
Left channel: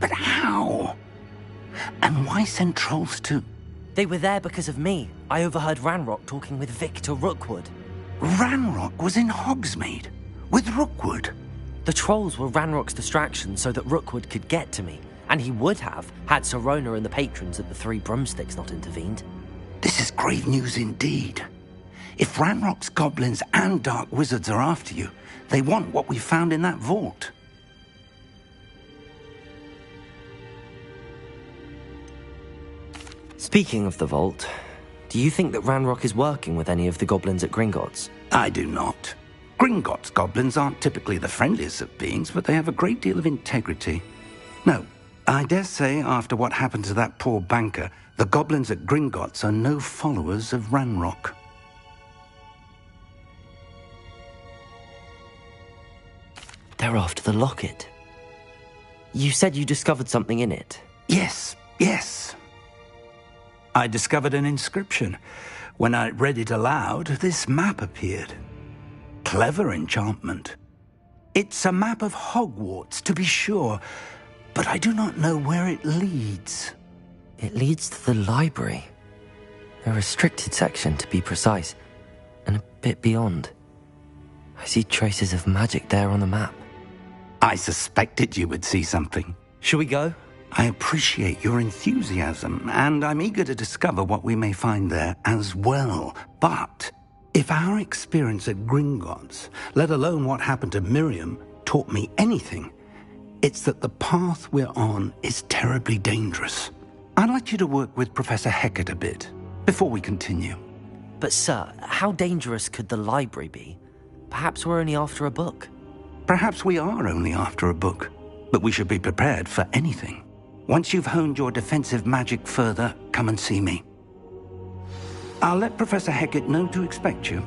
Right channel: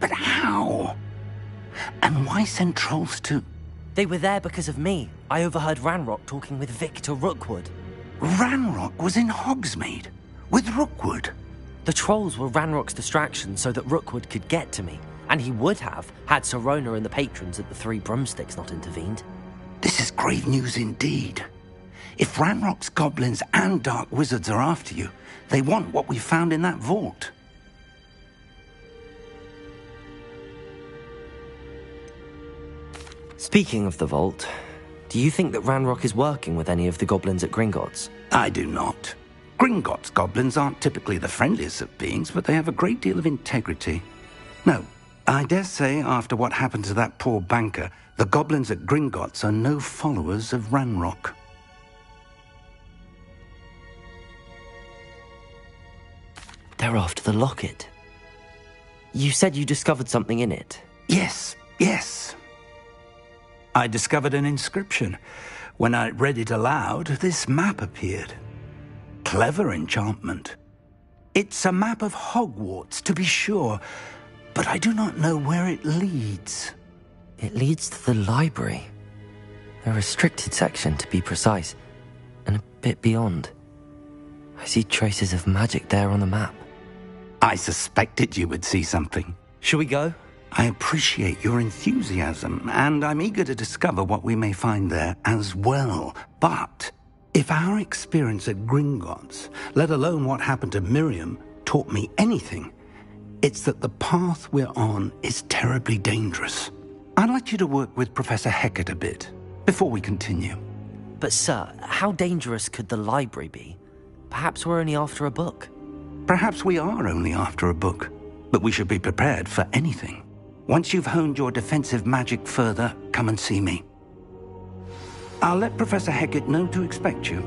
But how? And why send trolls to... They were there because of me. I overheard Ranrock talking with Victor Rookwood. Ranrock was in Hogsmeade? With Rookwood? The trolls were Ranrock's distraction so that Rookwood could get to me. And he would have, had Sirona and the patrons at the Three Broomsticks not intervened. This is grave news indeed. If Ranrock's goblins and dark wizards are after you, they want what we found in that vault. Speaking of the vault, do you think that Ranrock is working with any of the goblins at Gringotts? I do not. Gringotts goblins aren't typically the friendliest of beings, but they have a great deal of integrity. No, I dare say after what happened to that poor banker, the goblins at Gringotts are no followers of Ranrock. They're after the locket. You said you discovered something in it. Yes. I discovered an inscription. When I read it aloud, this map appeared. Clever enchantment. It's a map of Hogwarts, to be sure, but I do not know where it leads. It leads to the library. The restricted section, to be precise, and a bit beyond. I see traces of magic there on the map. I suspected you would see something. Shall we go? I appreciate your enthusiasm, and I'm eager to discover what we may find there as well. But if our experience at Gringotts, let alone what happened to Miriam, taught me anything, it's that the path we're on is terribly dangerous. I'd like you to work with Professor Hecat a bit before we continue. But sir, how dangerous could the library be? Perhaps we're only after a book. Perhaps we are only after a book, but we should be prepared for anything. Once you've honed your defensive magic further, come and see me. I'll let Professor Hecat know to expect you.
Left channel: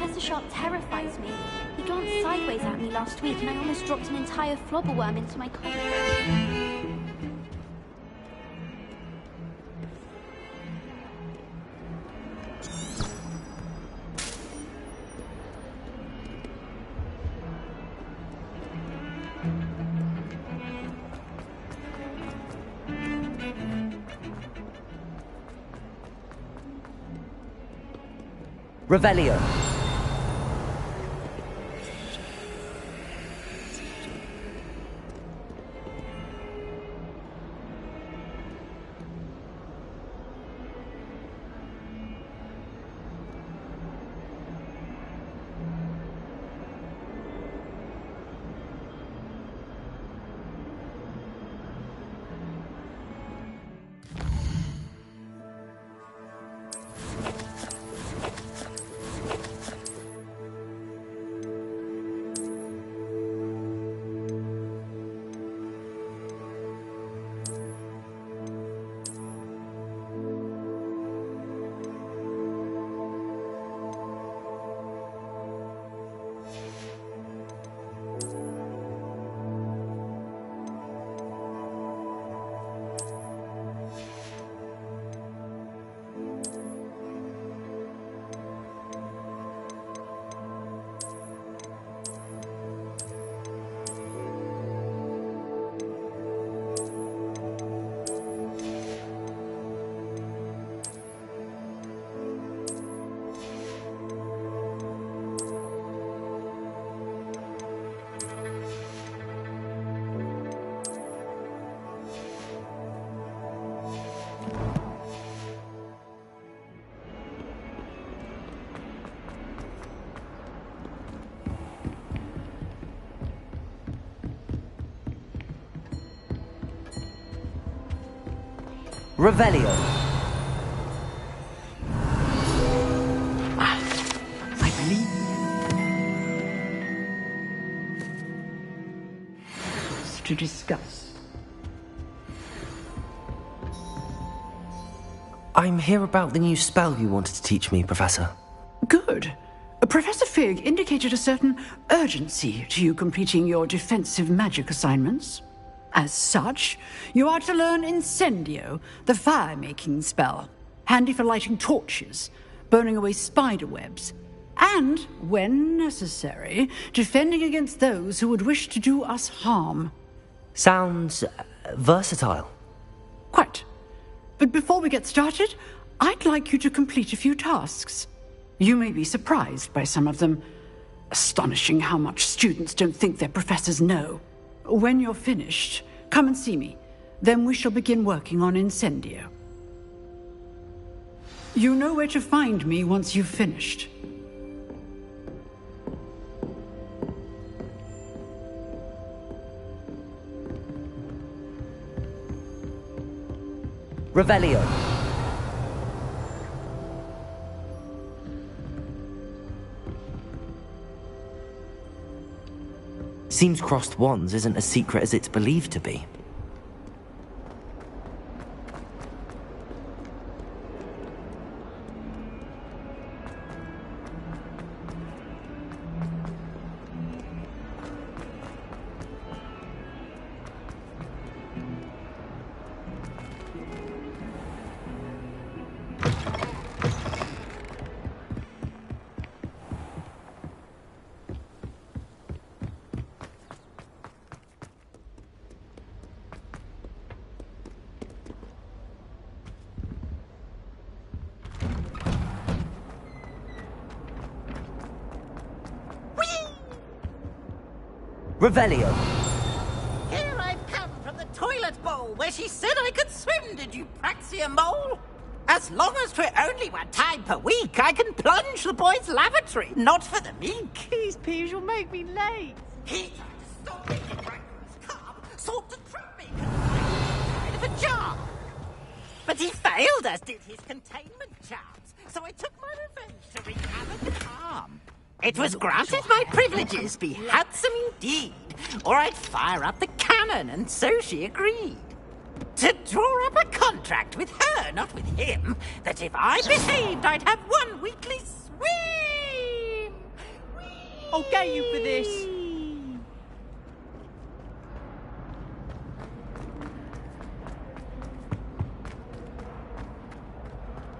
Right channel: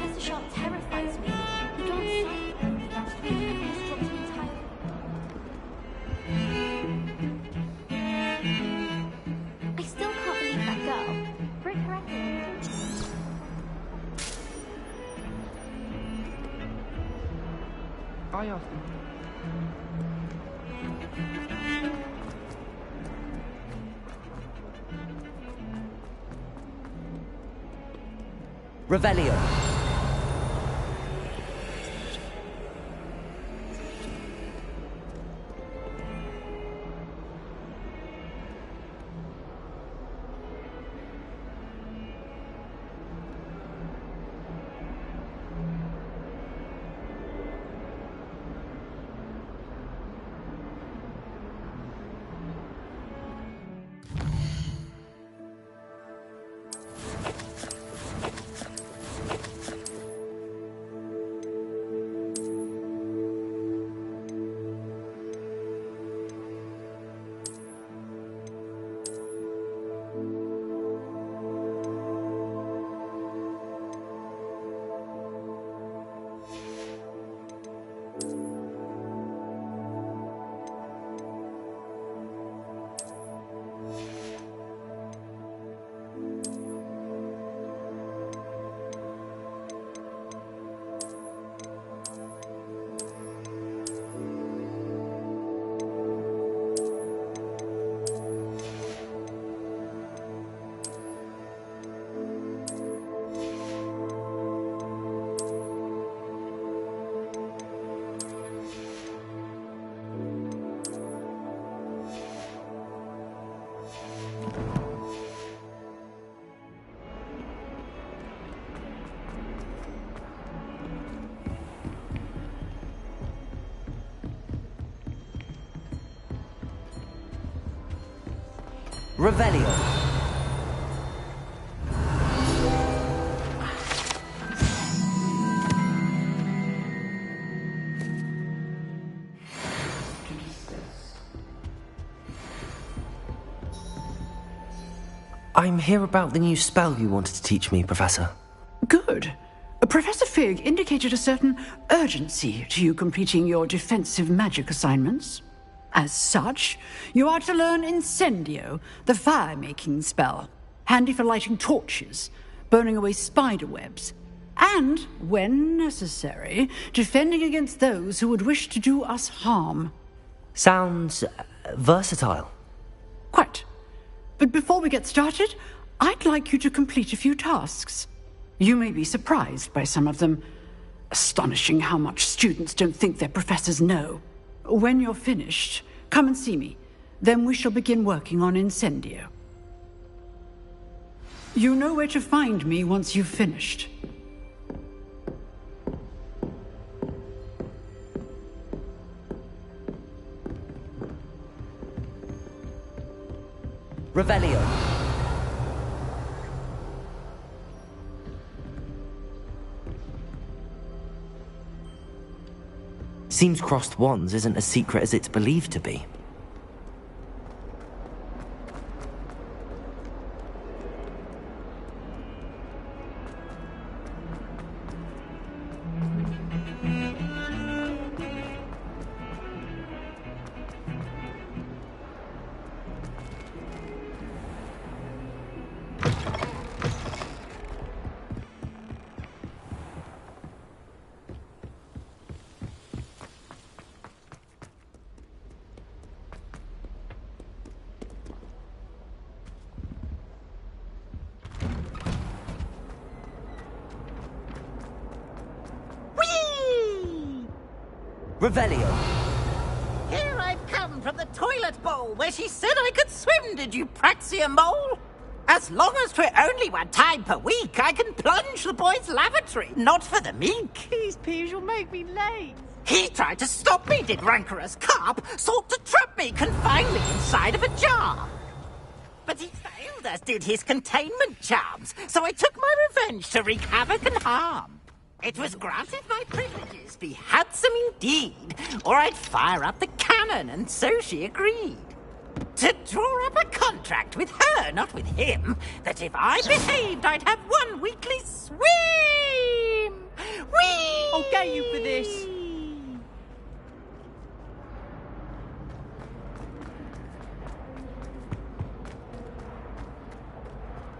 Professor Sharp terrifies me. He glanced sideways at me last week and I almost dropped an entire flobberworm into my coffee. I still can't believe that girl. Brick her Revelio. Revelio. to discuss? I'm here about the new spell you wanted to teach me, Professor. Good. Professor Fig indicated a certain urgency to you completing your defensive magic assignments. As such, you are to learn Incendio, the fire-making spell, handy for lighting torches, burning away spider webs, and, when necessary, defending against those who would wish to do us harm. Sounds versatile. Quite. But before we get started, I'd like you to complete a few tasks. You may be surprised by some of them. Astonishing how much students don't think their professors know. When you're finished, come and see me. Then we shall begin working on Incendio. You know where to find me once you've finished. Revelio. Seems crossed wands isn't as secret as it's believed to be. Revelio. Here I've come from the toilet bowl where she said I could swim, did you Praxia mole? As long as 'twere only one time per week, I can plunge the boy's lavatory, not for the meek. These peas will make me late. He tried to stop me, did rancorous carp, sought to trap me, confine me inside of a jar. But he failed, as did his containment charms, so I took my revenge to wreak havoc and harm. It was granted my privileges be handsome indeed, or I'd fire up the cannon, and so she agreed. To draw up a contract with her, not with him, that if I behaved, I'd have one weekly swim! Whee! I'll get you for this.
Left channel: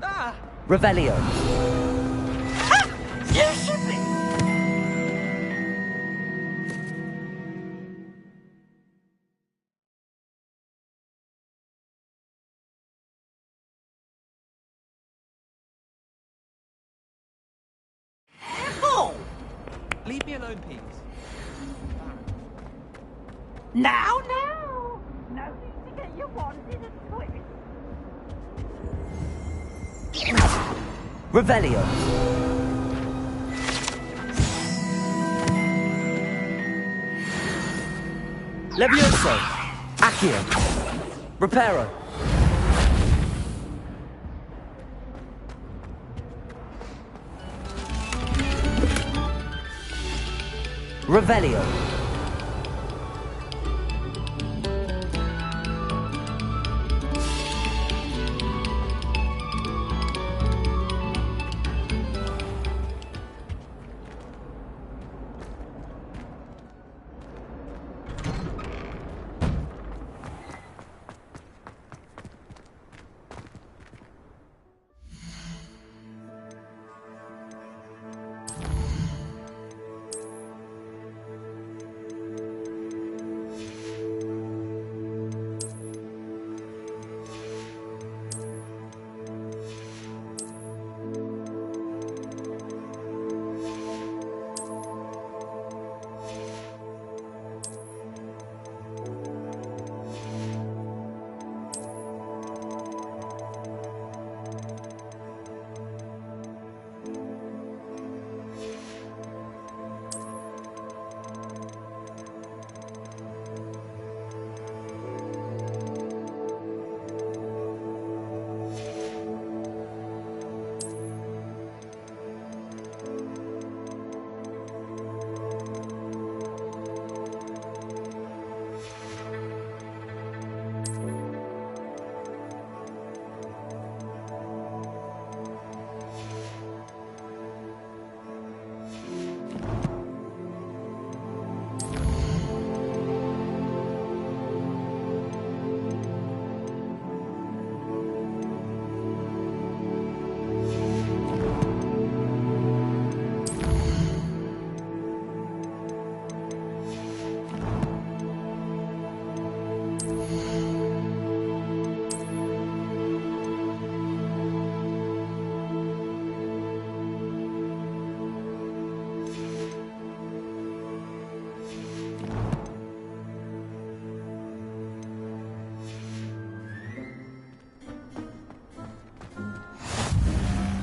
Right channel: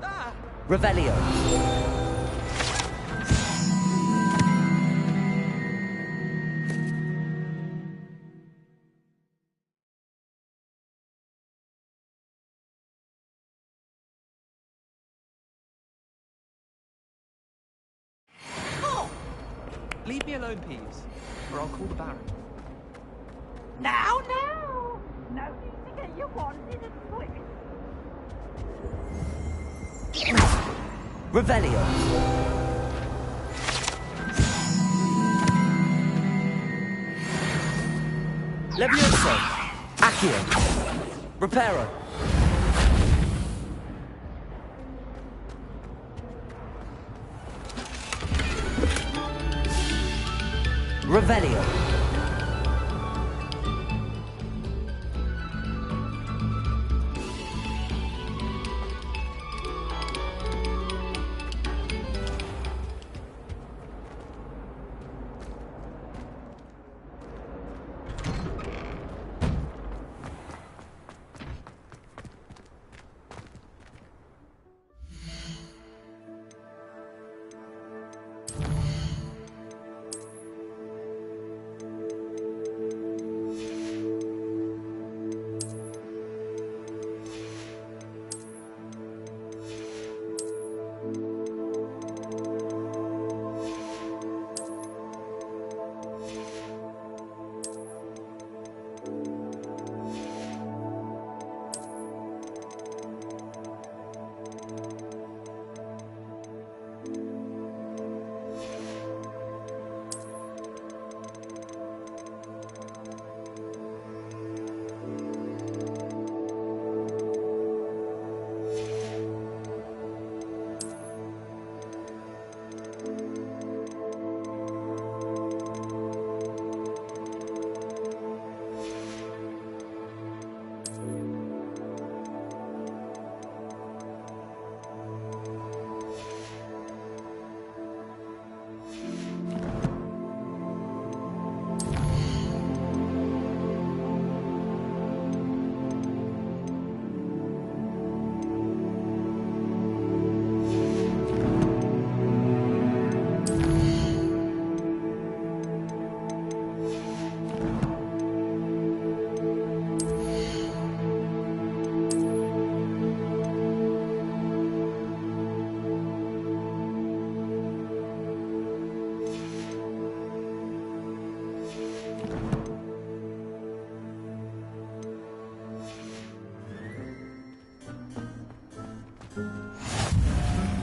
Ah! Revelio. Leave me alone, Peas, or I'll call the Baron. Now! No need to get your wand in a twist. Revelio. Levioso. Accio. Reparo. Revelio.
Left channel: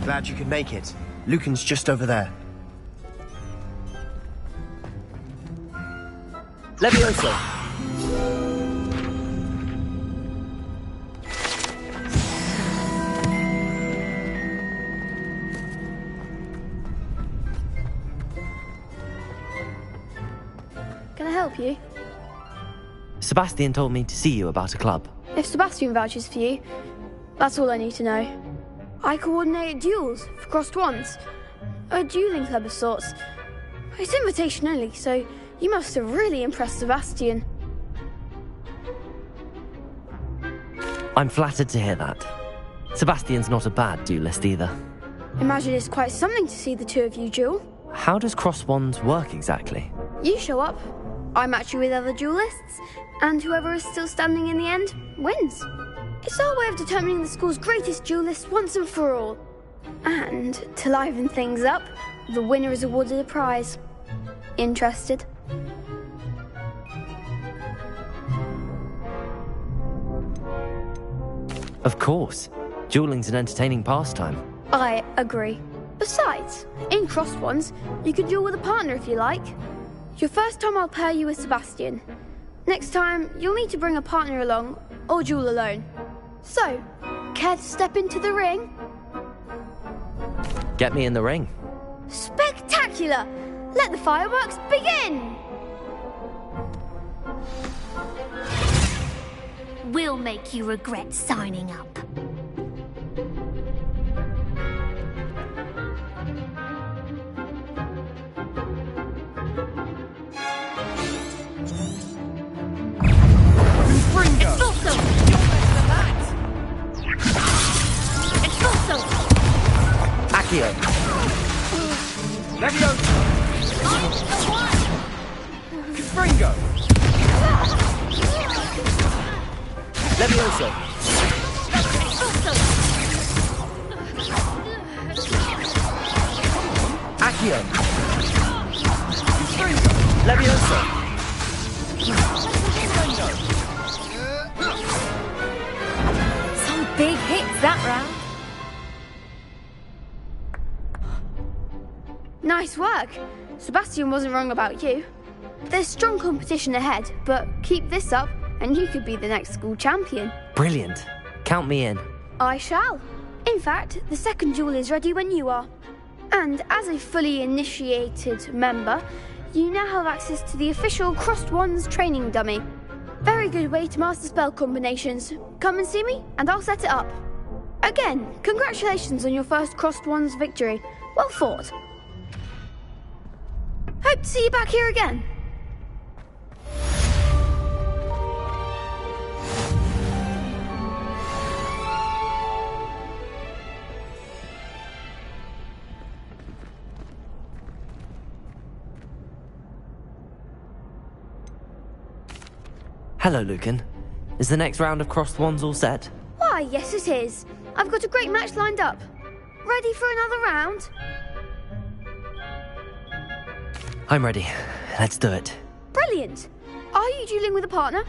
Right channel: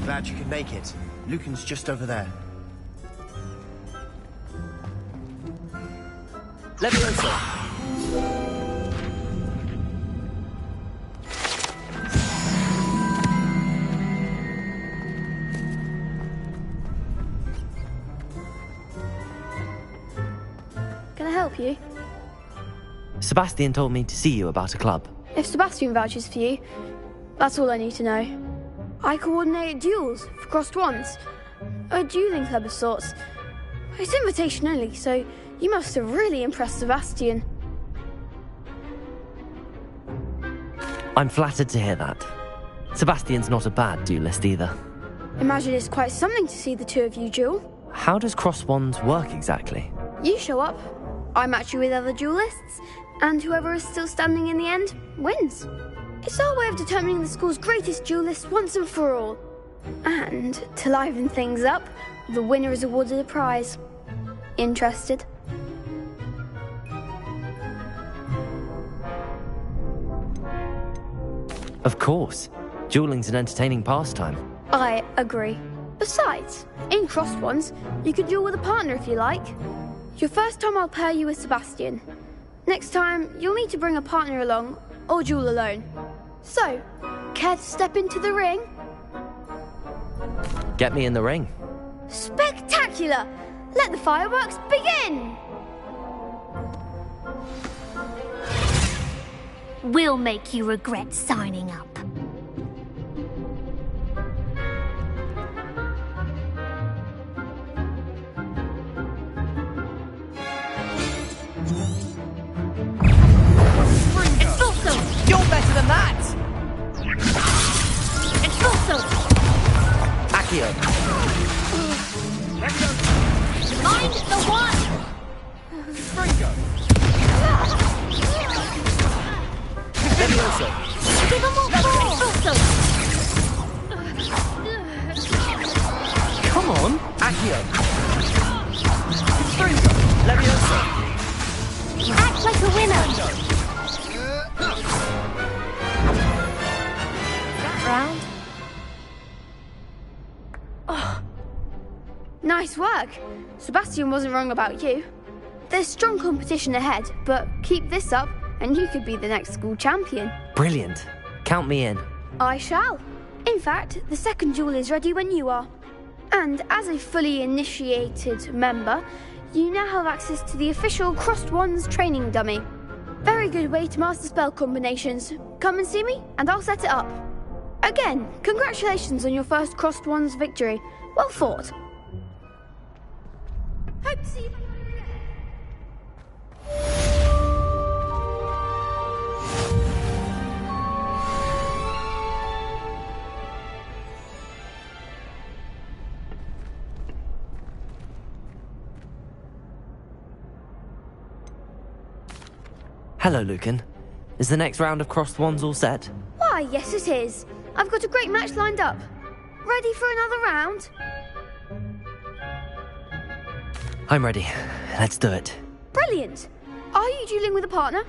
glad you could make it. Lucan's just over there. Levioso! Can I help you? Sebastian told me to see you about a club. If Sebastian vouches for you, that's all I need to know. I coordinate duels for crossed wands. A dueling club of sorts. It's invitation only, so you must have really impressed Sebastian. I'm flattered to hear that. Sebastian's not a bad duelist either. Imagine it's quite something to see the two of you duel. How does crossed wands work exactly? You show up, I match you with other duelists, and whoever is still standing in the end wins. It's our way of determining the school's greatest duelist once and for all. And to liven things up, the winner is awarded a prize. Interested? Of course. Dueling's an entertaining pastime. I agree. Besides, in crossed ones, you can duel with a partner if you like. Your first time I'll pair you with Sebastian. Next time, you'll need to bring a partner along, or duel alone. So, care to step into the ring? Get me in the ring. Spectacular! Let the fireworks begin! We'll make you regret signing up. Expulso! You're better than that! Expulso! Accio! Levioso! I'm the one! Springo! Levioso! Expulso! Come on! Accio! Springo! Levioso! Act like a winner! Some big hits that round. Nice work. Sebastian wasn't wrong about you. There's strong competition ahead, but keep this up and you could be the next school champion. Brilliant. Count me in. I shall. In fact, the second duel is ready when you are. And as a fully initiated member, you now have access to the official Crossed Wands training dummy. Very good way to master spell combinations. Come and see me, and I'll set it up. Again, congratulations on your first Crossed Wands victory. Well fought. Hope to see you back here again. Hello, Lucan. Is the next round of crossed wands all set? Why, yes it is. I've got a great match lined up. Ready for another round? I'm ready. Let's do it. Brilliant. Are you dueling with a partner?